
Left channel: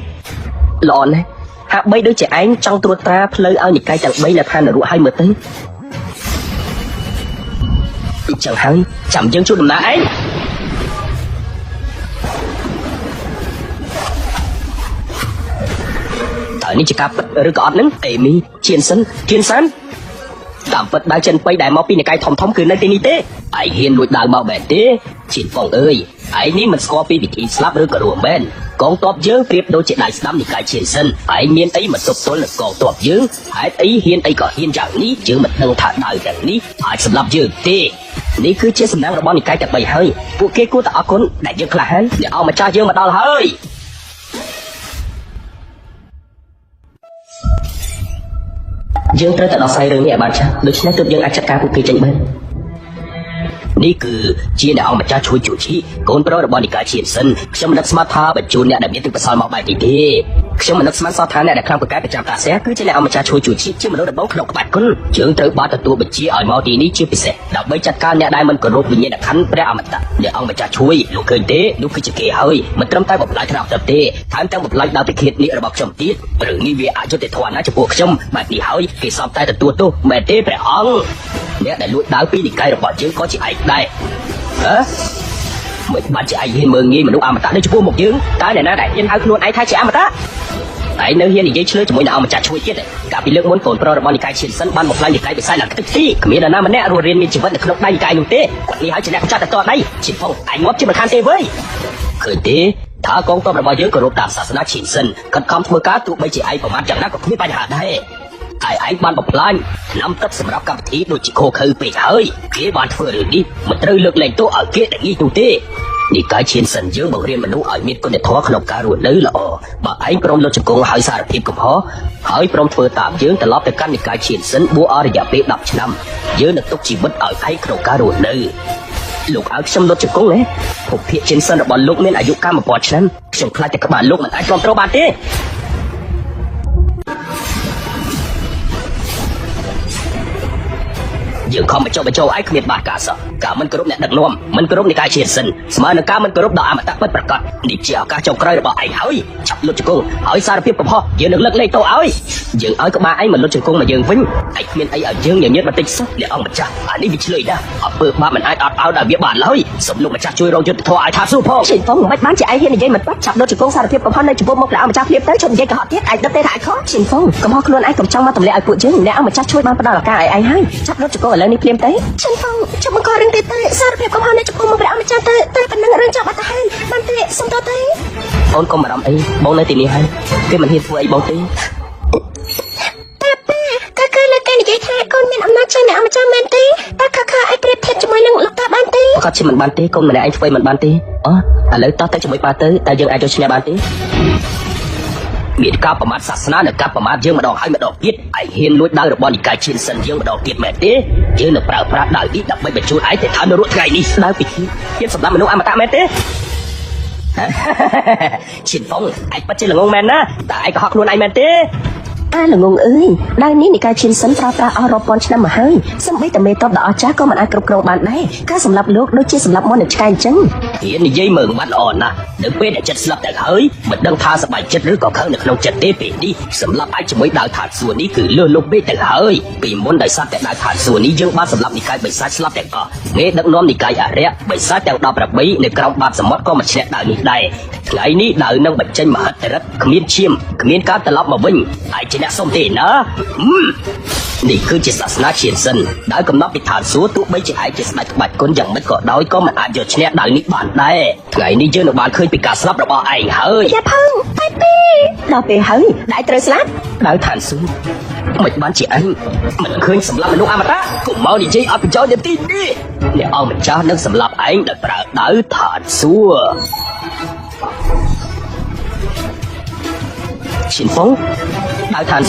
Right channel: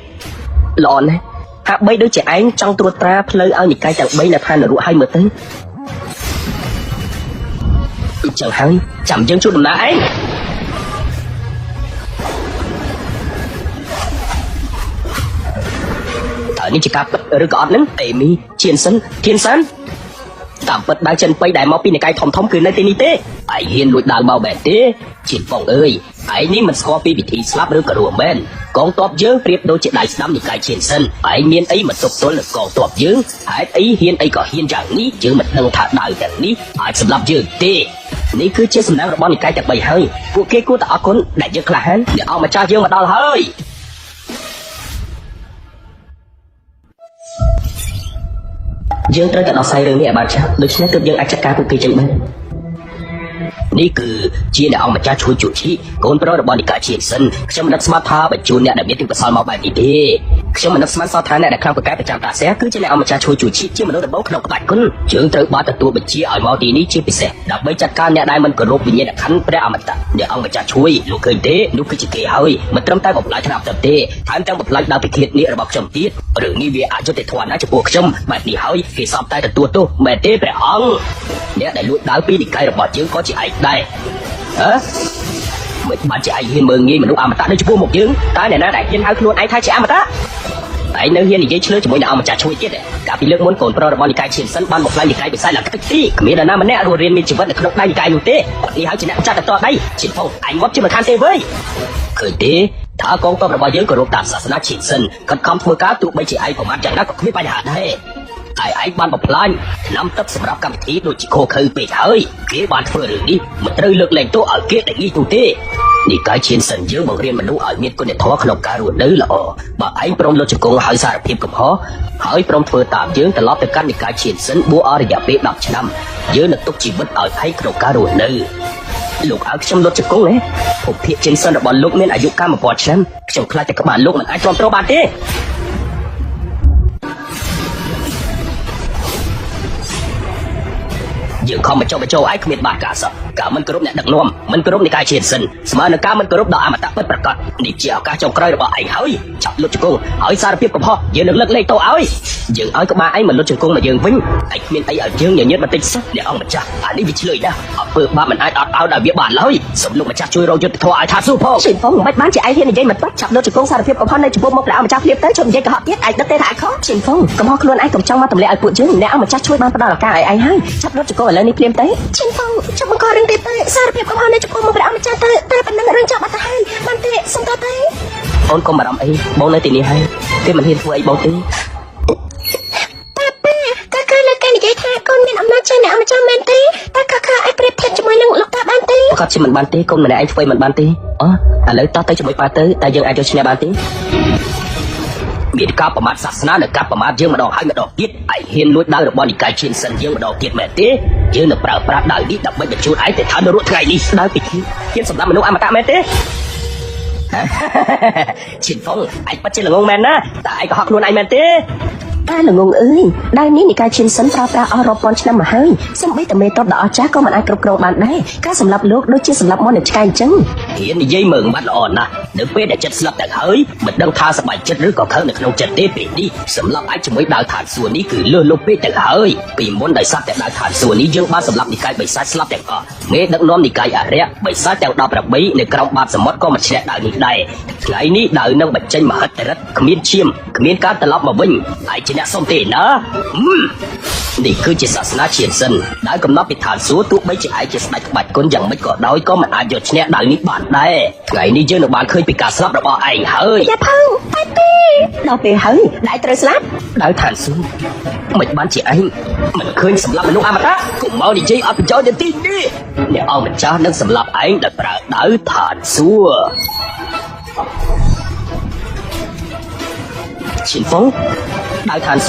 Lòn này. Hạ mấy đứa trẻ anh trong tua ta lời ơn cái đầu mấy là khăn của 20 tấn. Chẳng hắn chẳng chân chút nãy. Ở đây chỉ cả bất tử còn đến tệ mi thiên sân đã bất ba chân quay đại máu pin cái thống thống cứ lên đi thế. Ai hiền núi đàn bảo bẻ thế. Chị Phong ơi, ai ní mà so pin thì sắp được cả đồ bên. Con tọp dướng tiếp đôi chị lại xăm cái trên sân. Ai nhiên ấy mà sụp tối là con tọp dướng. Ai ấy hiền ấy có hiền chẳng ní chứ mà đâu thả nào để ní. Ai sẽ làm dướng thế. Ní cứ chết nào là bao nhiêu cái để bày hơi. Cô kia cô tạo con đại chứ cả hết. Để ông mà cha vô tao hơi. Dương rất là sai đường để bà chắc được xem tự nhiên là chắc cả của kỳ trình hơn. Ní cứ chỉ đạo mà cha chú chủ trí cũng rất là bao nhiêu cái chỉ sân. Trong đất smart tha và chú nhận là biết được sao mà bài đi đi. Trong đất smart sao tháng này không có cái chẳng đã sẽ cứ chỉ đạo mà cha chú chủ trí chứ mà lớn bốc được bài con. Chúng tự bắt được tôi bị chỉ ở mò đi chứ bị sẽ đã mới chặt can nhận ai mình có rô bị nhẹ khăn ra mà ta để ông mà cha chú ý lúc cười thế lúc cứ chỉ kể hơi mà trong tay một lại nào tập thế tháng trong một lại nào bị thiệt nghĩa bọc trong tiết rồi nghi về ăn cho để thoải mái cho cuộc trong mà đi hơi khi xong tay là tôi mẹ thế mẹ ông nhớ để lúc đó bị cái bỏ chiến có chị ảnh đây hả một mà chị ảnh thì 10.000 mới làm ta nên chua một chứ ta để nó đại trên hai luôn anh hai chị ăn đó đấy nếu như gì chứ chúng ông trả chua chứ cả vì muốn của rồi bọn cái chỉ sân ban một lần hai sai là cái gì nghĩ là nó mới rồi đi chỉ có thực hai cái một thế thì hai chị đang trả to đấy chị Phong anh móc cho mình tham thế với cứ thế ta con có rồi với cổ tạ nó chỉ sân còn không phơi cá tụ mấy chị ai của mà trả có thứ bài hạn đấy anh ban một lần năm tất sẽ gặp tí đôi chỉ khô khư bị thôi cái bàn phơi đi mà tư lượng này tôi ở kia để đi cùng thế đi cái trên sân dưới một đêm mình đúng ở như có thể thoát được cả rồi đấy là mà anh trong lớp cô hỏi sao thì cũng khó hỏi trong phơi tạm dưới là lót được các cái trên sân búa ở để bên đập chạm dưới là tôi chỉ mất ở thấy cầu cá đồ nơi lúc ở trong lớp cô đấy một phía trên sân bọn lúc nên anh cam một bọn chân trông lại các bạn lúc anh trong bạn thế giờ không cho ai kia bà cả sợ cả mình cũng nhận được luôn mình cũng đi cái trên sân mà cả mình cũng bà ta bất bất đi chào các trong cây bà anh hơi chặt luôn cô hỏi sao biết của họ giờ lên lên tôi ấy giờ ở cái máy mình luôn cô là dừng vinh anh biết thấy ở dưới nhiều nhất là tích để ông chắc anh đi chơi đã ở bờ ba mình ai ao đã biết bà nói sớm luôn mà chắc chơi đâu cho thoại thả xuống họ Chị Phong quay bán chạy như vậy mà tốt chặt luôn cô sao biết của họ này mua một đạo chắc biết tới trong dây họ biết ai tới đây hại khó Chị Phong có mong luôn anh cũng trong tầm lệ của chứ nếu mà chắc chưa bao cái ai hay chắc luôn cô lên đi đấy Chị Phong trong con đi tới sao biết con lên cô một đạo cho tôi phải đưa cho thầyมันเทสก็ได้ thôi con mà làm đi bố lên tiền hay khi mà đi quay bố đi ta cứ là cái gì cái con đi học nó cho nào cho mẹ tí ta cả ai biết thế cho mày luôn ta bán tí có chỉ mình bán tí con để ai quay mình bán tí lấy tao tới chụp ba tới ta giờ ai cho xe bán tí biết các bạn sát na là các bạn chưa mà đọc hay đọc biết ai hiền núi nào bọn cái trên sân chưa đọc kia mẹ thế chỉ là pra nào đi tập bây giờ chú ai để tham đốt cái đi sao bị cái số nào đâu ăn cả mẹ thế chị Phong anh bắt chân luôn này nè tại học luôn này mẹ thế anh luôn ơi đang nghĩ cái trên sân ta ta họ có cho mà hay sao biết tụi mình to đỏ chắc có mà ăn cơm cơm bạn này các sản phẩm lúc đôi chứ sản phẩm được cài chân hiện dây mượn bạn ổn à đừng biết là chất sản tại hơi mình đâu tha sản phẩm chân rưỡi còn hơn được không chất đế bị đi sản phẩm ai mới đang thả xuống đi cứ lừa lúc biết tại hơi vì muốn đời sát tại đang thả xuống đi dương ba sản phẩm thì cái bị sát sản tại có nghe đang nói thì cái à rẽ bị sát tại đọc là mấy để cao ba sản phẩm có mà sẽ ở này lại ní đợi nó bật chân mà hết không biết chim không biết cá tại mà mình ai chỉ là xong thì nữa đi cứ chỉ sát na trên sân đã có nó bị thả xuống tu mấy chỉ ai chỉ sát bạch con dòng mấy cọp đói có mà ai được che nào ní bản này cái đi chứ mà khơi bị cả sắp bỏ ảnh hơi dạ không nào bị hơi lại tới sát đã thả xuống mấy bạn chị anh mình khơi sắm làm luôn đó cũng mau đi chơi ẩm cho để tin đi để ông cha nó sắm làm anh là đỡ thả xuống chị Phong đã thả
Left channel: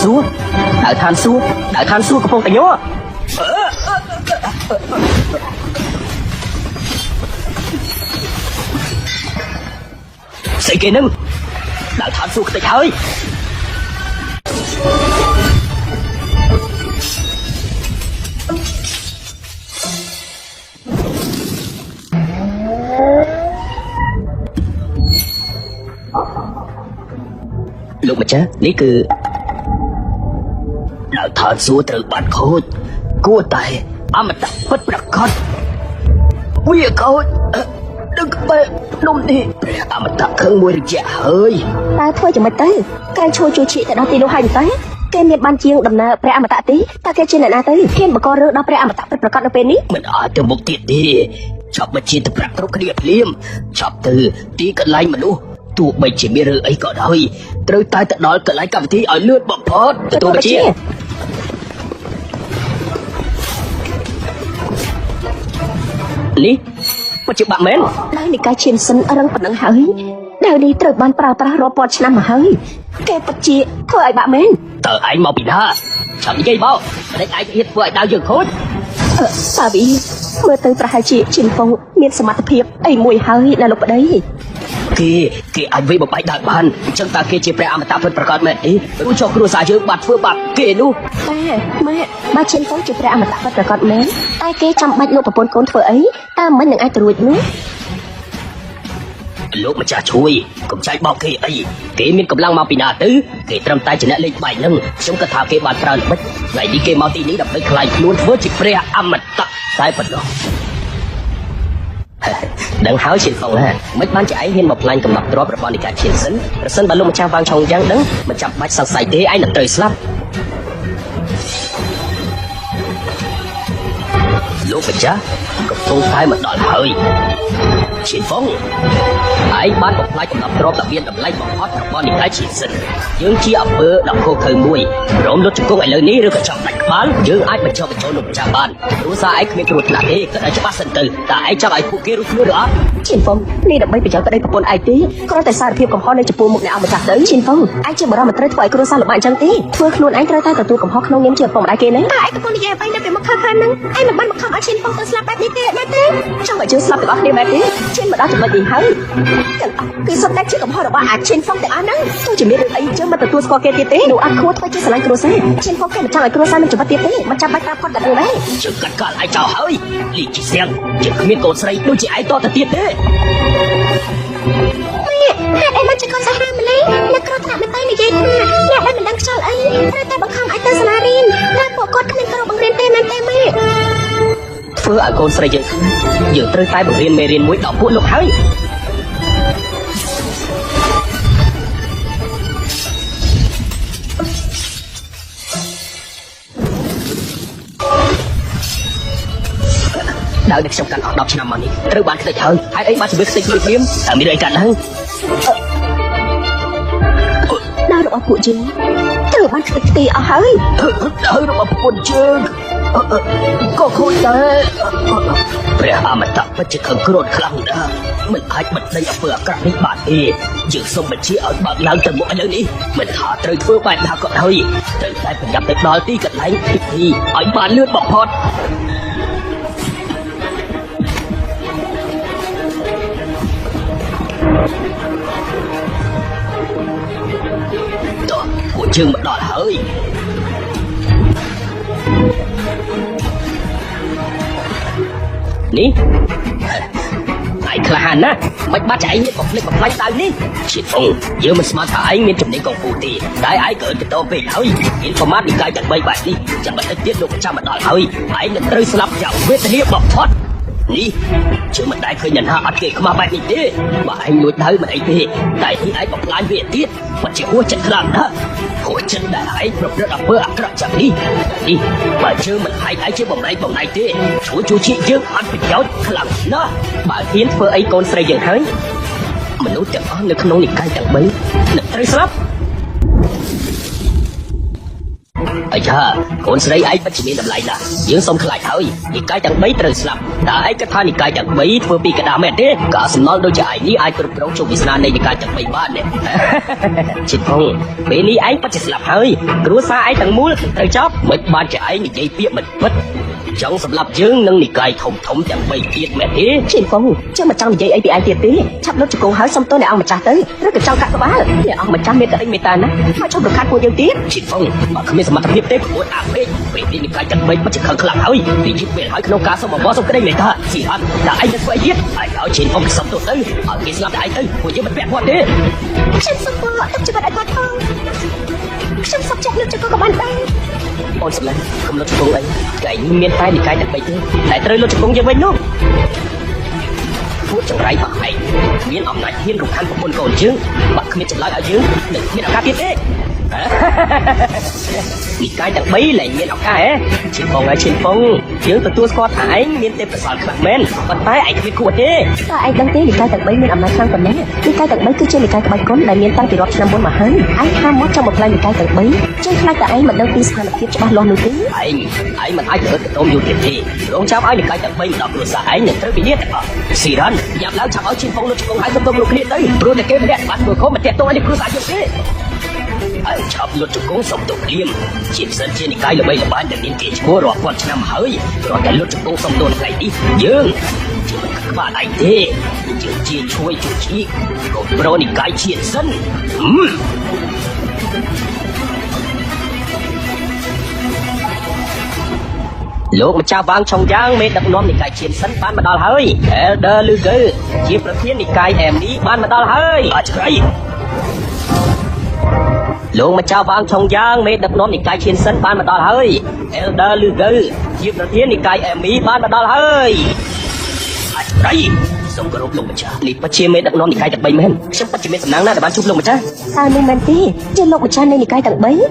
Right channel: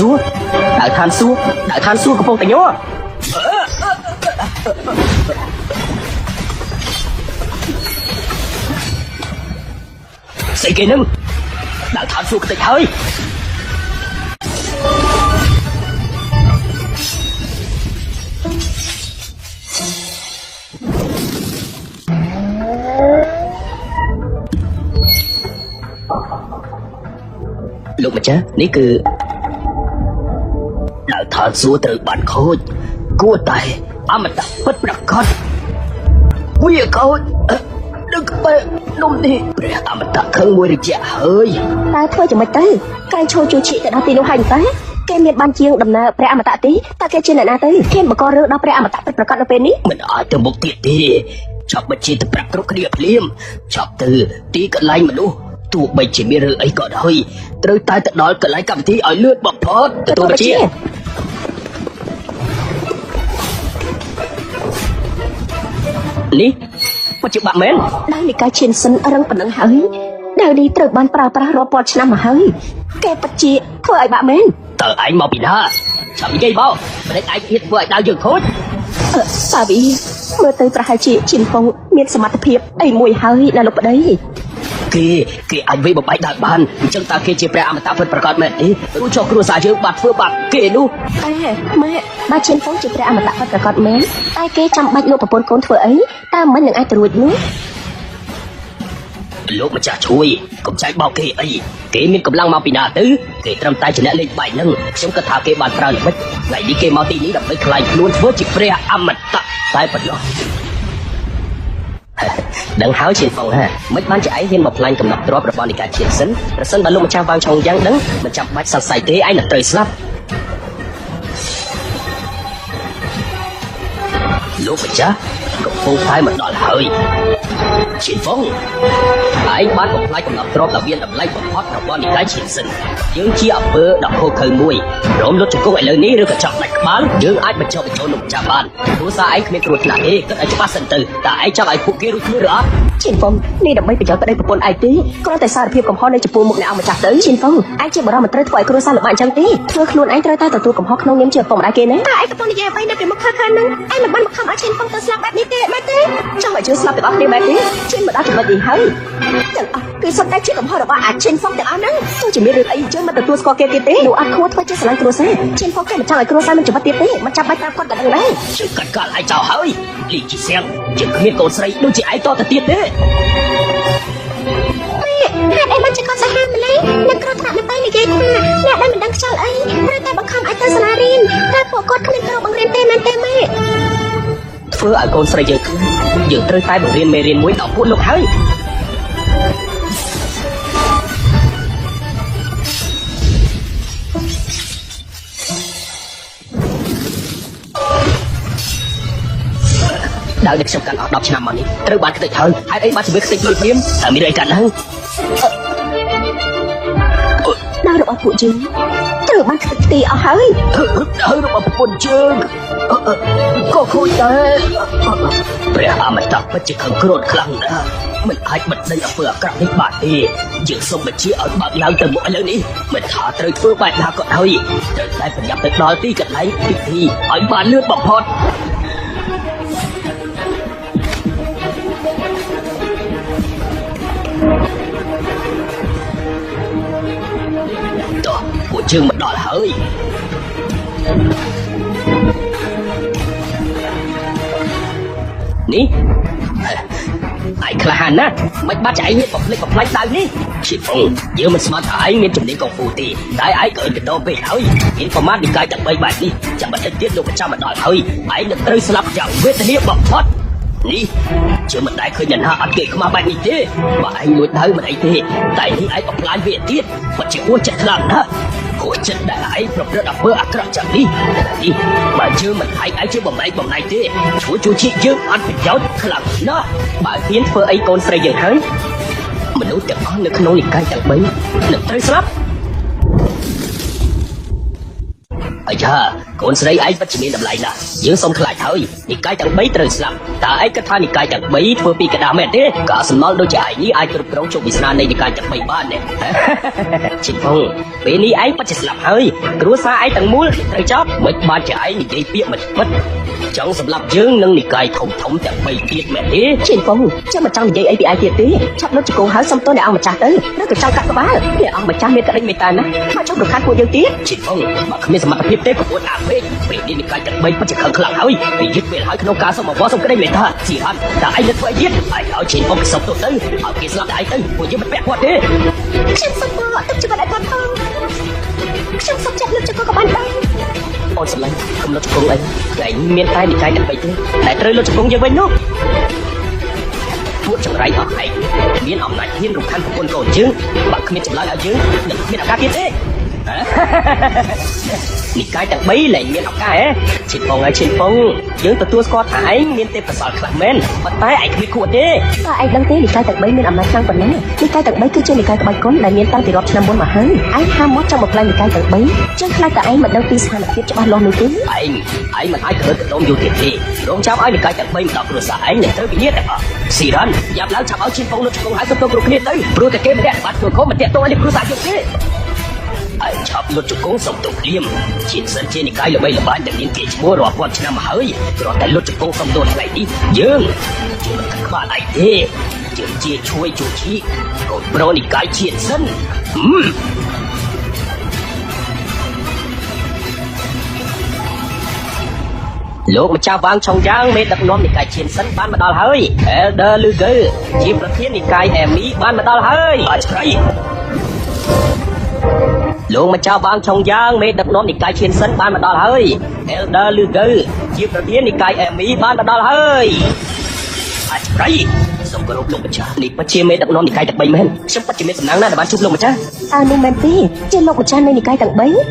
xuống không phải nhớ ស្អីគេនឹងដាក់ថាសួរគេហើយលោកម្ចាស់នេះគឺដាក់ថាសួរត្រូវបានខូចគួរតែអមតៈពិតប្រាកដវាខូចដឹកទៅនោះនេះព្រះអមតៈឃើញមួយរយៈហើយ តែធ្វើយ៉ាងម៉េចទៅគេឈូជួឈីទៅដល់ទីនោះហើយទៅគេមានបានជាងដំណើរព្រះអមតៈទីតែគេជាអ្នកណាទៅគេបង្ករឿងដល់ព្រះអមតៈប្រកាសនៅពេលនេះ មិនអាចទៅមុខទៀតទេចាប់បញ្ជាទៅប្រាក់គ្រប់គ្នាភ្លាមចាប់ទៅទីកន្លែងមនុស្សទោះបីជាមានរឿងអីក៏ដោយត្រូវតែទៅដល់កន្លែងកម្មវិធីឲ្យលឿនបំផុតទៅជានេះបច្ចុប្បន្នមែន ដល់ពីការឈានសិនអរប៉ុណ្ណឹងហើយដែលនេះត្រូវបានប្រើប្រាស់រាប់ពាន់ឆ្នាំមកហើយគេពិតជាធ្វើឲ្យបាក់មែន តើឯងមកពីណាចាំនិយាយមកមិនឯងទៀតធ្វើឲ្យដល់យើងខូច សាវីមើលទៅប្រហែលជាឈានពងមានសមត្ថភាពអីមួយហើយដល់លោកប្តី គេអាចវិញបំបែកដល់បានអញ្ចឹងតើគេជាព្រះអមតៈពិតប្រាកដមែនទេព្រោះចុះគ្រួសារយើងបានធ្វើបាបគេនោះ ម៉ែបានឈានពងជាព្រះអមតៈប្រកាសមែនតែគេចង់បាច់លោកប្រពន្ធកូនធ្វើអីតាមមិននឹងអាចត្រួតនោះ លោកម្ចាស់ជួយកុំចែកបោកគេអីគេមានកម្លាំងមកពីណាទៅគេត្រឹមតែចំណេះលេខបាយនឹងខ្ញុំគិតថាគេបានប្រើពិតហើយនេះគេមកទីនេះដើម្បីខ្លាចខ្លួនធ្វើជាព្រះអមតៈតែប៉ុណ្ណោះដល់ហើយជាផងណាមិនបានចែកមានមកផ្លាញ់ចំណាប់ទ្រព្យរបស់នីកាជាសិនប្រសិនបើលោកម្ចាស់បានចង់យ៉ាងហ្នឹងមិនចាំបាច់សរសៃទេឯងទៅត្រូវស្លាប់លោកម្ចាស់កំពុងតែមកដល់ហើយជាផងហើយបានផ្លាច់ចំណាប់ទ្រព្យដែលមានតម្លៃបំផុតរបស់នីកាជាសិនយើងជាអំពើដល់គោលឃើញមួយរងលើជង្គង់ឥឡូវនេះឬចាប់បានយើងអាចបញ្ចុះជន់ចាំបានព្រោះសារឯងគ្មានគ្រោះថ្នាក់ទេក៏អាចច្បាស់សិនទៅតែឯងចង់ឲ្យពួកគេធ្វើអត់ ឈានពងនេះដើម្បីបញ្ចុះប្តីប្រពន្ធឯងទេក៏តែសារភាពកំហុសនៅចំពោះមុខអ្នកអមតៈទៅឈានពងអាចជាបដិមិនត្រូវធ្វើឲ្យគ្រួសារលោកអញ្ចឹងទេធ្វើខ្លួនឯងត្រូវតែទទួលកំហុសក្នុងនាមជាប្រពន្ធឯងគេមែនតែឯងក្នុងនិយាយអ្វីនៅពីមុខខាងខាងនឹងឯងមិនបានខកឈានពងទៅស្លាប់បែបនេះទេមែនទេចាំឲ្យឈានស្លាប់ដល់គេមែនទេឈានមិនអាចធ្វើនេះហើយគឺសុទ្ធតែជាកំហុសរបស់អាឈានពងទាំងអស់ហ្នឹងជាមានអីចឹងមិនទទួលស្គាល់គេទេអាគួរទៅជាស្រឡាញ់គ្រួសារឈានពងគេមិនចង់ឲ្យគ្រួសារចំបាត់ទៀតទេមិនចាំបាច់គាត់ទៅឡើយ ជាកាត់ឯងចោលហើយលីជីសៀងជាគ្មានកូនស្រីដូចជាឯងតទៅទៀតទេ em nói cho con sao em lấy nên con thả tay đi em là em đang chờ anh nên em không ai tới xa đi nên bộ con không được một đêm em ấy ធ្វើឲ្យកូនស្រីយើងត្រូវតែបង្រៀនមេរៀនមួយដល់មួយនោះហើយដល់ខ្ញុំកាន់10ឆ្នាំមកនេះត្រូវបានគិតហើយហើយបានធ្វើគិតជាវិញតែមានតែហ្នឹង Nó được của chúng từ bác sĩ tì ở hơi ở một chương có vui thếព្រះអមតៈពិតជាខឹងគ្រោះខ្លាំងណាស់មិនអាចបិទនៃធ្វើអាក្រក់នេះបានទេយើងសូមបញ្ជាឲ្យបាក់ឡើងទៅមុខឥឡូវនេះមិនថាត្រូវធ្វើបែបណាក៏ហើយត្រូវតែប្រញាប់ទៅដល់ទីកន្លែងពិធីឲ្យបានលឿនបំផុតពួកយើងមកដល់ហើយនេះឯងក្លាហានណាមិនបាច់ចៃបំភ្លេចបំផ្លាញតាមនេះជាផងយើងមិនស្មានថាឯងមានជំនាញកងពូទេតែឯងក៏ទៅដល់ពេលហើយគេប្រមាថពីកាយតែ3បាត់នេះចាំបាច់ទៀតលោកចាំមកដល់ហើយឯងត្រូវស្លាប់យ៉ាងវេទនាបំផុតនេះជុំមិនដែលឃើញអ្នកណាអត់គេខ្មៅបែបនេះទេបើឯងមួយទៅមិនអីទេតែឯងបំផ្លាញវាទៀតមិនជាគួរចិត្តខ្លាំងណាស់ពួកចិត្តដែលឯងប្រព្រឹត្តអំពើអាក្រក់ចាប់នេះបើជឿមិនឯងជួយបំលែងបំលែងទេជួយជីវិតយើងអត់ប្រយោជន៍ខ្លាំងណាស់បើទៀតធ្វើអីកូនស្រីហើយមនុស្សទាំងអស់នៅក្នុងនេះកាន់តែមិនត្រូវស្លាប់ហើយថាកូនស្រីឯងពិតជាតម្លៃណាស់យើងសូមខ្លាចហើយពីកាយតែ3ត្រូវស្លាប់តែឯងគិតថាពីកាយតែ3ធ្វើពីកណ្ដាលមែនទេក៏ស្មោដូចជាឯងនេះអាចគ្រប់គ្រងជួយវិស្នានៃកាយតែ3បានដែរជាផងពេលនេះឯងពិតជាស្លាប់ហើយគ្រួសារឯងទាំងមូលត្រូវចប់មិនបានជាឯងនិយាយពីមិនពិត เจ้าสำหรับយើងនឹងនិកាយធំៗតែ3ទៀតមែនទេ chị phong chứ mà trong vậy ai bị ai thiệt tí chắc lúc cô hỏi xong tôi đã ông chặt đấy nó được sao cắt quá giờ ông mà chăm biết cái gì ta nè chắc được hai cô yêu tiếp ជីផងមានសមត្ថភាពទេពួកអាវិញពេលនេះនិកាយតែ3មិនឆ្កឹកហើយនិយាយទៅឲ្យក្នុងការសម្បត្តិទៅមានថាជីផាតែឲ្យទៅទៀតឲ្យជីផងសត្វទៅឲ្យគេស្លាប់ហើយទៅពួកយើងមិនបាក់ទេ chị xong mà mà chắc lại đang không chị xong chắc lúc cô hỏi បងស្លាប់លោកគ្រូតែមានតែនិកាយតែ3តែត្រូវលោកគ្រូនិយាយវិញនោះពួកចង្រៃអត់ឯងមានអំណាចនេះរំខានគុណកូនយើងបើគ្មានឆ្លើយឲ្យយើងនឹងមានការទៀតទេនិកាយតែ3លែងមានឱកាសជីផងយើងទទួលស្គាល់ថាឯងមានទេប្រសើរមែនប៉ុន្តែឯងគឺគួរទេ sao anh đang thấy người ta được mấy người làm sao rồi nè chúng ta được mấy cái chương trình quay cuốn là liên ta bị lọt trong môn mà hơn anh tham món trong một lần người ta được mấy chúng ta cả anh mà đang đi sang là cái trong lô được anh mà ai được đâu điều kiện thì đâu cháu ai cái mấy đọc được giải để tôi biết xì rắn nhận đã cháu chi phong được cô hãy tôi được biết tới rồi cái đẹp bắt được có để tôi để cứ làm được thế anh chọn được chủ cố sống được riêng chỉ sợ trên cái bây giờ bạn để đi chúa rõ quan trọng hơi rồi cái lúc chủ cố không được phải đi dương bạn anh thế dương chi chui chủ chi rồi đi cái chuyện sân លោកម្ចាស់បានឆុងយ៉ាងមេដឹកនាំនិកាយឈានសិនបានមកដល់ហើយ Elder ឬគឺជាប្រធាននិកាយដែលមីបានមកដល់ហើយអត់ឆ្លៃលោកម្ចាស់បានឆុងយ៉ាងមេដឹកនាំនិកាយឈានសិនបានមកដល់ហើយ Elder ឬជាប្រធាននិកាយដែលមីបានមកដល់ហើយអត់ឆ្លៃសូមគោរពលោកម្ចាស់នេះពិតជាមេដឹកនាំនិកាយតែ3មែនខ្ញុំពិតជាមានសំណាងណាស់បានជួបលោកម្ចាស់ sao đi mà đi trên lô của cha này cái được mấy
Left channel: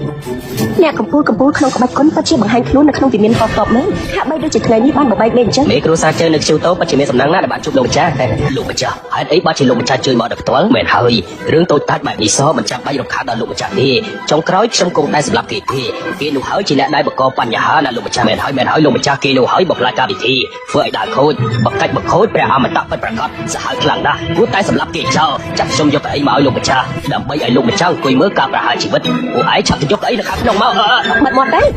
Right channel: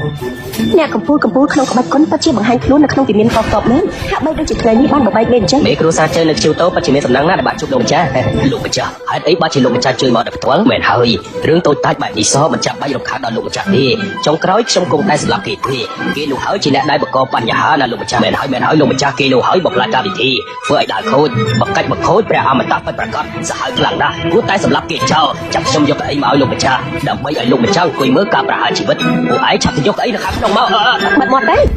nhà của buôn không có con ta chỉ một hai luôn là không bị miền to to mấy hạ bao nhiêu chỉ tới bao một bay lên chứ មេគ្រូសាស្ត្រចេះជួបតបជាសំណាងណាបាទជួបលោកម្ចាស់លោកម្ចាស់ហើយអីបាទជាលោកម្ចាស់ជួយមកដល់ផ្ទាល់មែនហើយរឿងតូចតាចបាទអ៊ីសមិនចាំបាច់រំខានដល់លោកម្ចាស់ទេចុងក្រោយខ្ញុំគង់តែស្លាប់គេទេគេនោះហើយជាអ្នកដែលបង្កបញ្ហាដល់លោកម្ចាស់មែនហើយលោកម្ចាស់គេនោះហើយបំផ្លាញកម្មវិធីធ្វើឲ្យដាក់ខូចបង្កាច់បង្ខូចព្រះអមតៈពិតប្រាកដសាហាវខ្លាំងណាស់គួរតែសម្លាប់គេចោលចាក់ខ្ញុំយកអីមកលោកម្ចាស់ដើម្បីឲ្យលោកម្ចាស់អង្គុយមើលការប្រហារជីវិតពួកឯងឆាប់យកអីទៅខាងក្នុងមក mà đấy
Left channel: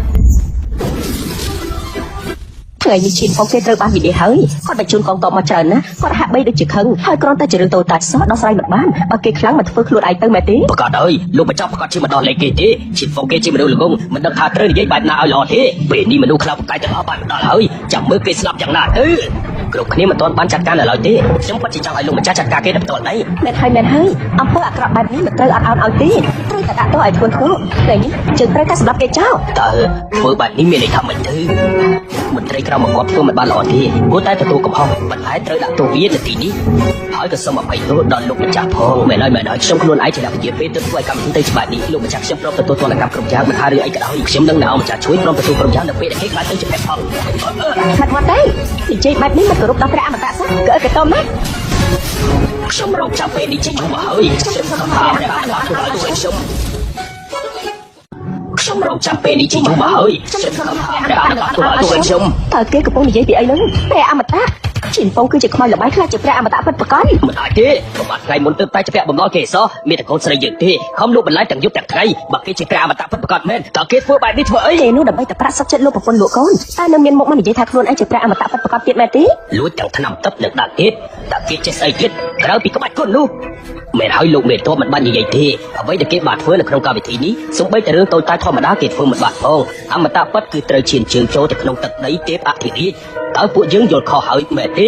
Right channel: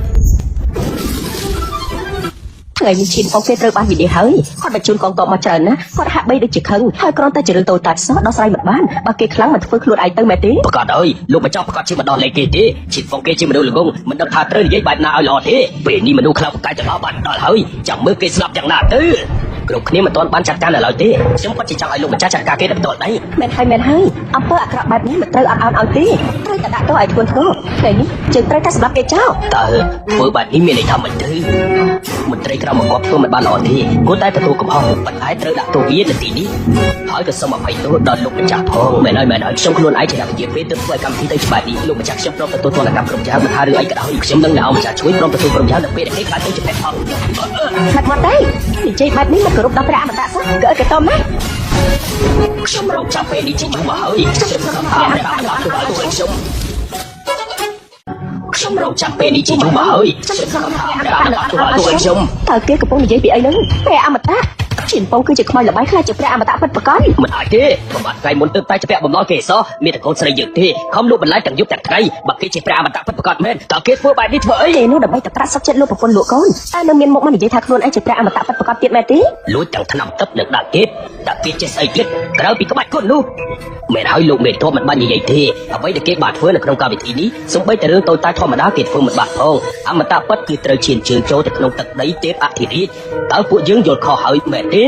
ngày chị có cái cơ bản gì hơi họ đã chưa còn to mà trời nữa họ hạ bây được chỉ hơn hai con ta chưa tôi ta sợ nó sai mà bán mà cái khá mà phương luôn lại tới mẹ tí ប្រកាសហើយលោកមិនចាប់គាត់ជាម្ដងនេះគេទេជាពួកគេជាមនុស្សល្ងងមិនដឹងថាត្រូវនិយាយបែបណាឲ្យល្អទេពេលនេះមនុស្សខ្លះកាច់ទៅអស់បានហើយចាំមើលគេស្លាប់យ៉ាងណាទៅគ្រប់គ្នាមិនទាន់បានចាត់ការឡើយទេខ្ញុំពិតជាចង់ឲ្យលោកម្ចាស់ចាត់ការគេបន្តនេះ mẹ hai apa các bạn ini betul am đi tôi ai tôi thôi đấy chúng ta cắt cái cháu តើធ្វើបែបនេះមានន័យថាម៉េចទៅមិនត្រូវកម្មមកធ្វើមិនបានល្អទេគួរតែទទួលកំហុសបន្ថែមត្រូវដាក់ទូវាទៅទីនេះហើយទៅសូមអភ័យទោសដល់លោកម្ចាស់ផងមែនហើយខ្ញុំខ្លួនឯងចាំនិយាយពេលទៅធ្វើកម្មវិធីទៅបែបនេះលោកម្ចាស់ខ្ញុំត្រូវទទួលបានកម្មកម្ចាស់ហើយលើកឲ្យខ្ញុំនឹងឲ្យចាស់ជួយក្រុមគ្រូកម្ចាស់ទៅពេលនេះអាចជួយអត់ mà đấy trên bạnนี้mà được tao đã mà cỡ cái tôm đấy ខ្ញុំរងចាំពេលនេះជាមកហើយខ្ញុំរងចាំពេលនេះជាមកហើយខ្ញុំ thời cái cục gì bị ấy mẹ mà ta chỉ phong cứ chỉ coi là bán ra chụp ra mà đã bắt có មិនអាចទេបាទថ្ងៃមុនទៅតែពាក់បំណងគេសោះមានតែកូនស្រីយើងទេខំលោកបន្លែតែយុទ្ធតែថ្ងៃបើគេជាប្រាមតាប្រកបមែនតើគេធ្វើបែបនេះធ្វើអី thì muốn là bạn ta sắp chân luôn của con lúa con ta đương nhiên một mình chỉ hai con đã chụp ra mà đã bắt có tiền mẹ tí លួចទាំងឆ្នាំទឹកលើដាក់គេចេះស្អីទៀតក្រៅពីក្បាច់ខ្លួននោះមិនឲ្យលោកមេតោមិនបាននិយាយទេអ្វីដែលគេបានធ្វើនៅក្នុងកម្មវិធីនេះសូម្បីតែរឿងតូចតាចធម្មតាគេធ្វើមិនបានអូអមតៈពិតគឺត្រូវឈានជើងចូលទៅក្នុងទឹកដីទេពអធិរាជតើពួកយើងយល់ខុសហើយមែនទេ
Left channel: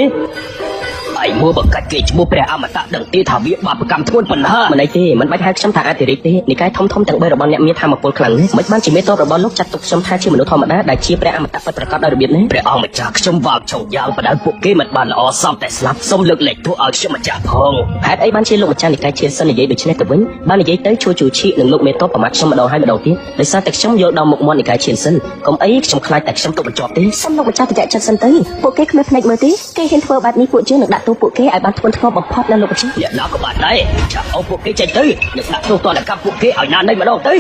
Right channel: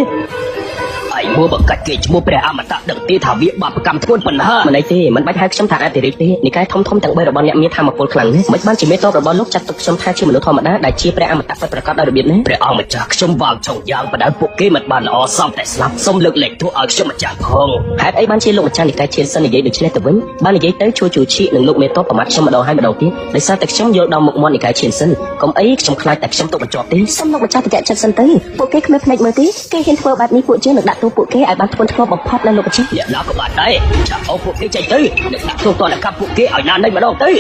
ហើយមកបង្កាត់គេឈ្មោះព្រះអមតៈដឹងទេថាវាបាបកម្មខ្លួនបណ្ណាមិនទេមិនបាច់ហៅខ្ញុំថាអធិរាជទេនិកាយធំតែរបស់អ្នកមានធម្មពលខ្លាំងមិនបានជាមេតោរបស់លោកចាត់ទុកខ្ញុំថាជាមនុស្សធម្មតាដែលជាព្រះអមតៈពិតប្រាកដដល់មានព្រះអង្គម្ចាស់ខ្ញុំបាបឆោយ៉ាងបណ្ដាពួកគេមិនបានល្អសមតែស្លាប់សូមលើកលែងទោសឲ្យខ្ញុំម្ចាស់ផងហើយអីបានជាលោកម្ចាស់និកាយជាសិននិយាយដូចនេះទៅវិញបើនិយាយទៅជួយជីនឹងលោកមេតោប្រមាថខ្ញុំដល់ហើយដល់ទីដោយសារតែខ្ញុំយកដល់មុខមាត់និកាយជាសិនកុំអីខ្ញុំខ្លាចតែខ្ញុំទុកបញ្ចប់ទេ sao mà ta dạy cho sân tới bộ cái nước này mới tí cái hiện phương bạn đi của chiến lược đã tu của cái ai bạn quân thua bọc hot lên rồi chứ អ្នកណាក៏បានដែរចាក់អស់ពួកគេចេញទៅអ្នកណាធ្វើក៏ដាក់ពួកគេឲ្យណាដែរម្ដងទៅ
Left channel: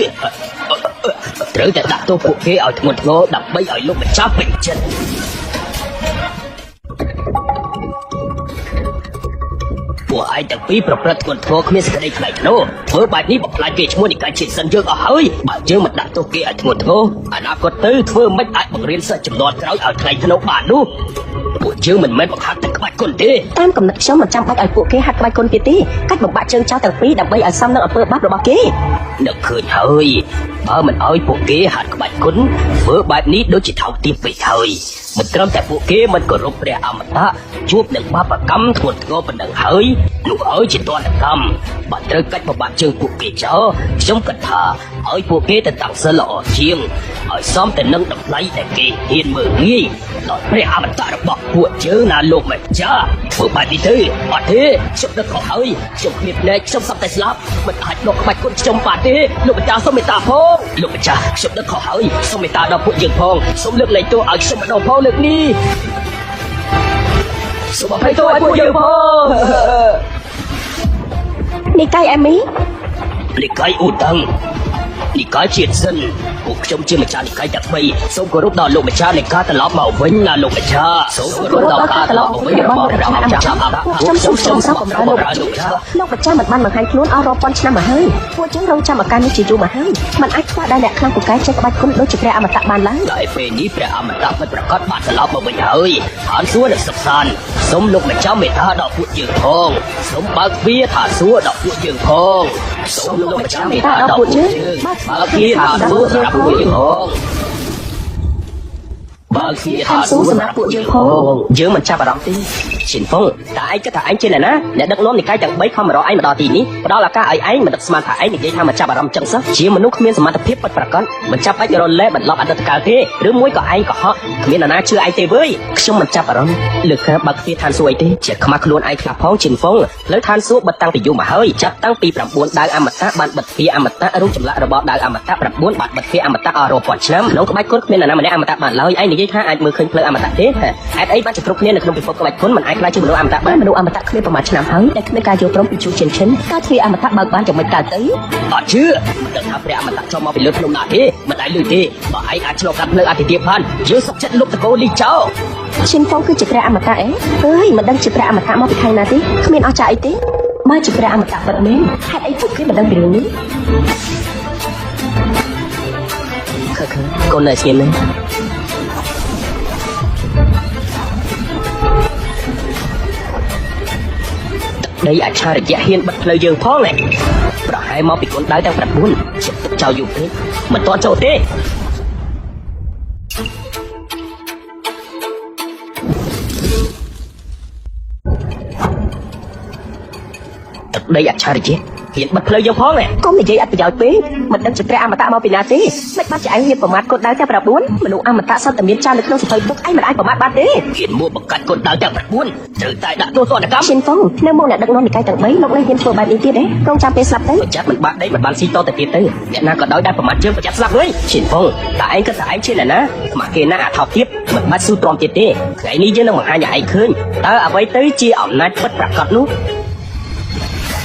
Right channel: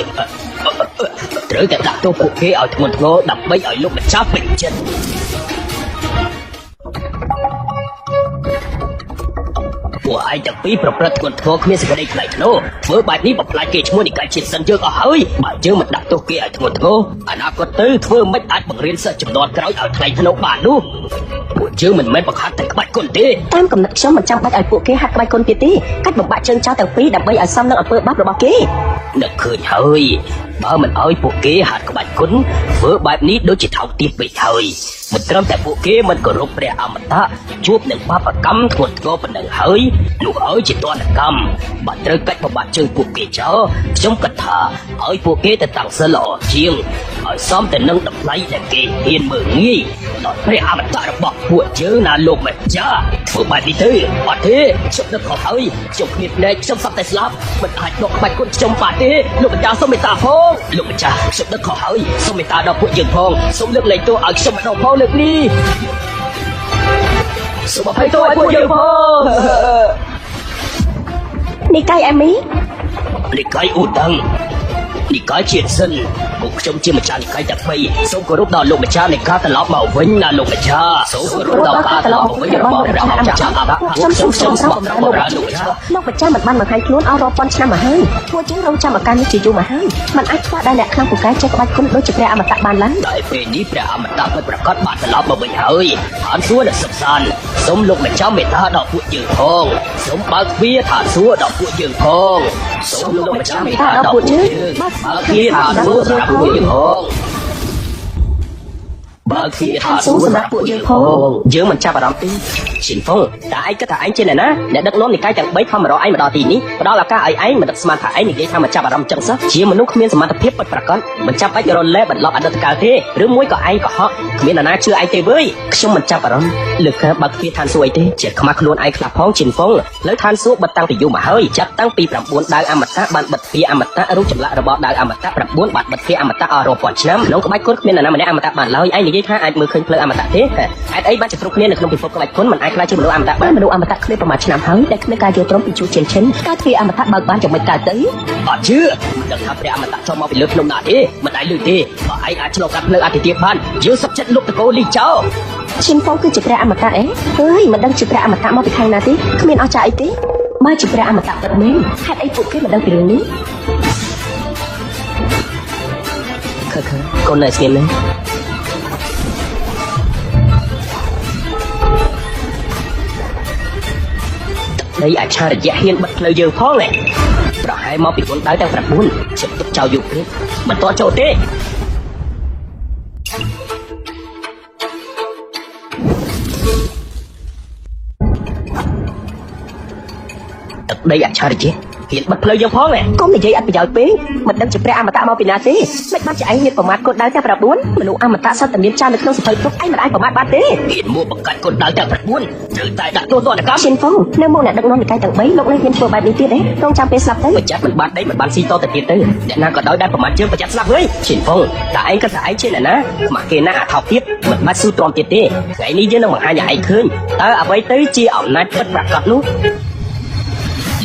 ត្រូវតែដាក់ពួកគេឲ្យធ្ងន់ធ្ងរដើម្បីឲ្យលោកម្ចាស់ពេញចិត្ត ព ពួកឯងទាំងពីរប្រព្រឹត្តធ្ងន់ធ្ងរគ្នាសេរីខ្លះនោះធ្វើបែបនេះបំផ្លាញគេឈ្មោះនៃការជាសិនយើងអស់ហើយបើយើងមិនដាក់ទុកគេឲ្យធ្ងន់ធ្ងរអនាគតទៅធ្វើមិនអាចបង្រៀនសិស្សចំនួនក្រោយឲ្យតែយកបាននោះពួកយើងមិនមែនបង្ហាត់តែក្បាច់គុណទេតាមកំណត់ខ្ញុំមិនចាំបាច់ឲ្យពួកគេហាត់ក្បាច់គុណទៀតទេកាត់បំបាក់ជើងចោលទាំងពីរដើម្បីឲ្យសមនឹងអំពើបាបរបស់គេនឹកឃើញហើយបើមិនឲ្យពួកគេហាត់ក្បាច់គុណធ្វើបែបនេះដូចជាថោកទាបពេកហើយមិនត្រឹមតែពួកគេមិនគោរពព្រះអមតៈជួបនឹងបាបកម្មធ្ងន់ធ្ងរប៉ុណ្ណឹងហើយនោះឲ្យជាទណ្ឌកម្មបើត្រូវកាត់បំបាក់ជើងពួកគេចោលខ្ញុំគិតថាឲ្យពួកគេទៅតាមសិលល្អជាងឲ្យសមតែនឹងតម្លៃដែលគេហ៊ានមើលងាយដល់ព្រះអមតៈរបស់ពួកយើងណាលោកម្ចាស់ធ្វើបែបនេះទៅអត់ទេខ្ញុំទៅខកហើយខ្ញុំមានភ្នែកខ្ញុំសក់តែស្លាប់មិនអាចមកខ្វាច់ខ្ញុំបានទេលោកម្ចាស់សូមមេត្តាផងលោកម្ចាស់ខ្ញុំទៅខកហើយសូមមេត្តាដល់ពួកយើងផងសូមលើកលែងទោសឲ្យខ្ញុំដល់ផងលើកនេះសូមឲ្យទោសឲ្យពួកយើងផងនេះកាយអេមីនេះកាយឧត្តមនេះកាយជាសិនពួកខ្ញុំជាម្ចាស់កាយតែថ្មីសូមគោរពដល់លោកម្ចាស់នៃការត្រឡប់មកវិញណាលោកម្ចាស់សូមគោរពដល់ការត្រឡប់មកវិញរបស់ព្រះអម្ចាស់សូមលោកប្រចាំបានបង្ហាញខ្លួនអស់រាប់ពាន់ឆ្នាំមកហើយពួកយើងរងចាំឱកាសនេះជាយូរមកហើយមិនអាចខ្វះដល់អ្នកខាងពូកែចេះក្បាច់គុណដូចជាព្រះអមតៈបានឡើយតែពេលនេះព្រះអមតៈមិនប្រកាសបានត្រឡប់មកវិញហើយអត់គួរតែស្សានសូមលោកម្ចាស់មេត្តាដល់ពួកយើងផងសូមបើកទ្វារថាសួរដល់ពួកយើងផងសូមលោកម្ចាស់មេត្តាដល់ពួកយើងបើកទ្វារថាសួរដល់ពួកយើងផងបើគេថាសួរណាពួកយើងផងយើងមិនចាប់អារម្មណ៍ទេស៊ីហ្វុលតែឯងគិតថាឯងជាអ្នកណាដែលដឹកនាំវិក័យទាំង3ខំរកឯងដល់ទីនេះផ្ដល់ឱកាសឲ្យឯងមិនស្មានថាឯងនិយាយថាមិនចាប់អារម្មណ៍ចិត្តសោះជាមនុស្សគ្មានសមត្ថភាពពិតប្រាកដមិនចាប់បាច់រលែកបន្លប់អតីតកាលទេឬមួយក៏ឯងកុហកគ្មាននរណាជឿឯងទេវើយខ្ញុំមិនចាប់អារម្មណ៍លើក្រៅបើគេថាសួរទេជាខ្មាស់ខ្លួនឯងខ្លះផងស៊ីហ្វុលលើឋានសួគ៌បតាំងពីយូរមកហើយចាប់តាំងពី9ដើមអមតៈបានបិទទ្វារអមតៈឬចម្លាក់របស់ដើមអមតៈ9បានបិទទ្វារអមតៈអស់រាប់ពាន់ឆ្នាំលោកបាយគាត់មាននរណាម្នាក់អមតៈបានឡើយឯងនិយាយថាឯងមើលឃើញភ្លើងអមតៈទេហេតុអីបានជាគ្រប់គ្នានៅក្នុងពិភពក្បាច់គុណមិនអាចខ្លាចជំនួសអមតៈបានលោកអមតៈគ្មានប្រមាណឆ្នាំហើយដែលគ្មានការយល់ព្រមជួបជិនជិនការជាអមតៈបើបានចំណុចកើតទៅអត់ជឿតែថាព្រះអមតៈចូលមកពីលើក្នុងណាទេមិនអាចលឺទេបើឯងអាចចូលកាត់លើអធិទេបានយើងសុខចិត្តលោកតកូលីចោខ្ញុំផងគឺជាព្រះអមតៈអីអើយមិនដឹងជាព្រះអមតៈមកពីណាទេគ្មានអស់ចាអីទេមកជាព្រះអមតៈត្រឹមនេះហេតុអីពួកគេមិនដឹងរឿងនេះកូនតែស៊ីលនេះអាចឆារយៈហ៊ានមកលើយើងផងទេប្រហែលមកពីខ្លួនដែរតែ9ចោលយូរទេមិនតចូលទេដីអាចឆារយៈគេមកលើយើងផងទេកុំនិយាយអត់ប្រយោជន៍ពេកមិនដឹងជាព្រះអមតៈមកពីណាទេមិនបានជាឯងមានប្រមាថកូនដែរតែ9មនុស្សអមតៈសត្វតែមានចោលនៅក្នុងសភៅទុកឯងមិនអាចប្រមាថបានទេមានមកបង្កើតកូនដែរតែ9ត្រូវតែដាក់ទូទៅកម្មឈិនផងនៅមុនអ្នករងវិក័យទាំង3លោកនឹងមានធ្វើបែបនេះទៀតទេកូនចាប់ពេលស្លាប់ទៅចាក់មិនបាត់ទេប្រហែលស៊ីតទៅទៀតទៅអ្នកណាក៏ដោយតែប្រមាថជើងចាក់ស្លាប់វិញឈិនផងតែឯងក៏តែឯងជាអ្នកណាមកគេណាអថោភាពមិនបានស៊ូទ្រាំទៀតទេតែនេះយើងនឹងបង្ហាញឲ្យឯងឃើញតើអ្វីទៅជាអំណាចពិតប្រាកដនោះ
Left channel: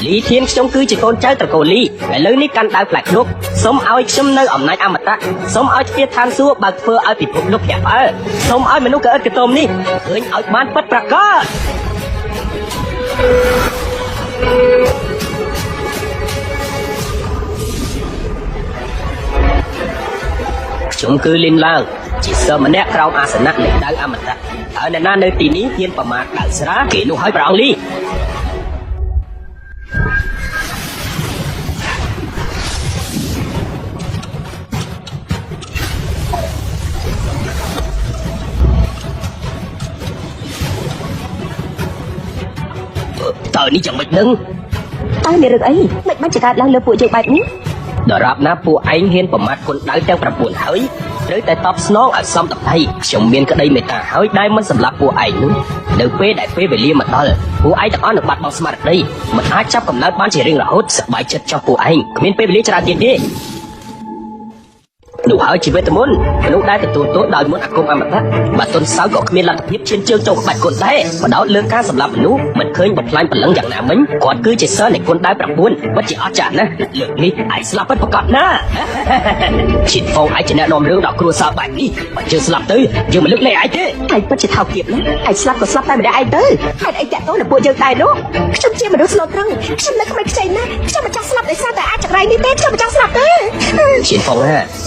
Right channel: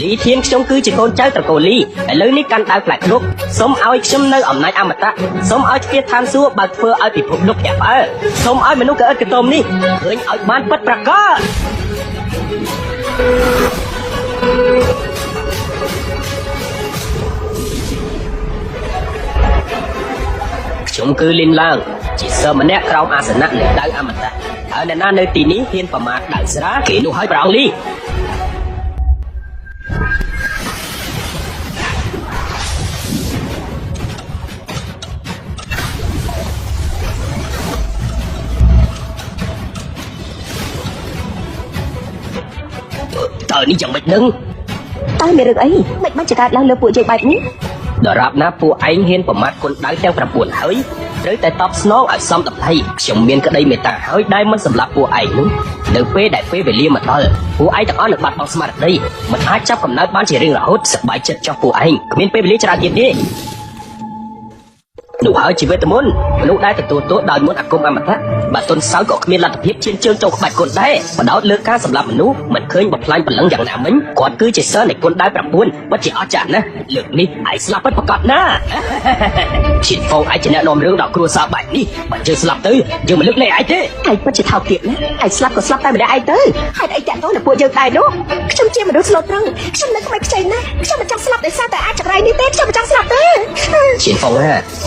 លីជាងខ្ញុំគឺជាកូនចៅត្រកូលលីឥឡូវនេះកាន់ដើរផ្លាក់គ្រប់សូមឲ្យខ្ញុំនៅអំណាចអមតៈសូមឲ្យគេថាសួរបើធ្វើឲ្យពិភពលោកកែបើសូមឲ្យមនុស្សកើតកតុំនេះឃើញឲ្យបានពិតប្រាកដខ្ញុំគឺលីនឡើងជាសិស្សម្នាក់ក្រោមអាសនៈនៃដៅអមតៈហើយអ្នកណានៅទីនេះហ៊ានប្រមាថដាក់ស្រាគេនោះឲ្យប្រោលីតើនេះយ៉ាងម៉េចនឹងតែមានអីមិនបានច្រើនឡើងលើពួកជាបែបនេះដរាបណាពួកឯងហ៊ានប្រមាថគុណដៅទាំង9ហើយត្រូវតែតបស្នងអសង្កថៃខ្ញុំមានក្តីមេត្តាហើយដែលមិនសម្លាប់ពួកឯងនៅពេលដែលពេលវេលាមកដល់ពួកឯងទាំងអស់នឹងបាត់បង់ស្មារតីមិនអាចចាប់កំណើតបានជារៀងរហូតសប្បាយចិត្តចោះពួកឯងគ្មានពេលវេលាច្រើនទៀតទេ នោះហើយជីវិតមុនលោកដែលទទួលទោសដោយមុនអាគមអមតៈបើទន់សោក៏គ្មានលទ្ធភាពឈានជើងចូលក្បាច់កូនដែរបដោតលើការសម្លាប់នោះមិនឃើញបំផ្លាញបលឹងយ៉ាងណាវិញគាត់គឺជាសិស្សនៃកូនដែរ9មិនជាអស្ចារ្យណាលើកនេះអាចស្លាប់ពិតប្រាកដណាជីវងអាចជានាំរឿងដល់គ្រួសារបែបនេះបើជឿស្លាប់ទៅយើងលើកលែងអាចទេឯងពិតជាថោកទៀតឯងស្លាប់ក៏ស្លាប់តែម្នាក់ឯងទៅហើយឯងតែទៅពួកយើងដែរនោះខ្ញុំជាមនុស្សស្លូតទៅខ្ញុំនៅខ្វាច់ខ្ចីណាខ្ញុំមិនចង់ស្លាប់ដោយសារតែអាចចង្រៃនេះទេខ្ញុំចង់ស្លាប់ទេជីវង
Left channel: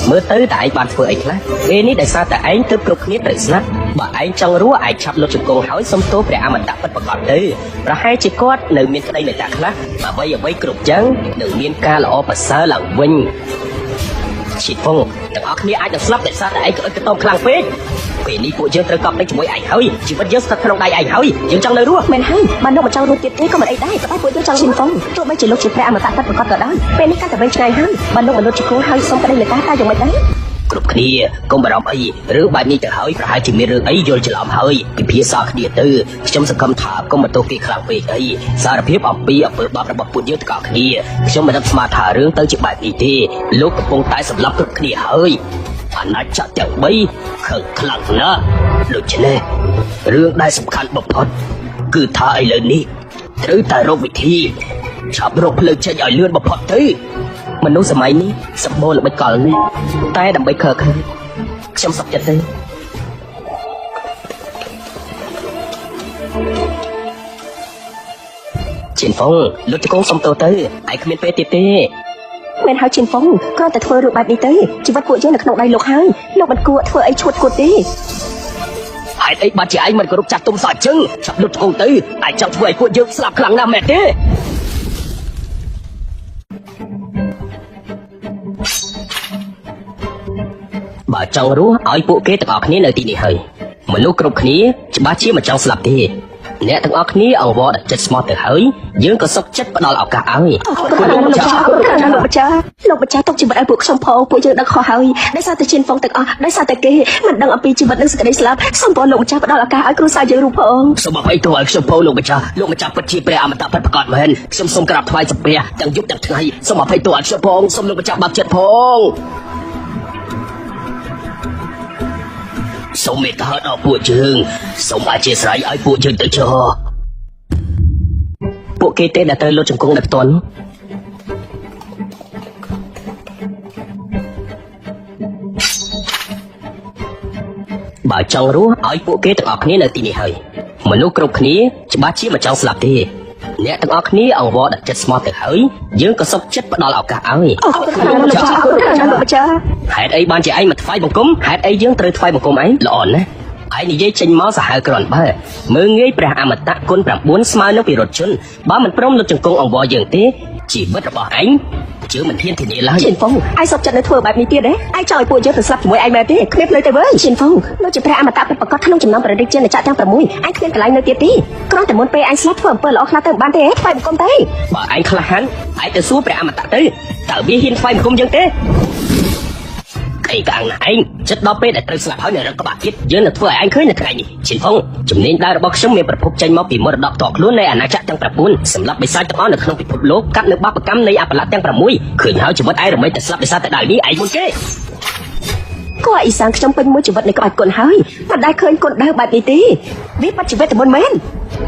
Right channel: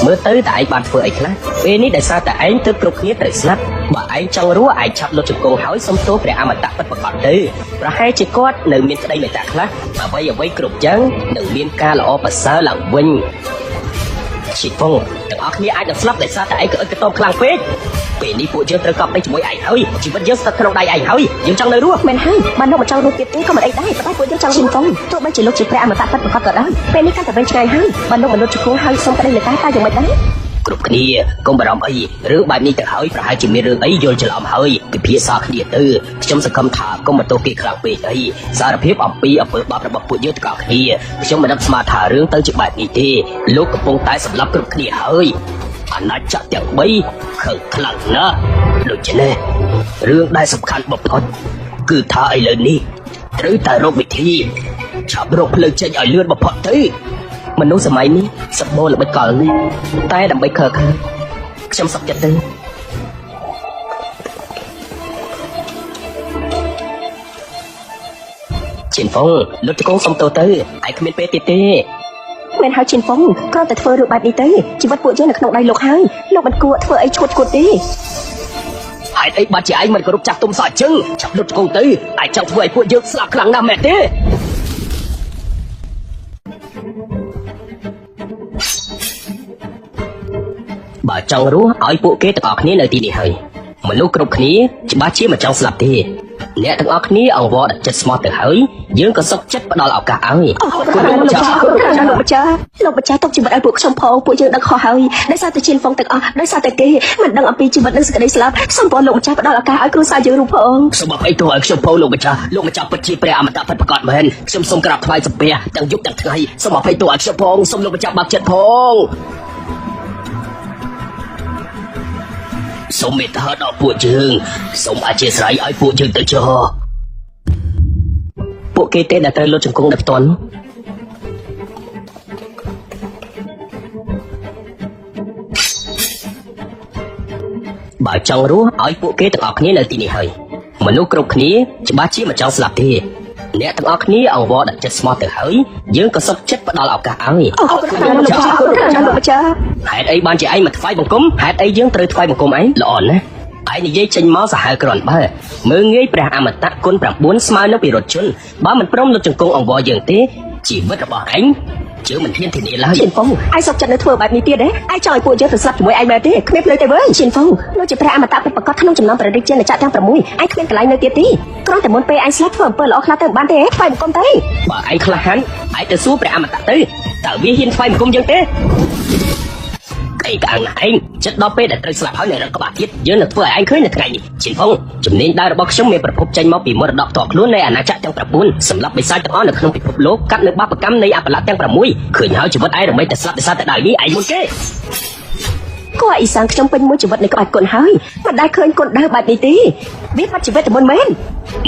មើលទៅតែឯងបានធ្វើអីខ្លះពេលនេះដោយសារតែឯងទៅគ្រប់គ្នាត្រូវស្លាប់បើឯងចង់រស់ឯងឆាប់លុបចង្កូហើយសុំទោសព្រះអមតៈពិតប្រាកដទៅប្រហែលជាគាត់នៅមានស្ដីនៅតែខ្លះអ្វីគ្រប់យ៉ាងនឹងមានការល្អប្រសើរឡើងវិញជីវងទាំងអស់គ្នាអាចនឹងស្លាប់ដោយសារតែឯងទៅតខ្លាំងពេកពេលនេះពួកយើងត្រូវកប់លេខជាមួយឯងហើយជីវិតយើងស្ថិតក្នុងដៃឯងហើយយើងចង់នៅរស់មែនហើយបើនៅចង់រស់ទៀតទេក៏មិនដែរពួកយើងចង់ជិះកុំទោះបីជាលោកជាព្រះអមតៈប្រកបទៅពេលនេះក៏រើចใจហើយបើនៅរត់ចូលហើយសូមតែលើកតែយ៉ាងណាគ្រប់គ្នាកុំបារម្ភអីរឿងបែបនេះទៅហើយប្រហែលជាមានរឿងអីយល់ច្រឡំហើយពិភាក្សាគ្នាទៅខ្ញុំសង្ឃឹមថាកុំបន្ទោសគេខ្លាំងពេកអីសារភាពអំពីអំពើបាបរបស់ពួកយើងក៏គ្នាខ្ញុំមិនដឹងស្មានថារឿងទៅជាបែបនេះទេលោកកំពុងតែសម្លាប់គ្រប់គ្នាហើយអាណាចក្រទាំង3ខើខ្លាំងណាស់ដូច្នេះរឿងដែលសំខាន់បំផុតគឺថាឥឡូវនេះត្រូវតែរកវិធីឆាប់រកភ្លើងចេញឲ្យលឿនបំផុតទៅមនុស្សសម័យនេះសម្បូរមិនកលនេះតែដើម្បីខើខ្ញុំសប្តិទៅជីវងលោកចុងសុំទៅឯងគ្មានពេលទៀតទេមែនហើយជីវងក៏តែធ្វើរឿងបែបនេះទៅជីវិតពួកយើងនៅក្នុងដៃលោកហើយលោកមិនគួរធ្វើអីឈួតគួរទេហើយឯងបាត់ជាឯងមិនគ្រប់ចាក់ទុំសាច់ជើងឆាប់លុតកូនទៅឯងចាប់ធ្វើឲ្យពួកយើងស្លាប់ខ្លាំងណាស់មែនទេបើចង់រស់ឲ្យពួកគេទាំងអស់គ្នានៅទីនេះហើយមនុស្សគ្រប់គ្នាច្បាស់ជាមិនចង់ស្លាប់ទេអ្នកទាំងអស់គ្នាអវត្តចិត្តស្មោះទៅហើយយើងក៏សុខចិត្តផ្ដល់ឱកាសឲ្យលោកម្ចាស់ទុកជីវិតពួកខ្ញុំផងពួកយើងនៅខុសហើយដោយសារតែជាបងទាំងអស់ដោយសារតែគេមិនដឹងអំពីជីវិតនិងសេចក្តីស្លាប់សូមបងលោកម្ចាស់ផ្ដល់ឱកាសឲ្យគ្រួសារយើងផងសូមឲ្យទូលខ្ញុំផងលោកម្ចាស់ពិតជាព្រះអមតៈប្រកបមែនខ្ញុំសូមក្រាបថ្វាយសំពះទាំងយុគទាំងថ្ងៃសូមឲ្យទូលខ្ញុំផងសូមលោកម្ចាស់បានចិត្តផងសូមមេត្តាដល់ពួកយើងសូមអធិស្ឋានឲ្យពួកយើងទៅចោពួកគេតែត្រូវលុតជង្គង់ដល់តន់បើចង់រស់ឲ្យពួកគេទាំងអស់គ្នានៅទីនេះហើយមនុស្សគ្រប់គ្នាច្បាស់ជាមិនចង់ស្លាប់ទេអ្នកទាំងអស់គ្នាអវត្តចិត្តស្មោះទៅហើយយើងក៏សុខចិត្តផ្ដល់ឱកាសឲ្យហេតុអីបានជាឯងមិនថ្វាយបង្គំហេតុអីយើងត្រូវថ្វាយបង្គំឯងល្អណាស់ឯងនិយាយចេញមកសាហាវក្រនបើមើងងាយព្រះអមតៈគុណ9ស្មើនឹងវិរោធជនបើមិនព្រមលុតជង្គង់អង្វរយើងទេជីវិតរបស់ឯងជឿមិនហ៊ានធានាឡើយជីវងឯងសុខចិត្តធ្វើបែបនេះទៀតទេឯងចង់ពួកយើងទៅស្លាប់ជាមួយឯងមែនទេគ្មានទេវើជីវងលោកជាព្រះអមតៈប្រកបក្នុងចំណងព្រះរាជាចាក់ទាំង6ឯងគ្មានកន្លែងនៅទៀតទេគ្រាន់តែមុនពេលឯងស្លាប់ធ្វើអំពើល្អខ្លះទៅបានទេហ្វាយបង្គំទេបើឯងខ្លះហានឯងទៅសួរព្រះអមតៈទៅតើវាហ៊ានហ្វាយបង្គំយើងទេឯងកាំងឯងចិត្តដល់ពេលដែលត្រូវស្លាប់ហើយនៅក្បាលទៀតយើងនឹងធ្វើឯងឃើញថ្ងៃជីវងជំនាញដែលរបស់ខ្ញុំមានប្រភពចេញមកពីមរតកតខ្លួននៃអាណាចក្រទាំង9សម្រាប់បិសាចទាំងអស់នៅក្នុងពិភពលោកកាត់នៅបាបកម្មនៃអបលាទាំង6ឃើញហើយជីវិតឯងដើម្បីតែស្លាប់បិសាចតែដល់នេះឯងមួយគេគួរឲ្យសើខ្ញុំពេញមួយជីវិតនៃក្បាច់កូនហើយមិនដែលឃើញកូនដើរបែបនេះទេវាបាត់ជីវិតមួយមែន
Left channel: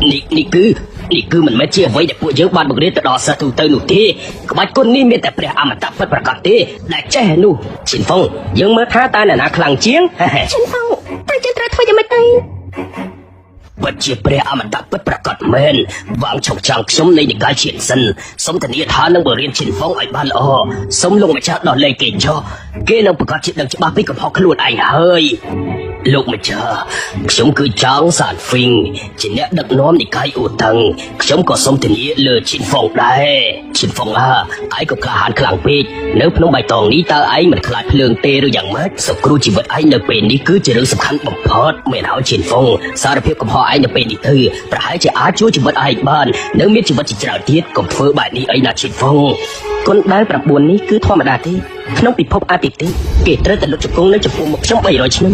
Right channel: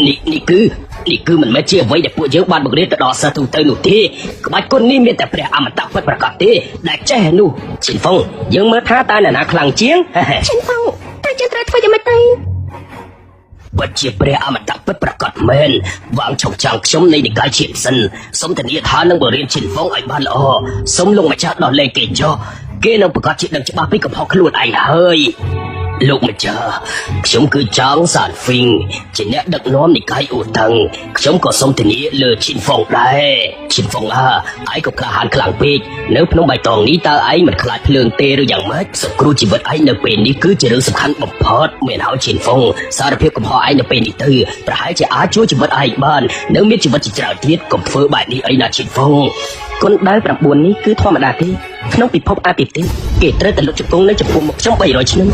នេះគឺមិនមែនជាអ្វីដែលពួកយើងបានបង្រៀនទៅដល់សិស្សទូទៅនោះទេក្បាច់គុណនេះមានតែព្រះអមតៈពិតប្រាកដទេដែលចេះនោះជីវងយើងមើលថាតើអ្នកណាខ្លាំងជាងជីវងតែយើងត្រូវធ្វើយ៉ាងម៉េចទៅបើជាព្រះអមតៈពិតប្រាកដមែនវងឈប់ចាំខ្ញុំនៃការជាសិនសូមធានាថានឹងបរិញ្ញាជីវងឲ្យបានល្អសូមលោកម្ចាស់ដល់លេខគេចុះគេនឹងប្រកាសជាដឹងច្បាស់ពីកំហុសខ្លួនឯងហើយលោកម្ចាស់ខ្ញុំគឺចៅសានហ្វីងជាអ្នកដឹកនាំនិកាយអូតឹងខ្ញុំក៏សូមធានាលើជីវងដែរជីវងឯងក៏ក្លាហានខ្លាំងពេកនៅក្នុងបៃតងនេះតើឯងមិនខ្លាចភ្លើងទេឬយ៉ាងម៉េចសគ្រូជីវិតឯងនៅពេលនេះគឺជារឿងសំខាន់បំផុតមិនឲ្យជីវងសារភាពកំហុសឯងនៅពេលនេះទៅប្រហែលជាអាចជួយជីវិតឯងបាននៅមានជីវិតជាច្រើនទៀតកុំធ្វើបែបនេះអីណាជីវងគុណដែល9នេះគឺធម្មតាទេក្នុងពិភពអាទិទេគេត្រូវតែលុតជង្គង់នៅចំពោះមុខខ្ញុំ300ឆ្នាំ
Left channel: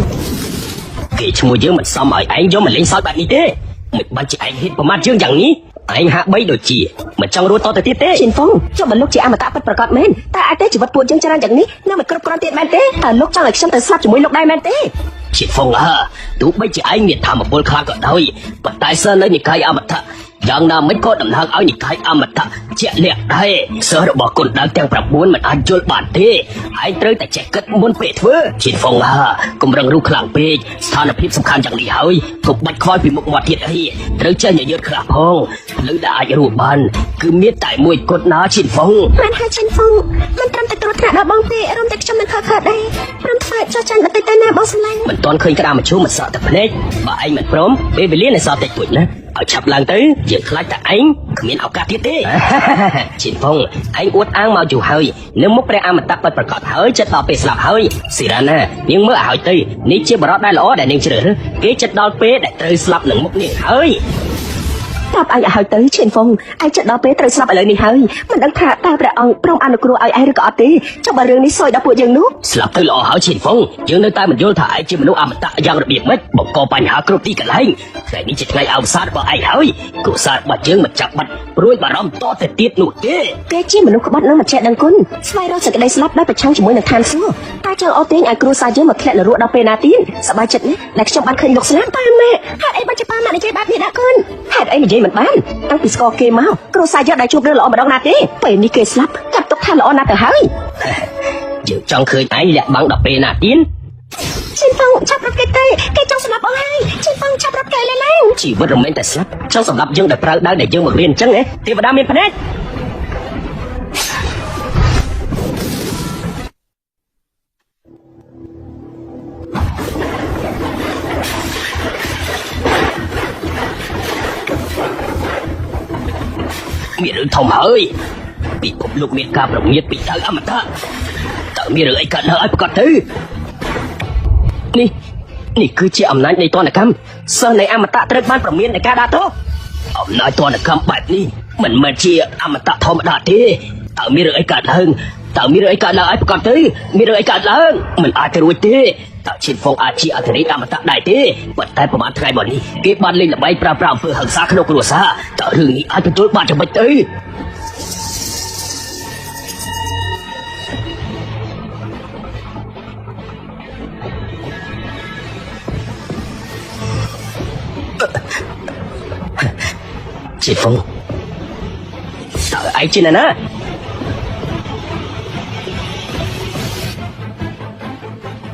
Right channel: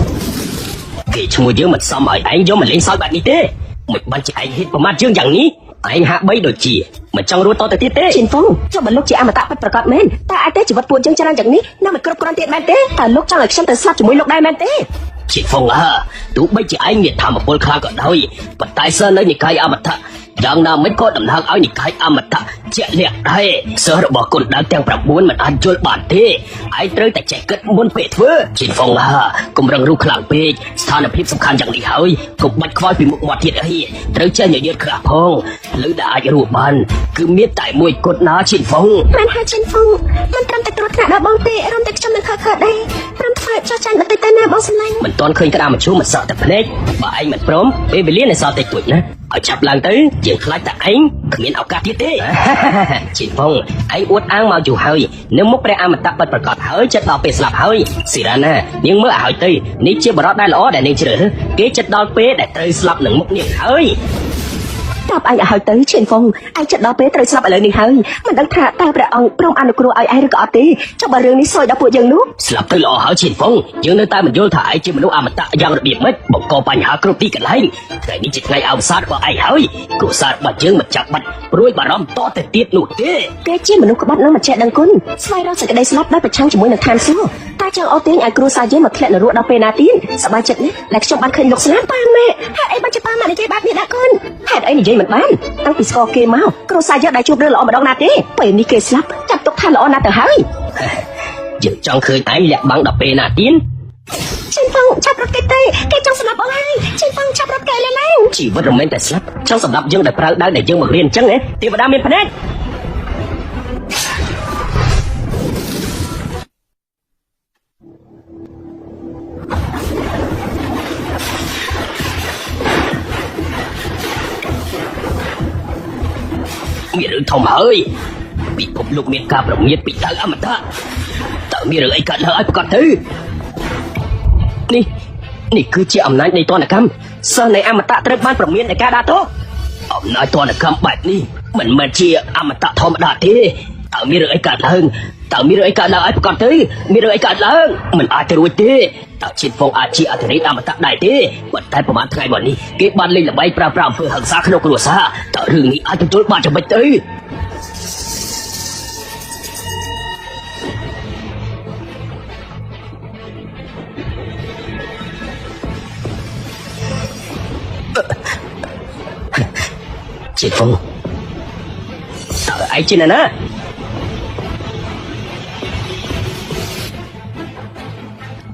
គេឈ្មោះយើងមិនសមឲ្យឯងយកមកលេងសើចបែបនេះទេ មិនបាច់ជាឯងហេតុប្រមាថយើងយ៉ាងនេះឯងហាក់បីដូចជាមិនចង់រួចតទៅទៀតទេ ជីហ្វូចុះបើលោកជាអមតៈប្រកបមែនតែអាចទេជីវិតពួកយើងច្រើនយ៉ាងនេះនឹងមិនគ្រប់គ្រាន់ទៀតមែនទេតើលោកចង់ឲ្យខ្ញុំទៅស្លាប់ជាមួយលោកដែរមែនទេ ជាហ្វូទោះបីជាឯងមានធម៌ពលខាក៏ដោយប៉ុន្តែសិននៅនិកាយអមតៈយ៉ាងណាមិនក៏ដំណើរឲ្យនិកាយអមតៈជាលក្ខដែរសិលរបស់គុណដើមទាំង9មិនអាចយល់បានទេឯងត្រូវតែចេះគិតមុនពេលធ្វើជាហ្វូកុំរំលងខ្លាំងពេកស្ថានភាពសំខាន់យ៉ាងនេះហើយកុំបាច់ខ្វល់ពីមុខមាត់ទៀតអីត្រូវចេះនិយាយខ្លះផងលើដែលអាចរੂបានគឺមានតែមួយគត់ណាជាហ្វូ ប្រហែលជីហ្វូមិនត្រឹមតែគាត់ថាបងទេអត់តែខ្ញុំនឹងខកដែរព្រោះធ្វើចោលចាំតែតែណាបងស្នេហ៍ មិនទាន់ឃើញការប្រជុំសត្វតែភ្នែកបើឯងមិនព្រមពេលវេលានៃសត្វតែទួចណាឲ្យចាប់ឡើងទៅជាខ្លាចតែឯងគ្មានឱកាសទៀតទេជីហ្វូឯងអួតអាងមកយូរហើយនឹងមកព្រះអមតៈពិតប្រកបហើយចិត្តដល់ពេលស្លាប់ហើយស៊ីរាណានាងមើលឲ្យទៅនេះជាបរិបទដែលល្អដែលនាងជ្រើសគេចិត្តដល់ពេលដែលត្រូវស្លាប់នឹងមុខនេះហើយ តើអាយហើយទៅឈិនហ្វុងអាចចិត្តដល់ពេលត្រូវស្លាប់លើនេះហើយមិនដឹងថាតើព្រះអង្គព្រមអនុគ្រោះឲ្យឯងក៏អត់ទេចុះបើរឿងនេះសួរដល់ពួកយើងនោះ ស្លាប់ទៅល្អហើយឈិនហ្វុងយើងនៅតែមិនយល់ថាឯងជាមនុស្សអមតៈយ៉ាងរបៀបម៉េចបង្កបញ្ហាគ្រប់ទីកន្លែងតែនេះជាផ្នែកអវសាទរបស់ឯងហើយគ្រួសាររបស់យើងមិនចាប់បាត់ព្រួយបារម្ភតទៅទៀតនោះទេ គេជាមនុស្សគាត់នឹងចេះដឹងគុណស្វែងរកសេចក្តីស្លាប់ដែលប្រឆាំងជាមួយនឹងឋានសួគ៌តែចូលអូទីឲ្យគ្រួសារយើងមកធ្លាក់នរកដល់ពេលណាទៀតសប្បាយចិត្តនេះដែលខ្ញុំបានឃើញលោកស្នាតាមមែហើយមិនច្បាស់ណាស់និយាយបែបនេះណាគុណហើយអីនិយាយមិនបានតាំងពីស្គាល់គេមកគ្រួសារយើងអាចជួបរឿងល្អម្ដងណាទេពេលនេះគេស្លាប់ចាត់ទុកថាល្អណាស់ទៅហើយ យើងចង់ឃើញឯងលាក់បាំងដល់ពេលណាទៀត ជីហ្វុងចាប់រកគេទេគេចង់ស្លាប់អស់ហើយជីហ្វុងចាប់រកគេណា ជីវិតរមែងតែស្លាប់ចង់សម្រាប់យើងតែប្រើដើមតែយើងមករៀនអញ្ចឹងទេវតាមានភ្នែកមានរឿងធំហើយពីពុកលោកមានការប្រមានពីដើមអមតៈតើមានอะไรกันហើយប្រកាសទៅនេះគឺជាអំណាចនៃទណ្ឌកម្មសិលនៃអមតៈត្រូវបានប្រមានในការដាក់ទោសអំណាចទណ្ឌកម្មបែបនេះមិនមែនជាអមតៈធម្មតាទេតើមានอะไรกันឡើងតើមានอะไรกันឡើងប្រកាសទៅមានอะไรกันឡើងមិនអាចទៅរួចទេតើជាហ្វូអាចជាអរិយអមតៈដែរទេបើតែប្រហែលថ្ងៃមកនេះគេបានលេងល្បែងប្រើប្រាស់អំពើហិង្សាក្នុងគ្រួសារតើរឿងនេះអាចទទួលបានយ៉ាងម៉េចទៅជាហ្វូតើឯងជាណា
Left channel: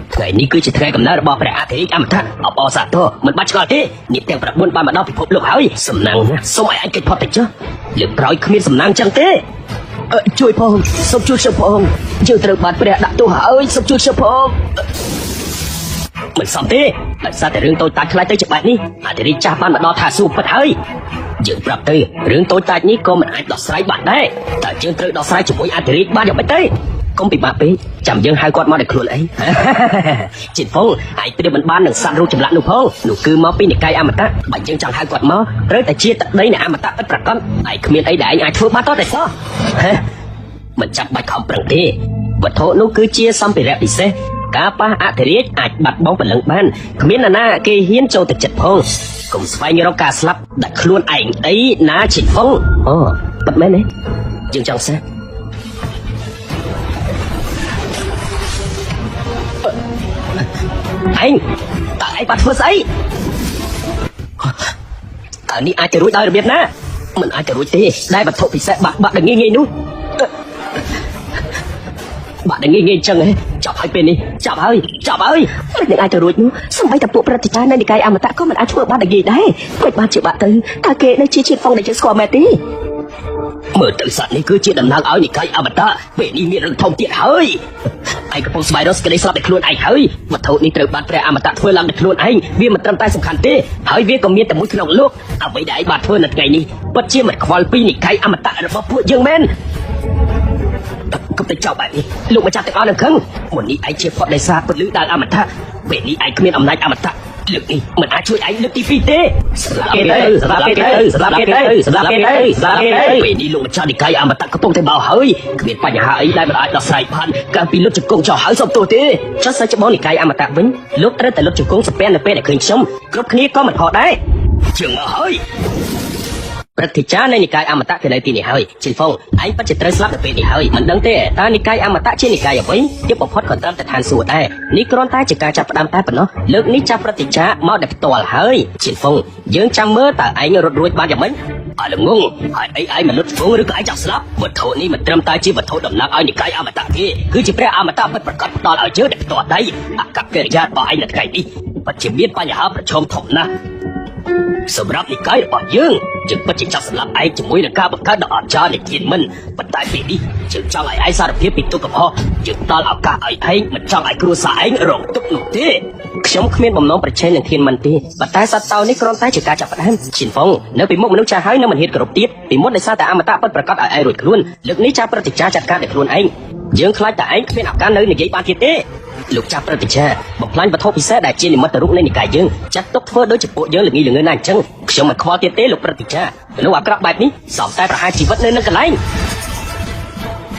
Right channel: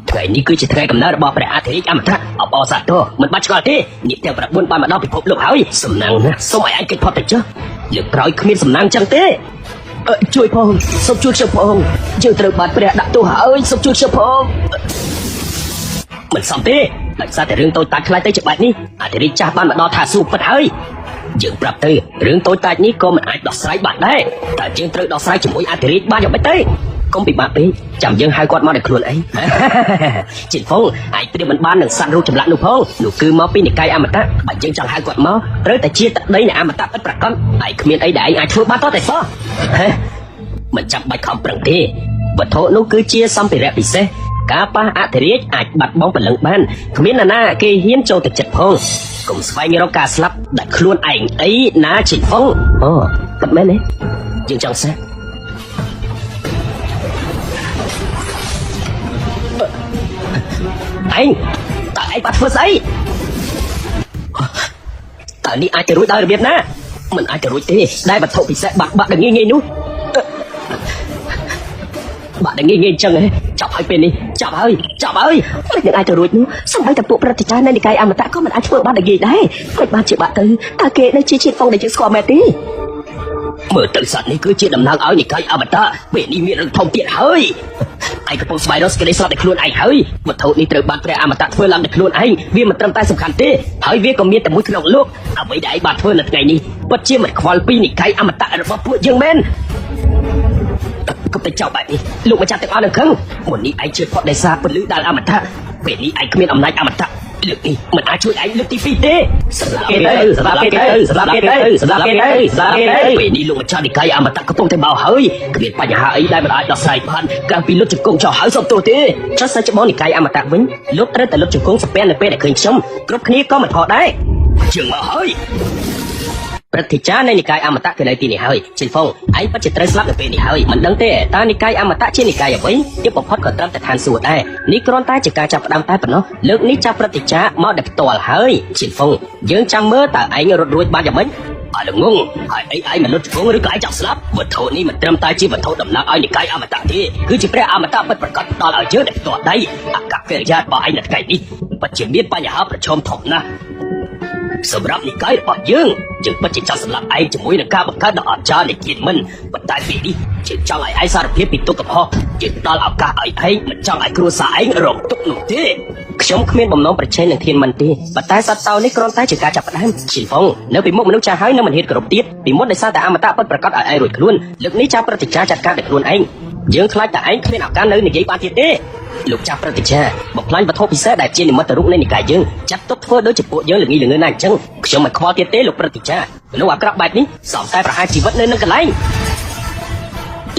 ថ្ងៃនេះគឺជាថ្ងៃកំណើតរបស់ព្រះអធិអមតៈអបអរសាទរមិនបាច់ឆ្លាតទេនេះតែ9បានមកដល់ពិភពលោកហើយសំណាងសូមឯងគេផុតទៅចុះយើងក្រោយគ្មានសំណាងចឹងទេជួយផងសូមជួយផងយើងត្រូវបានព្រះដាក់ទោសហើយសូមជួយផងមិនសមទេតែសារតែរឿងតូចតាចខ្លះទៅច្បាស់នេះអធិចាស់បានមកដល់ថាស៊ូប៉ុណ្ណឹងហើយយើងប្រាប់ទៅរឿងតូចតាចនេះក៏មិនអាចដោះស្រាយបានដែរតែយើងត្រូវដោះស្រាយជាមួយអធិរាជបានយ៉ាងម៉េចទេកុំពិបាកពេកចាំយើងហៅគាត់មកដល់ខ្លួនឯងជីហ្វូឯងព្រៀបមិនបាននឹងសាររូបចម្លាក់នោះផងនោះគឺមកពីនិកាយអមតៈបើយើងចង់ហៅគាត់មកត្រូវតែជាតដីនៃអមតៈប្រកបហើយគ្មានអីដែលឯងអាចធ្វើបានទេសោះមិនចាំបាច់ខំប្រឹងទេវត្ថុនោះគឺជាសម្ភារៈពិសេសការប៉ះអធិរាជអាចបាត់បង់ពលឹងបានគ្មានណាគេហ៊ានចូលទៅចិត្តផងកុំស្វែងរកការស្លាប់ដាក់ខ្លួនឯងអីណាជីហ្វូអូប្រមែនទេយើងចង់ស្នាឯងតើឯងបានធ្វើស្អីតើនេះអាចទៅរួចដល់រៀនណាមិនអាចទៅរួចទេដែលវត្ថុពិសេសបាក់ងាយនោះបាក់ងាយចឹងចាប់ឲ្យពេលនេះចាប់ហើយមិនអាចទៅរួចនោះសម្រាប់តែពួកប្រតិចារនៃកាយអមតៈក៏មិនអាចធ្វើបានងាយដែរគាត់បានជាបាក់ទៅតើគេនឹងជាហ្វូដែលគេស្គាល់មែនទេមើលទៅសត្វនេះគឺជាដំណើរឲ្យនិកាយអមតៈពេលនេះមានរន្ធទៀតហើយឯងកំពុងស្វែងរកសេចក្តីសុខឲ្យខ្លួនឯងហើយវត្ថុនេះត្រូវបានព្រះអមតៈធ្វើឡើងដោយខ្លួនឯងវាមិនត្រឹមតែសំខាន់ទេហើយវាក៏មានតែមួយក្នុងលោកអ្វីដែលឯងបានធ្វើនៅថ្ងៃនេះពិតជាមិនខ្វល់ពីនិកាយអមតៈរបស់ពួកយើងមែនក៏ទៅចាប់ឯងលោកម្ចាស់ទាំងអស់នៅខឹងមួយនេះឯងជាផុតដោយសារពលិតាអមតៈពេលនេះឯងគ្មានអំណាចអមតៈលើកនេះមិនអាចជួយឯងលើកទី2ទេស្លាប់ឯងពេលនេះលោកម្ចាស់និកាយអមតៈកំពុងតែបោហើយគ្មានបញ្ហាអីដែលអាចដោះស្រាយបានកាលពីលោកជង្គង់ចោលហើយសុំទោសទេចុះសិនច្បងនិកាយអមតៈវិញលោកត្រូវតែលោកជង្គង់ស្ពែនៅពេលដែលឃើញខ្ញុំគ្រប់គ្នាក៏មិនខកដែរ chưa mà hơi Berarti cara ni kai amat tak kena di hari. Cinta, ai pasti terasa lebih di hari. Menante, tapi kai amat tak ciri kai pun. Dia pokok kata terhan suat ai. Ni kalau tak jika cap tam tak no. Lek ni cap berarti cap mau dak tua hari. Cinta, jeung cam mer tak ai rui ba jaman. Ai ngung, ai menurut kau kai cap selap. Betul ni macam tak ciri betul dan ai kai amat tak di. Kujipre amat tak berkata je dak tua dai. Akak kerja baik nak kai di. Macam dia payah bercom thok na. Sebab ni kai pakយើងជិះបច្ចេកទេសស្លាប់ឯងជាមួយនឹងការបង្កើតអចារ្យជាមិនប៉ុន្តែនេះជាចង់ឲ្យឯងសារភាពពីទុករបស់យើងដល់ឱកាសឲ្យឯងមិនចង់ឲ្យគ្រួសារឯងរងទុកនោះទេខ្ញុំគ្មានបំណងប្រឆាំងនឹងគេមិនទេប៉ុន្តែសត្វតោនេះគ្រាន់តែជាការចាប់ផ្ដើមជាផងនៅពីមុខមនុស្សចាស់ហើយនឹងមិនហ៊ានគ្រប់ទៀតពីមុខដោយសារតែអមតៈពិតប្រាកដឲ្យឯងរួចខ្លួនលើកនេះចាប់ប្រតិចារចាត់ការតែខ្លួនឯងយើងខ្លាចតែឯងគ្មានឱកាសនៅនិយាយបានទៀតទេលោកចាប់ប្រតិចារបំផ្លាញបទពិសោធន៍ដែលជានិមិត្តរូបនៃនិកាយយើងចាត់ទុកធ្វើដូចជាពួកយើងល្ងីល្ងើណាអញ្ចឹងខ្ញុំមិនខកទៀតទេលោកប្រតិចារលោកអាក្រក់បែបនេះសោកតែប្រហែលជីវិតនៅកន្លែង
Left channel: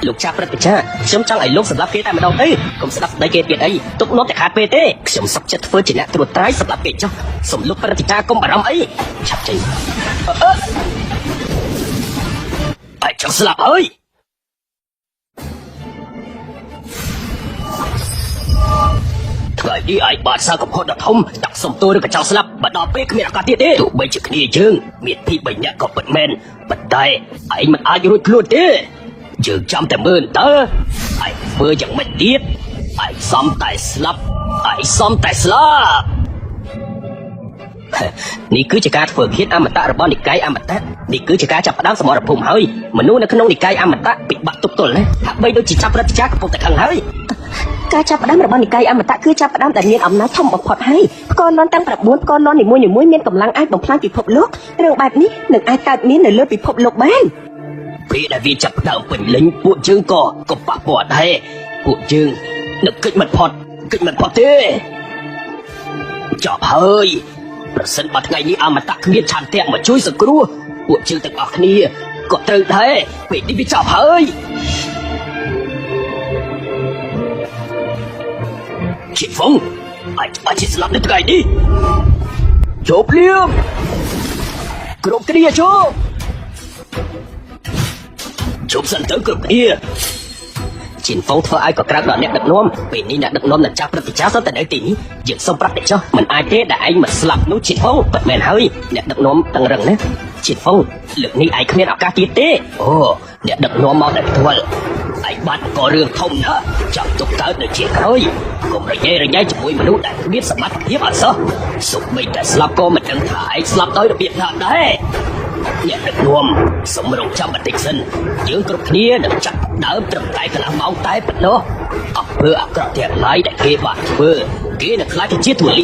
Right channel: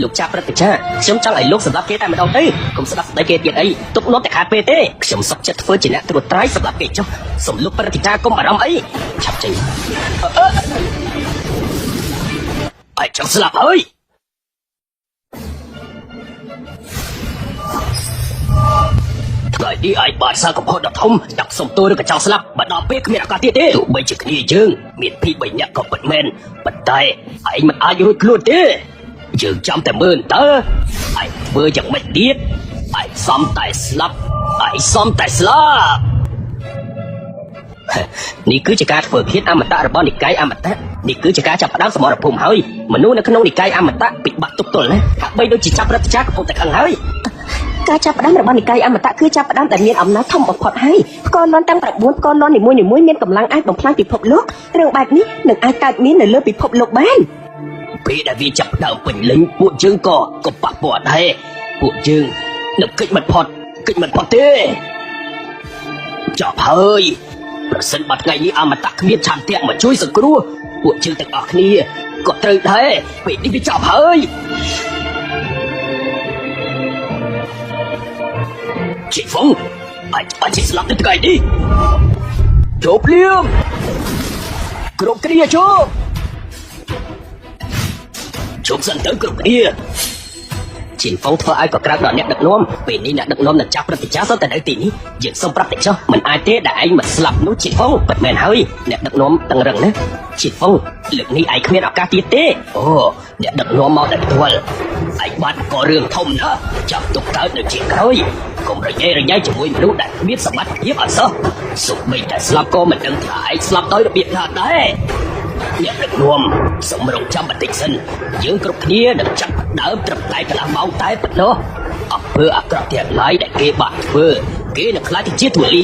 លោកចាប់ប្រតិចារខ្ញុំចង់ឲ្យលោកសម្រាប់គេតែម្ដងទៅកុំស្ដាប់តែគេទៀតអីទុកនោះតែខាពេលទេខ្ញុំសុខចិត្តធ្វើជាអ្នកត្រួតត្រែងសម្រាប់គេចុះសូមលោកប្រតិចារកុំអារម្មណ៍អីឆាប់ចេញបាយចង់ស្លាប់អើយថ្ងៃនេះឯងបានសាររបស់ដ៏ធំចាប់សំទោលនឹងចោលស្លាប់បន្តពេលគ្មានឱកាសទៀតទេទោះបីជាគ្នាយើងមានពី3នាក់ក៏ពិតមែនប៉ុន្តែឯងមិនអាចរួចខ្លួនទេយើងចាំតែមើលតើឯងធ្វើយ៉ាងម៉េចទៀតឯងសំតែស្លាប់នេះគឺជាការធ្វើភាពអមតៈរបស់និកាយអមតៈនេះគឺជាការចាប់ដើមសមរភូមិហើយមនុស្សនៅក្នុងនិកាយអមតៈពិបាកទប់ទល់ណាហាក់បីដូចជាចាប់រត់ចាក់កំពុងតែហើយការចាប់ផ្ដើមរបស់និកាយអមតៈគឺចាប់ផ្ដើមដែលមានអំណាចធំបំផុតហើយកូននន់តែ9កូននន់នីមួយៗមានកម្លាំងអាចបំផ្លាញពិភពលោករឿងបែបនេះនឹងអាចកើតមាននៅលើពិភពលោកបានពេលដែលវាចាប់ផ្ដើមពេញលេងពួកយើងក៏ប៉ះពាល់ដែរពួកយើងនឹកគិតមិនផុតទេចាប់ហើយប្រសិនបើថ្ងៃនេះអមតៈគ្មានឆានទាំងមកជួយសង្គ្រោះពួកយើងទាំងអស់គ្នាក៏ត្រូវដែរពេលនេះវាចាប់ហើយជីហ្វងអាចស្លាប់នឹងកែនេះចូលភ្លាមគ្រប់គ្នាចូលសិនទៅគ្រប់គ្នាជីហ្វងធ្វើឲ្យកក្រៅដល់អ្នកដឹកនាំពេលនេះអ្នកដឹកនាំនឹងចាប់ប្រតិចារទៅទីនេះយើងសូមប្រតិចោះមិនអាចទេដែលឯងមិនស្លាប់នោះជីហ្វងប៉ុន្តែហើយអ្នកដឹកនាំតឹងរឹងណាជីហ្វងលើកនេះឯងគ្មានឱកាសទៀតទេអូអ្នកដឹកនាំមកតែព្រួលឯងបានក៏រឿងធំណាស់ចាប់ទុកកើតនៅជាក្រោយក៏ប្រហែលយ៉ាងជាមួយមនុស្សដែលមានសមត្ថភាពអសោះសូម្បីតែស្លាប់ក៏មិនដឹងថាឯងស្លាប់ដោយរបៀបណាដែរអ្នកដឹកនាំសម្រាប់ចាប់ប្រតិសិនយើងគ្រប់គ្នានឹងចាប់ដើមត្រឹមតែកន្លះម៉ោងតែប៉ុណ្ណោះអត់ធ្វើអាក្រក់ទាំងឡាយដែលគេបានធ្វើគេនឹងខ្លាចជាទូលី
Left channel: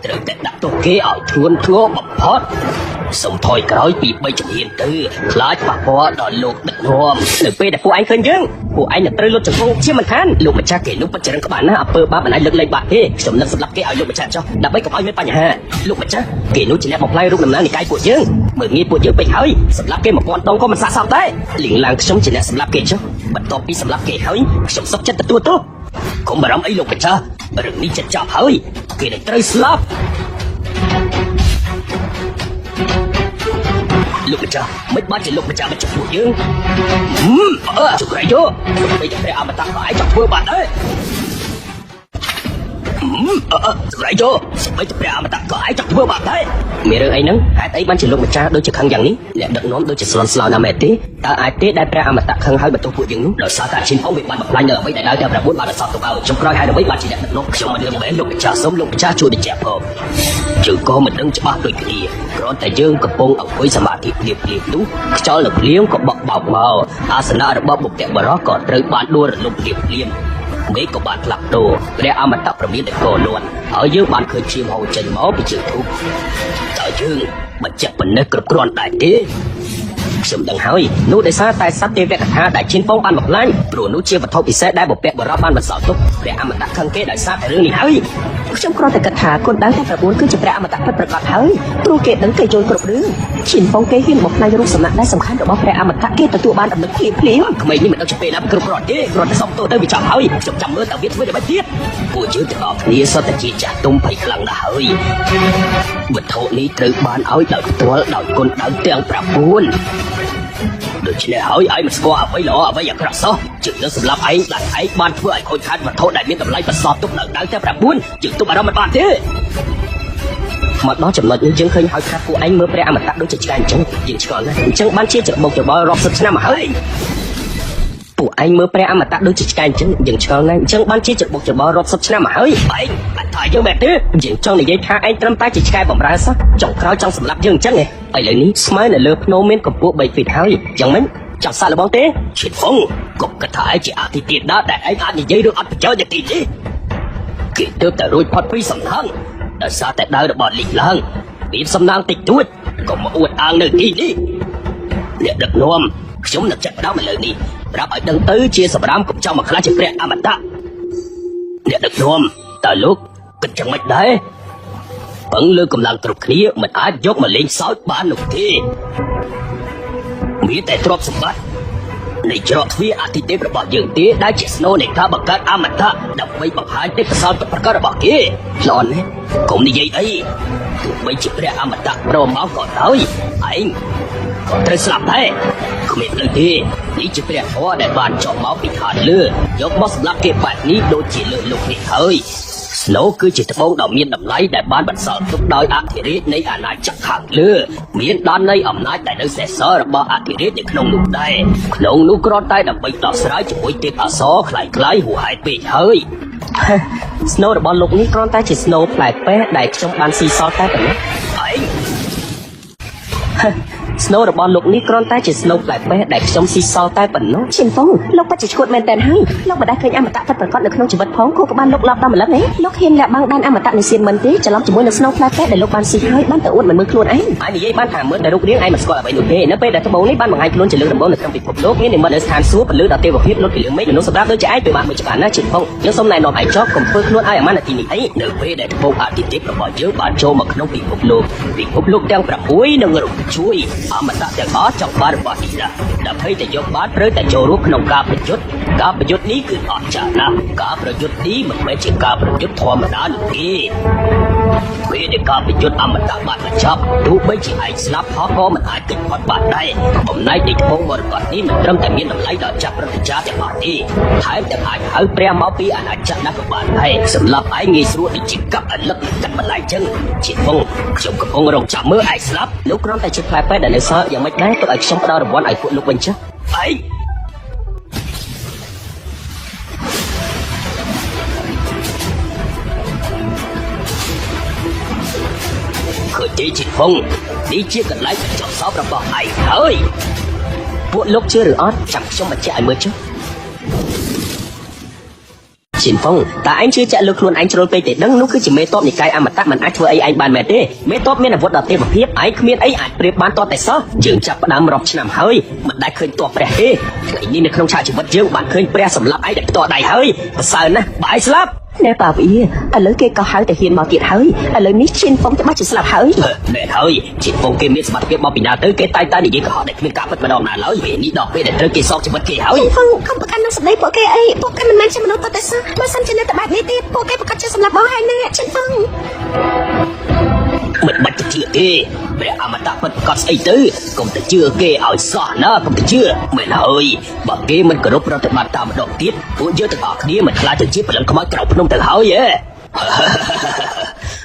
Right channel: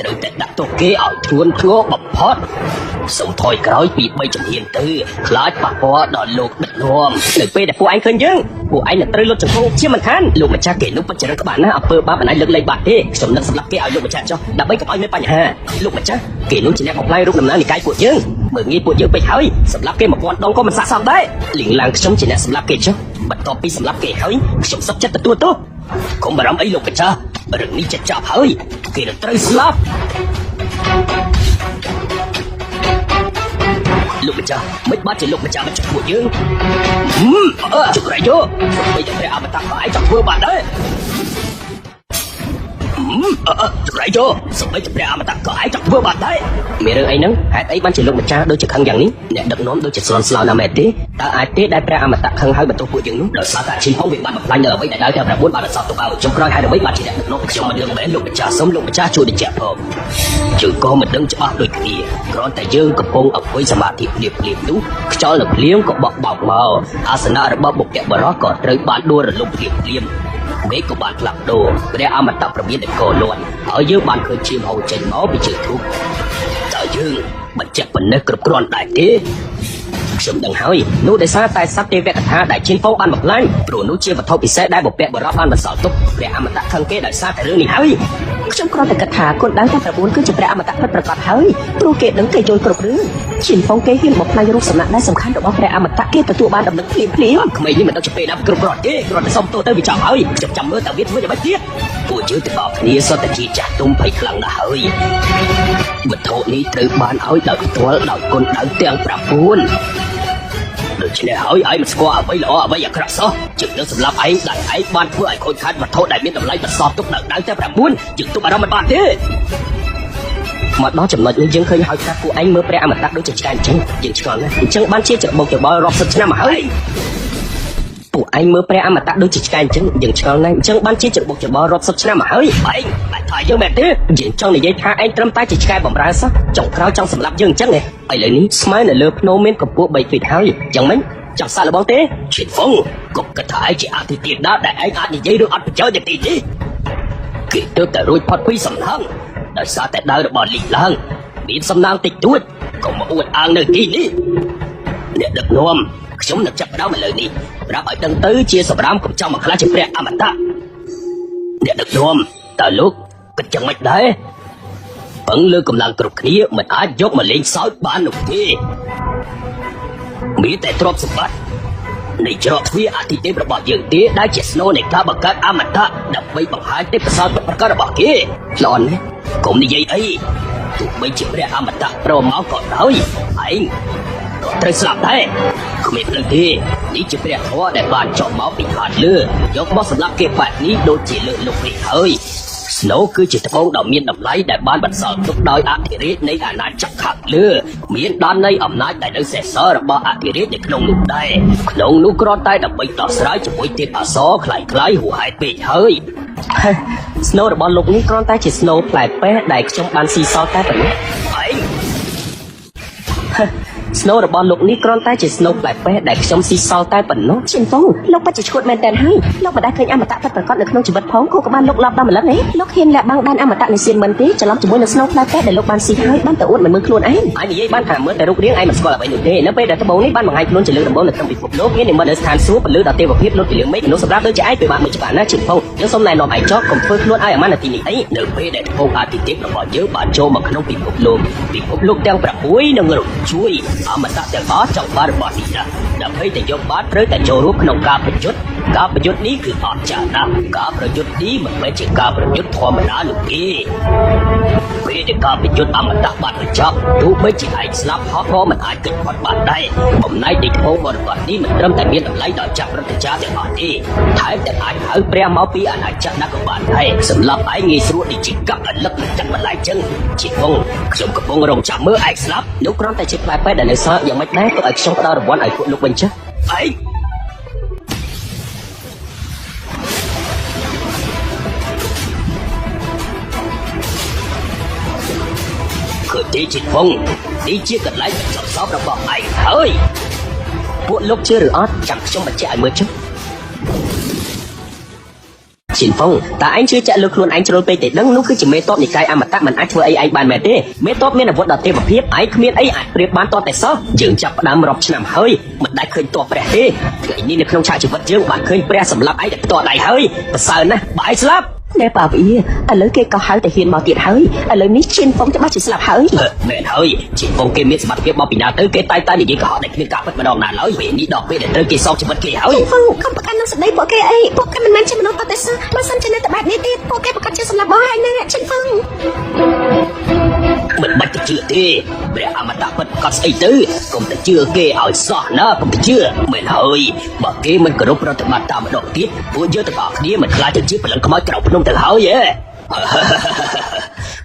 ត្រូវតែដាក់ទោសគេឲ្យធ្ងន់ធ្ងរបំផុតសូមថយក្រោយពី3ជំហានទៅខ្លាចប៉ះពាល់ដល់លោកដឹកនាំនៅពេលដែលពួកឯងឃើញយើងពួកឯងនឹងត្រូវលោកជំនុំជាមិនខានលោកម្ចាស់គេលោកបច្ចេកបានណាអំពើបាបណៃលើកលែងបាក់ទេខ្ញុំនឹងស្លាប់គេឲ្យលោកម្ចាស់ចុះដើម្បីកុំឲ្យមានបញ្ហាលោកម្ចាស់គេលោកជាអ្នកបំផ្លាញរូបដំណើរនៃកាយពួកយើងមើលងាយពួកយើងពេកហើយស្លាប់គេ1000ដងក៏មិនស័ក្តិសមដែរលីងឡើងខ្ញុំជាអ្នកស្លាប់គេចុះបន្ទាប់ពីស្លាប់គេហើយខ្ញុំសុខចិត្តទទួលទោសកុំបារម្ភអីលោកម្ចាស់បើនេះចេះចាប់ហើយគេត្រូវស្លាប់លោកម្ចាស់មិនបានជាលោកម្ចាស់មកជួបយើងជួយយកគេអមតៈឲ្យជួបបានដែរត្រៃយោស្បែកព្រះអមតៈក៏អាចធ្វើបានដែរមានអីហ្នឹងហេតុអីបានជាលោកម្ចាស់ដូចជាខឹងយ៉ាងនេះអ្នកដឹកនាំដូចជាស្រស្លាប់ណាស់មែនទេតើអាចទេដែលព្រះអមតៈខឹងហើយបន្ទោសពួកយើងដោយសារតែឈាមវាបានបំផ្លាញដល់អ្វីដែលតែមួយបានសោកទៅចុងក្រោយហេតុអ្វីបានជាអ្នកដឹកនាំខ្ញុំលើមែនលោកម្ចាស់សូមលោកម្ចាស់ជួយបញ្ជាក់ផងយើងក៏មិនដឹងច្បាស់ដូចគ្នាគ្រាន់តែយើងកំពុងអង្គុយសមាធិភ្លាមៗនោះខ្យល់លភ្លាមក៏បក់បោកមកអាសនៈរបស់បុព្វបុរសក៏ត្រូវបានដួលរលំភ្លាមនេះក៏បានផ្លាស់ប្ដូរព្រះអមតៈប្រមានកោលន់ហើយយើងបានឃើញជាហូរចេញមកពីជើងទូតើយើងមិនចេះប៉ុណ្ណេះគ្រប់គ្រាន់ដែរទេខ្ញុំដឹងហើយនោះដោយសារតែសត្វទេវកថាដែលជាផងបានបំផ្លាញព្រោះនោះជាវត្ថុពិសេសដែលបុព្វបុរសបានបន្សល់ទុកព្រះអមតៈខឹងគេដោយសារតែរឿងនេះហើយខ្ញុំគ្រាន់តែគិតថាកូនដែល9គឺជាព្រះអមតៈពិតប្រាកដហើយទូគេនឹងគេយល់គ្រប់រឿងជាផងគេមកផ្នែកនោះសំណាក់ដែលសំខាន់របស់ព្រះអមតៈគេទទួលបានរំលឹកភ្លាមគ្មានមិនដឹងពេលណាគ្រប់គ្រាន់ទេគ្រាន់តែសុំទៅចាំហើយចាំមើលតែវាធ្វើបែបទៀតពួកយើងទាំងអស់គ្នាសុទ្ធតែជាចាស់ទុំបីខ្លាំងណាស់ហើយ Mà thầu ní từ bạn hỏi đợi tôi là con thằng tiêu ra buồn Được sẽ hỏi anh qua với nó bây giờ ra sao Chứ nó là anh bạn của anh ôi khai mà thôi đã đi tầm lại là so tốt nợ đáng tiêu ra buồn Chứ tôi bạn bạn thế Mà nó chỉ mở lên chưa khơi hỏi ra của anh mưa ra mà ta đưa cho chàng chung Chỉ sợ là tình chân bán chế chậm một cái bó rộng sắp ra mà ấy Phụ anh mơ ra mà ta đưa chỉ trai chân những sợ ngay chân bán chi trực một chữ bó rộng sắp ra mà ấy Phải, phải cho mẹ thế Nhìn cho người dây khá anh trâm tay chỉ trai bỏ ra sắp Trọng khá trong sập lạp chân chắc này Phải đến smile là lớp nô mê của cô bày tình khái Chẳng ấy, chẳng xa lắm thế Chị Phong, cục cả thái chị ạc thì tiền đó để anh hạ nhìn dây đưa ạc chơi thì đi Khi tôi ta rùi phát quý sầm lăng Đã xa tại đời bỏ lì lăng Bị sầm lăng tịch tuốt Còn một uột ăn được đi Để được nôm Chúng là chắc đám lợi đi Ra phải tân tới chia sổ đám trong một lá chim rẽ mà ta Để được nôm Tới lúc Cứ chẳng mạch đấy Vẫn lưu cùng làm cực khí Mình ai dốt mà lên sáu ba nụ thì Nghĩ để thuộc sụp bát Lý cho thuy á thì tế bỏ dưỡng tế Đã chết snow để ta bỏ các á mà ta Đã quay bỏ hai tế sao bỏ các bỏ kia Lộn Cũng như vậy ấy Tụi mình chịu rẽ á mà ta Rồi máu bỏ tới Anh Thật sao đấy Khuyết lần đi Đi chụp đẹp hóa để bạn cho máu bị phạt lừa Dẫu máu là kế hoạch đi đôi chỉ lựa lục thì thôi Snow cứ chỉ thâu đầu miên đập lấy để bán bật sợ lúc đời ác thì rít nên à này chắc khẳng lừa Miên đàn này ẩm lại tại đơn sẽ sơ ra bỏ ác thì rít để không ngủ đây Đâu ngủ có tay là bị tỏ sái cho quý tiết ở xó lại gái của hai bị thôi Snow đã bỏ lục ní con tay chỉ Snow lại bé đẩy trong bàn xì so tay Phải Snow đã bỏ lục ní con tay chỉ Snow lại bé đẩy trong xì so tay bẩn nó Chim Phong, lúc ta chỉ khuôn lên đèn hơi Lúc mà đã thấy anh mà ta phải có được không chỉ mất phóng của ba lúc lọt bao lỡ đấy Lúc khi là bao anh mà ta mình xin mình tí cho nó chỉ muốn là Snow ta phép để lúc mà xin hơi bóng tủ mình mới luôn anh Anh ấy bán hàng mới đầu tiên anh sợ phải thế nó bây giờ bố bán ngoài luôn chỉ được bố là không bị cột đốt thì mà lên hàng xuống lứa là tiêu của phim nó tiền mấy nó ra đứa trái từ bạn một trả nó chỉ không nếu sau này nó phải cho còn phương nó ai mà thì ấy được về để vô áp thì tiền bỏ chứ bà cho mà không bị cột luôn bị cột luôn theo cả cuối nó ngược chuối mà ta sẽ bỏ trong ba bỏ đi ra đã thấy để vô bát rơi tại chỗ lúc nó cả một chút ní cứ bỏ trả nào cả một chút ní mà phải chỉ cả một chút thòng ra được đi về cả một chút mà ta bạn cho tu với chỉ ai snap họ vô mình ai kết quả bạn đây hôm nay thì vô còn bạn đi mình trong tại miền lấy đợt chắc rồi cha để họ đi hãy để ai hơn bè máu bia ai chắc là bạn đây sự là phải nghi số thì chỉ cấp là lớp chắc là lại chứ chỉ không không đồng chẳng mới ai snap lúc đó là chỉ phải để sao để mấy cái ở trong ta bỏ lại cũng bình chứ ấy cứ đi chỉ không đi chỉ cần lấy cho xóa ra bỏ này thôi mỗi lúc chưa đó chẳng cho mà chạy mới chứ Chị Phong, tại anh chưa chạy lực luôn anh trôn để nó cứ chỉ mấy tốt thì cái mà ta mình anh chơi anh bàn mẹ đi mấy tốt nên là vô đầu tiên một tiếp anh biết ấy để bán to để sót chừng chặt đám rọc chạm hơi mình đã khơi to bè thế tự nhiên không trả chỉ một chiếu mà khơi bè sầm lại để to này hơi sợ nè bãi slap Để bảo ý, lớn kia có hai để khi mà bị hơi lớn mít Chim Phong cho bác chỉ sợ hơi mẹ hơi chị Phong kia mít mà kia bò bị nào tới cái tay ta đi có họ để viên cặp bắt đầu nào ở bị đi đọc để tới kia so cho một kia hơi Chim Phong, không có ăn nó đấy bỏ kia ấy bỏ cái này trên nó có thể sao nó sao trên đây bạn đi đi bỏ cái cả trên là bỏ ai đây Chim Phong mình mày chưa kia mẹ mà đã bật có xây tứ cũng đã chưa kia ở sợ nó cũng chưa mày hơi bỏ kia mình có lúc nó mà tao đầu tiên muốn chưa thọ đi mình lại cho chiếc mình có cậu trong đời hơi vậy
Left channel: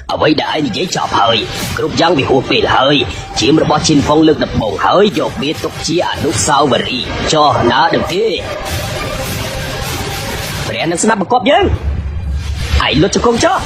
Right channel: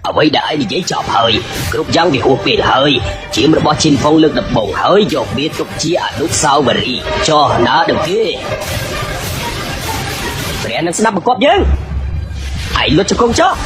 ở đây đã dễ chọn hơi cũng giáo bị hụt về hơi chỉ một con chim phong lương đập bầu hơi rồi biết tục chia ở sau mà đi cho nó được thế mẹ nó sắp một con nhớ hãy lo cho con chó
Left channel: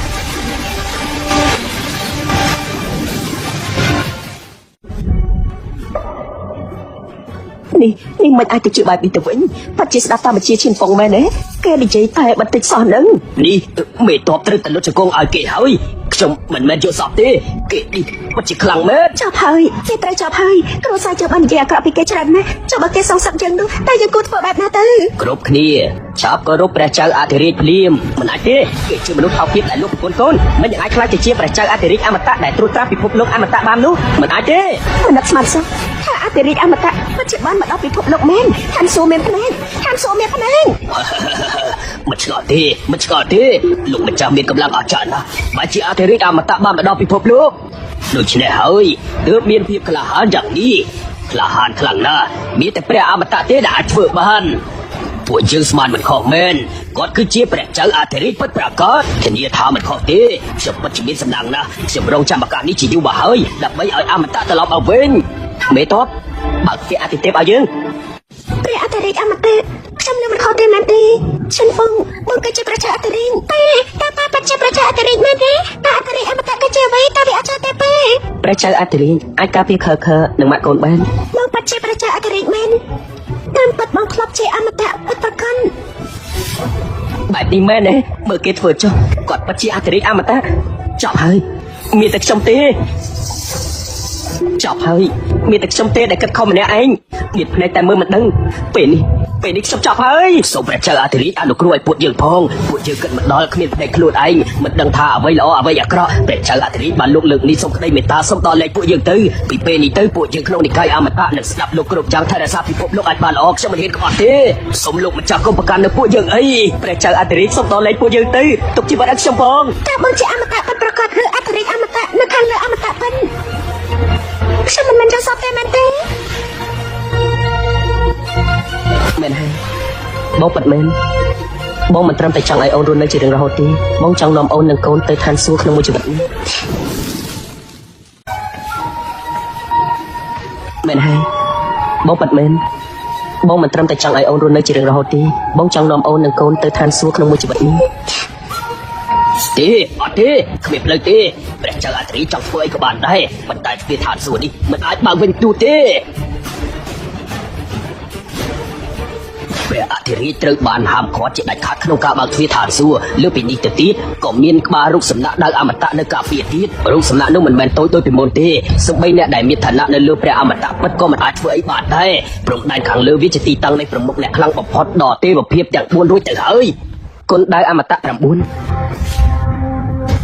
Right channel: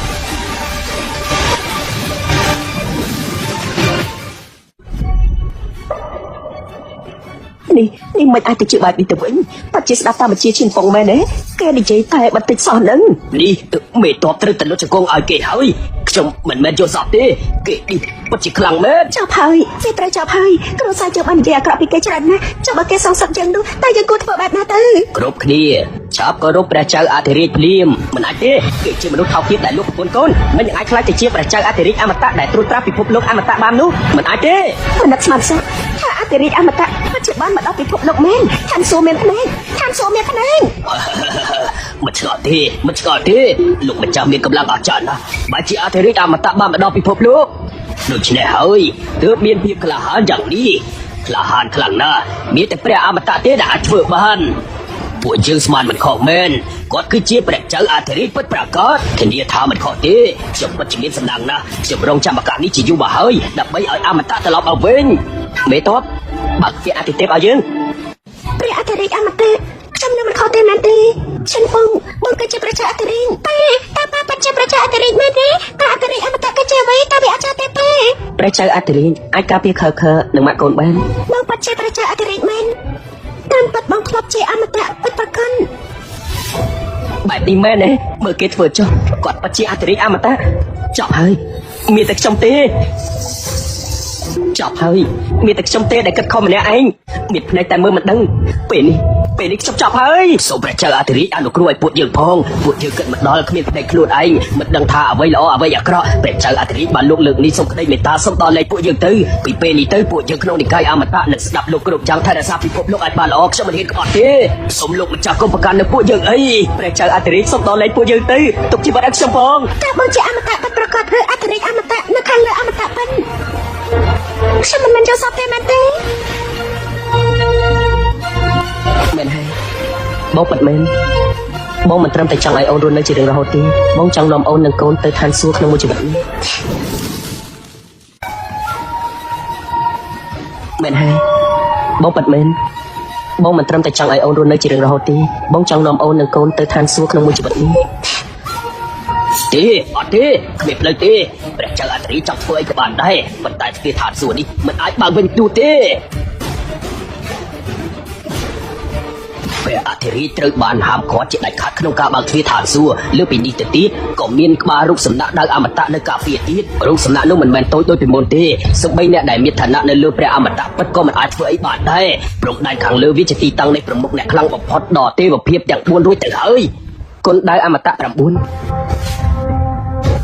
đi mình ai thì chịu bài bị tử vĩnh ta chỉ sao ta mà chia Chim Phong này đấy cái đi chơi thay mà tên sao nữa đi mẹ to tên tình cho cô ai kể hơi chồng mình cho sọt đi kể đi bắt chỉ khẳng đấy chào hơi xin ta chào hơi không sao cho bạn già cả bị cái chân cho bạn cái song song chân luôn ta yêu cô của bạn nó tư Rốt kia chào có rốt đã chơi thì liêm mình ai thế kể cho mình học đi tại lúc bốn con mình ai cho thì chia phải chơi thì mà ta để tôi ta bị phục lúc mà ta ban lúc mình ai thế mình là sao sao để đi ăn mà ta chỉ bán mà ta bị phục động lên ăn số miệng lên mình sợ thế lúc mình chăm đi còn là bà trận à bà chỉ ai thế mà ta mà nó bị phục lúc ដូច្នេះហើយទើបមានភាពក្លាហានយ៉ាងនេះក្លាហានខ្លាំងណាស់មានតែព្រះអមតៈទេដែលអាចធ្វើបានពួកយើងស្មានមិនខុសមែនគាត់គឺជាព្រះចៅអធិរាជពិតប្រាកដធានាថាមិនខុសទេខ្ញុំពិតជាសំណាងណាស់ខ្ញុំរងចាំឱកាសនេះជាយូរមកហើយដើម្បីឲ្យអមតៈត្រឡប់មកវិញមេតបបើគេអធិទេឲ្យយើង ព្រះអធិរាជអមតៈខ្ញុំនឹងខំទេណាទេฉันបងគឺជាព្រះចៅអធិរាជតែប្រជាព្រះចៅអធិរាជមែនទេព្រះអធិរាជអមតៈគឺជាអ្វីតែអត់ចង់ទេព្រះចៅអធិរាជអាចការពារខើនឹងមកកូនបាន បងប្រជាព្រះចៅអធិរាជមែនតាមបាត់បងធ្លាប់ជាអមតៈពិតប្រាកដ បែបនេះមែនទេមើលគេធ្វើចុះគាត់ពិតជាអធិរាជអមតៈចប់ហើយមានតែខ្ញុំទេចប់ហើយមានតែខ្ញុំទេដែលគិតខំម្នាក់ឯងមានភ្នែកតែមើលមិនដឹងពេលនេះចប់ហើយសូមព្រះចៅអធិរាជអនុគ្រោះឲ្យពួកយើងផងពួកយើងគិតមិនដល់គ្មានភ្នែកខ្លួនឯងមិនដឹងថាអ្វីល្អអ្វីអាក្រក់ព្រះចៅអធិរាជបានលោកលើកនេះសូមក្តីមេត្តាសូមដល់លេខពួកយើងទៅពីពេលនេះទៅពួកយើងក្នុងនិកាយអមតៈនឹងស្ដាប់លោកគ្រប់ចាំថារក្សាពិភពលោកអាចបានល្អខ្ញុំមិនក៏ទេសូមលោកម្ចាស់គុំប្រកាន់លើពួកយើងអីព្រះចៅអធិរាជសូមដល់លេខពួកយើងទៅទុកជាបានខ្ញុំផង តែបងជាអមតៈពិតប្រាកដឬអធិរាជអមតៈនៅខាងលើអមតៈវិញខ្ញុំមិនចង់សោកទេមែនទេ បងមិនមែនបងមិនត្រឹមតែចង់ឲ្យអូនរស់នៅជារហូតទេបងចង់នាំអូននិងកូនទៅឋានសួគ៌ក្នុងជីវិតមែនហើយបងមិនមែនបងមិនត្រឹមតែចង់ឲ្យអូនរស់នៅជារហូតទេបងចង់នាំអូននិងកូនទៅឋានសួគ៌ក្នុងជីវិតទេអត់ទេគ្មានលើទេព្រះចៅអធិរាជចង់ធ្វើឲ្យបានដែរប៉ុន្តែពេលឋានសួគ៌នេះមិនអាចបើកវិញទូទេ ព្រះអធិរាជត្រូវបានហាមឃាត់ជាដាច់ខាតក្នុងការបើកទ្វារឋានសួគ៌លើពីនេះទៅទៀតក៏មានក្បាលរូបសំណាកដែលអមតៈនៅកាពីទៀតរូបសំណាកនោះមិនមែនតូចដូចពីមុនទេសូម្បីតែដែលមានឋានៈនៅលើព្រះអមតៈពិតក៏មិនអាចធ្វើអីបានដែរព្រោះតែខាងលើវាជាទីតាំងនៃប្រមុខអ្នកខ្លាំងបំផុតដល់ទេវភាពទាំង4រួចទៅហើយគុណដែលអមតៈ9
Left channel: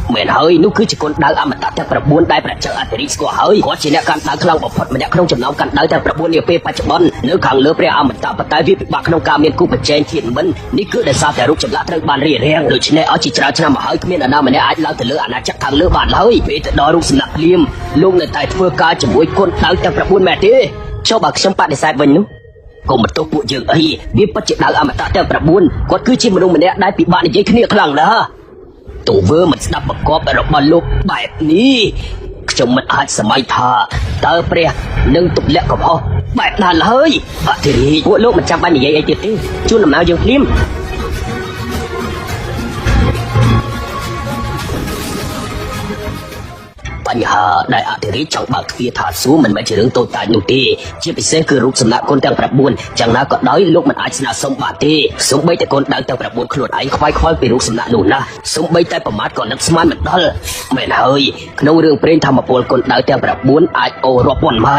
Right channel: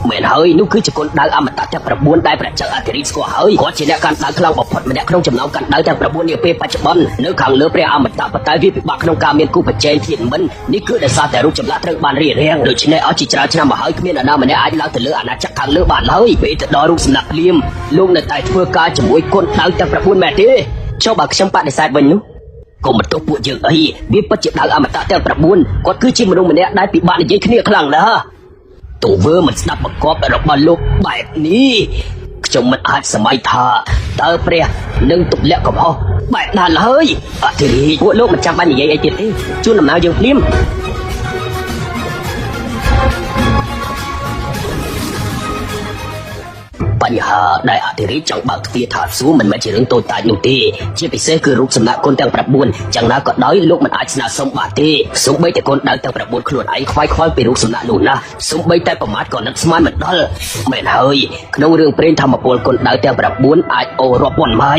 មែនហើយនោះគឺជាគុណដែលអមតៈទាំង9ដែលព្រះចៅអធិរាជស្គាល់ហើយគាត់ជាអ្នកកាន់ដាល់ខ្លាំងបំផុតម្នាក់ក្នុងចំណោមកាន់ដាល់ទាំង9នាពេលបច្ចុប្បន្ននៅខាងលើព្រះអមតៈប៉ុន្តែវាពិបាកក្នុងការមានគូប្រជែងជាងមុននេះគឺដោយសារតែរូបចម្លាក់ត្រូវបានរៀបរៀងដូច្នេះអស់ជាច្រើនឆ្នាំមកហើយគ្មានអាណាម្នាក់អាចឡើងទៅលើអាណាចក្រខាងលើបានហើយពេលទៅដល់រូបសំណាកភ្លាមលោកនៅតែធ្វើការជាមួយគុណដែលទាំង9មែនទេចុះបើខ្ញុំបដិសេធវិញនោះ កុំបន្ទោសពួកយើងអីវាពិតជាថាអមតៈទាំង9គាត់គឺជាមនុស្សម្នាក់ដែលពិបាកនិយាយគ្នាខ្លាំងណាស់ទង្វើមិនស្ដាប់បង្គាប់របស់លោកបែបនេះខ្ញុំមិនអាចសម័យថាតើព្រះនឹងទម្លាក់កំហុសបែបណាឡើយអធិរាជពួកលោកមិនចាំបាច់និយាយទៀតទេជួនដំណើរយើងភ្លាម បញ្ហាដែលអធិរាជចង់បើកទ្វារឋានសួគ៌មិនមែនជារឿងតូចតាចនោះទេជាពិសេសគឺរូបសំណាកគុណទាំង9យ៉ាងណាក៏ដោយលោកមិនអាចស្នើសុំបានទេសូម្បីតែគុណទាំង9ខ្លួនឯងខ្វាយខ្វល់ពីរូបសំណាកនោះណាសូម្បីតែប្រមាថក៏នឹងស្មានមិនដល់មែនហើយក្នុងរឿងព្រេងធម្មពលគុណទាំង9អាចអូររាប់ពាន់ម៉ៃ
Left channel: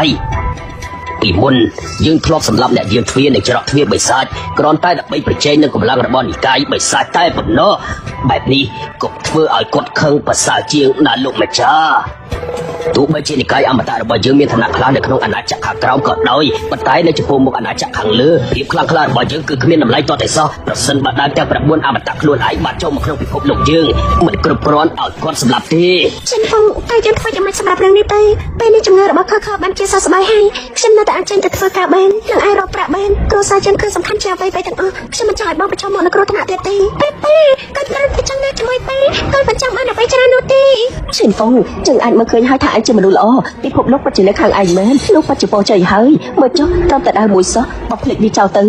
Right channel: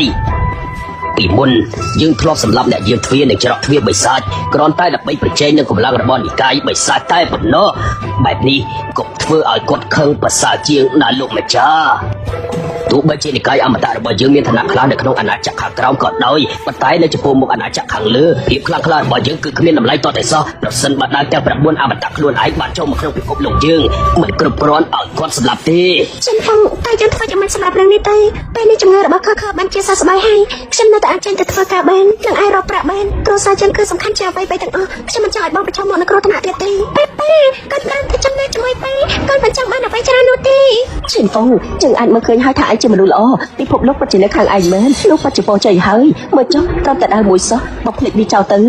ពីមុនយើងធ្លាប់សម្លាប់អ្នកយាមទ្វារនៅច្រកទ្វារបិសាចគ្រាន់តែដើម្បីប្រជែងនឹងកម្លាំងរបស់និកាយបិសាចតែប៉ុណ្ណោះបែបនេះក៏ធ្វើឲ្យគាត់ខឹងប្រសើរជាងណាលោកម្ចាស់ទោះបីជានិកាយអមតៈរបស់យើងមានឋានៈខ្លាំងនៅក្នុងអាណាចក្រខាងក្រោមក៏ដោយប៉ុន្តែនៅចំពោះមុខអាណាចក្រខាងលើភាពខ្លាំងក្លារបស់យើងគឺគ្មានតម្លៃតតែសោះប្រសិនបើដែលទាំង9អមតៈខ្លួនឯងបានចូលក្នុងពិភពលោកយើងមិនគ្រប់គ្រាន់ឲ្យគាត់ស្លាប់ទេ ฉันคงตั้งใจทำมันสำหรับเรื่องนี้ไปเป็นจำเลยរបស់เขาបានជាសោកស្ដាយហើយខ្ញុំនៅតែអាចចេញទៅធ្វើការបានទាំងអាចរកប្រាក់បានគ្រួសារយើងគឺសំខាន់ជាងអ្វីទាំងអស់ខ្ញុំមិនចង់ឲ្យបងប្រឈមមុខនឹងគ្រោះថ្នាក់ទៀតទេគាត់បានទៅចាំតែធ្វើទៅគាត់មិនចាំបានអ្វីច្រើននោះទេฉันคงจึงអាចមកឃើញហើយថាអាចជាមនុស្សល្អពិភពលោកពិតជានៅខាងឯងមែនលោកបច្ចុប្បន្នចេះហើយមកចុះត្រូវតែឲ្យមួយសោះមកភ្លេចវាចោលទៅ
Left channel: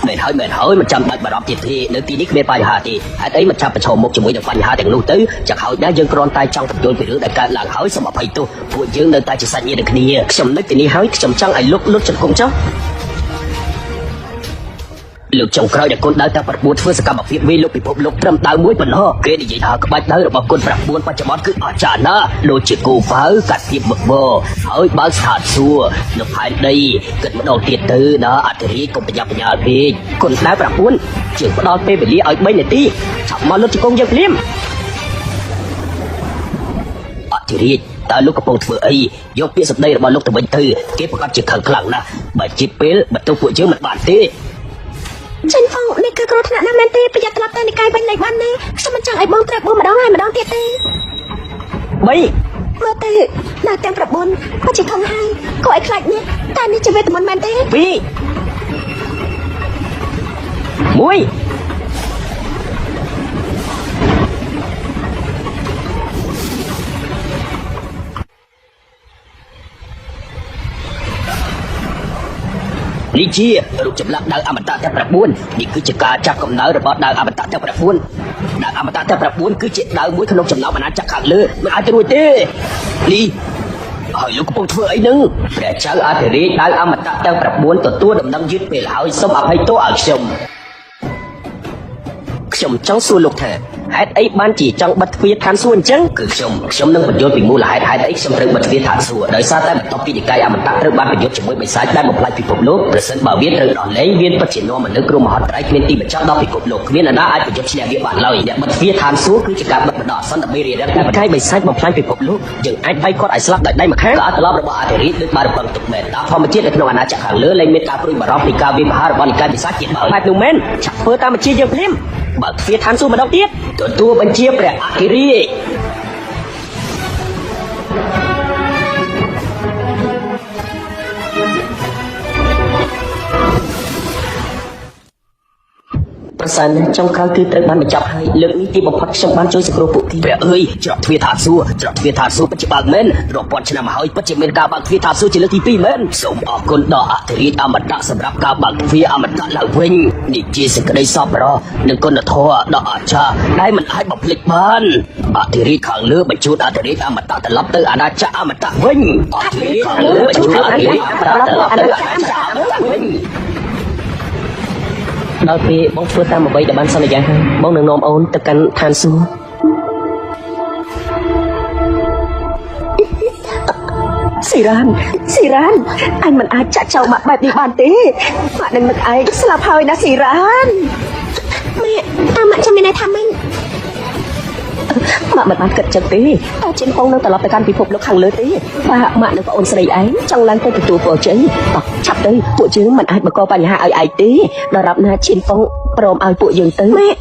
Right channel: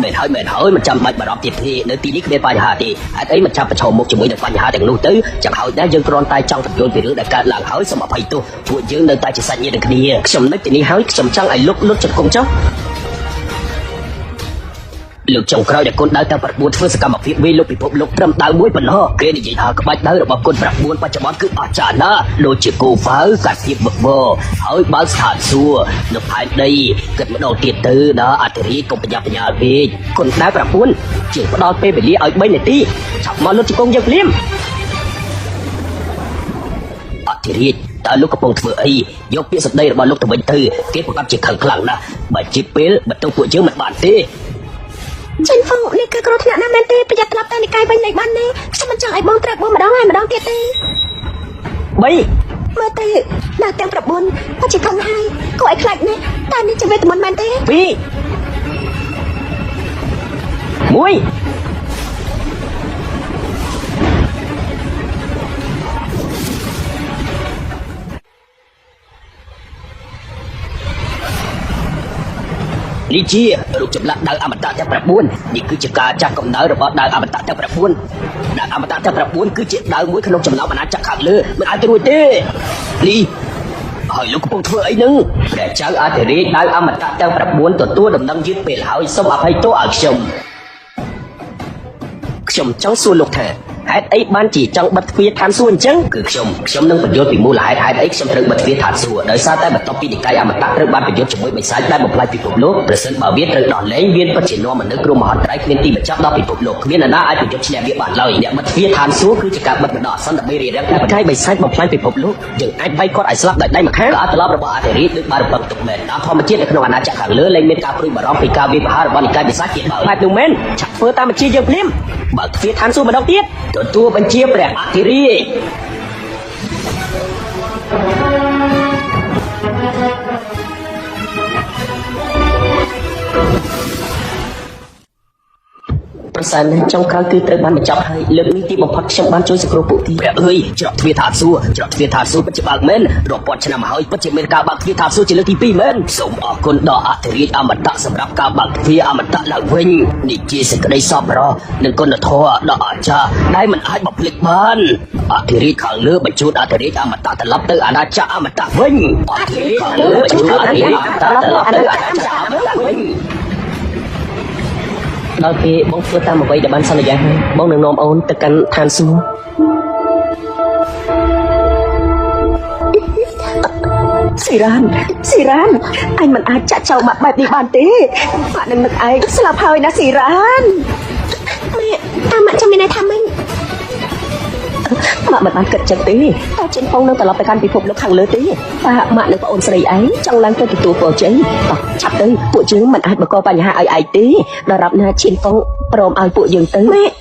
ไม่ហើយមិនចាំបាច់បារម្ភទៀតទេនៅទីនេះមានបញ្ហាទេហើយអីមិនចាំប្រឈមមុខជាមួយនឹងបញ្ហាទាំងនោះទៅចាំឲ្យតែយើងគ្រាន់តែចង់ទទួលពីរឿងដែលកើតឡើងហើយសូមអភ័យទោសពួកយើងនៅតែជាសាច់ញាតិគ្នាខ្ញុំនៅទីនេះហើយខ្ញុំចង់ឲ្យលោកជង្គង់ចុះលោកចុងក្រោយដែលគុណដល់តែ9ធ្វើសកម្មភាពវិលពិភពលោកត្រឹមតែមួយប៉ុណ្ណោះគេនិយាយថាក្បាច់ដើររបស់គុណ9បច្ចុប្បន្នគឺអស្ចារ្យណាស់ដូចជាគូវ៉ៅកាទីបបហើយបើស្ថានសួគ៌នៅផែនដីគឺម្ដងទៀតទៅដល់អធិរាជកុំប្រញាប់ប្រញាល់ពេកគុណតែ9ជាផ្ដល់ពេលវេលាឲ្យ3នាទីចាំមកលោកជង្គង់យើងលៀមអធិរាជតើលោកកំពុងធ្វើអីយកពីសម្ដីរបស់លោកទៅវិញទៅគេប្រកាសជាខឹងខ្លាំងណាស់បើជាពេលបន្ទោសពួកយើងមិនបានទេ ฉันคงนี่คือคนที่อ่านได้เปลี่ยนตัวตัวในการไม่ได้บ้านนี้ฉันจะให้บ้องแต่บ้องดาวให้บ้องเกตไม่ ទេណាតែប្រមុនអត់ជាខំហើយខ້ອຍខ្លាចនេះតែនេះជាមិនមែនទេ พี่อุ้ยនេះជារូបចម្លាក់ដើរអមតៈតែ9នេះគឺជាការចាប់កំណើតរបស់ដើរអមតៈតែ9ដើរអមតៈតែ9គឺជាដើរមួយក្នុងចំណោមអាណាចក្រខាងលើមិនអាចរួចទេនេះហើយលោកពុំធ្វើអីនឹងតែចៅអាធិរីដើរអមតៈតែ9ទទួលដំណឹងជាពេលហើយសូមអភ័យទោសឲ្យខ្ញុំចង់សួរលោកថាហេតុអីបានជាចង់បិទទ្វារឋានសួគ៌អញ្ចឹងគឺខ្ញុំនឹងបញ្យល់ពីមូលហេតុអីខ្ញុំនឹងបិទទ្វារឋានសួគ៌ដោយសារតែបន្ទាប់ពីកាយអមតៈឬបានបញ្យល់ជាមួយវិស័យតែបំផាត់ពិភពលោកប្រសិនបើមានរឿងអលែងមានបច្ចេកនាំមនុស្សក្រុមមហាត្រីមានទីបញ្ចប់ដល់ពិភពលោកគ្មាននរណាអាចបញ្យល់ឈ្នះវាបានឡើយយ៉ាងមកទ្វារឋានសួគ៌គឺជាការបណ្ដោះអាសន្នដើម្បីរកកាយវិស័យបំផ្លាញពិភពលោកយើងអាចបែកគាត់ឲ្យស្លាប់ដោយដៃម្ខាងអត់ត្រឡប់របស់អធិរីគឺបានរបស់ជំនាញធម្មជាតិរបស់អាណាចក្រខាងលើលែងមានការព្រួយបារម្ភពីការវាយប្រហាររបស់កាយវិស័យជាហើយនឹងមែនធ្វើតាមវិធីរៀបរៀងបើទ្វារឋានសួគ៌ម្ដងទៀតទទួលបញ្ជាព្រះអធិរាជប្រសិនជាចំការគឺត្រូវបានបញ្ចប់ហើយលើទីបំផុតខ្ញុំបានជួយសង្គ្រោះពួកទីព្រះអើយច្រកទ្វារឋានសួគ៌ច្រកទ្វារឋានសួគ៌ពិតជាបានមែនរាប់ឆ្នាំហើយពិតជាមានការបាក់ទ្វារឋានសួគ៌ជាលើកទី2មែនសូមអរគុណដល់អធិរាជអមតៈសម្រាប់ការបាក់ទ្វារអមតៈឡើងវិញនេះជាសេចក្តីសប្បុរសនិងគុណធម៌ដ៏អស្ចារ្យដែលមិនអាចបំភ្លេចបានអធិរាជខាងលើបញ្ជូនអធិរាជអមតៈត្រឡប់ទៅអាណាចក្រអមតៈវិញអធិរាជខាងលើបញ្ជូនអធិរាជត្រឡប់ទៅអាណាចក្រវិញដល់ពេលមកធ្វើតាមអ្វីដែលបានសន្យាមកនឹងនាំអូនទៅកាន់ឋានសួគ៌ស៊ីរ៉ានអញមិនអាចចាក់ចោលមកបែបនេះបានទេម៉ាក់នឹងមិនអាចស្លាប់ហើយណាស៊ីរ៉ានម៉ាក់ចាំមិនថាវិញម៉ាក់មិនអាចគិតចិត្តទេអញ្ចឹងអូននៅត្រឡប់ទៅកាន់ពិភពលោកខាងលើទេតាម៉ាក់នឹងអូនស្រីឯងចង់ឡើងទៅទទួលអូនចឹងឆាប់ទៅពួកយើងមិនអាចបង្កបញ្ហាឲ្យឯងទេដល់ដល់ណាឈៀនហ្វុងព្រមឲ្យពួកយើងទៅម៉ាក់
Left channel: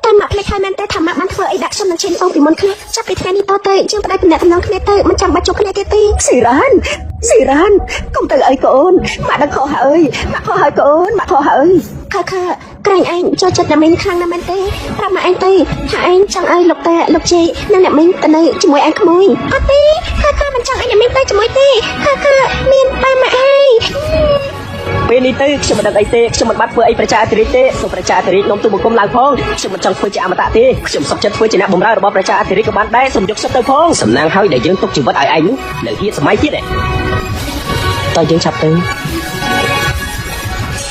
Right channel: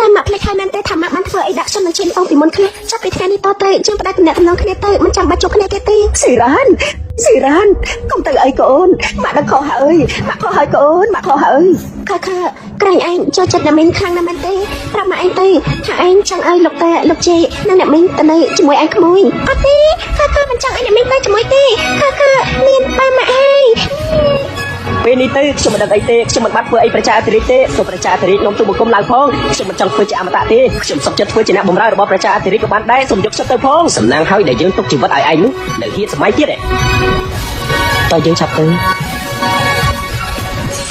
តែម៉ាក់គេថាមែនទេថាម៉ាក់បានធ្វើអីដាក់ខ្ញុំនឹងឈៀនហ្វុងពីមុនគ្នាចាប់ពីថ្ងៃនេះតទៅជិះតែម្នាក់ម្នាក់គ្នាទៅមិនចាំបាច់ជួបគ្នាទេស៊ីរ៉ានកុំទៅអីកូនម៉ាក់ខកហើយកូនម៉ាក់ខកហើយកាយឯងចូលចិត្តតែមានខាងណាមែនទេប្រាប់ម៉ាក់ឯងទៅថាឯងចង់ឲ្យលោកតែលោកជេអ្នកមានទៅនៅជាមួយឯងក្មួយអត់ទេខាមិនចង់ឲ្យមានទៅជាមួយទេមានបានម៉ាក់ឯងពេលនេះទៅខ្ញុំមិនអីទេខ្ញុំមិនបានធ្វើអីប្រជាធិរាជទេខ្ញុំប្រជាធិរាជលោកទូគុំឡើងផងខ្ញុំចង់ធ្វើជាអមរៈទេខ្ញុំសុខចិត្តធ្វើជាអ្នកបម្រើរបស់ប្រជាធិរាជក៏បានដែរសូមយកចិត្តទៅផងសំណាងហើយដែលយើងទុកជីវិតឲ្យឯងនៅជាសម័យទៀតតើយើងឆាប់ទៅ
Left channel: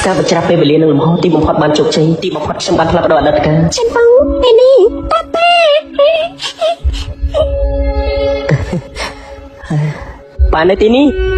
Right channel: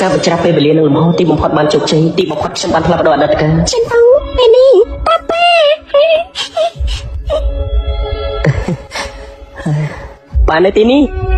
ការចាស់ពេលវេលានឹងមកទីបំផុតបានជោគជ័យទីបំផុតខ្ញុំបានផ្ដល់ដល់ការខ្ញុំពេលនេះបាននៅទីនេះ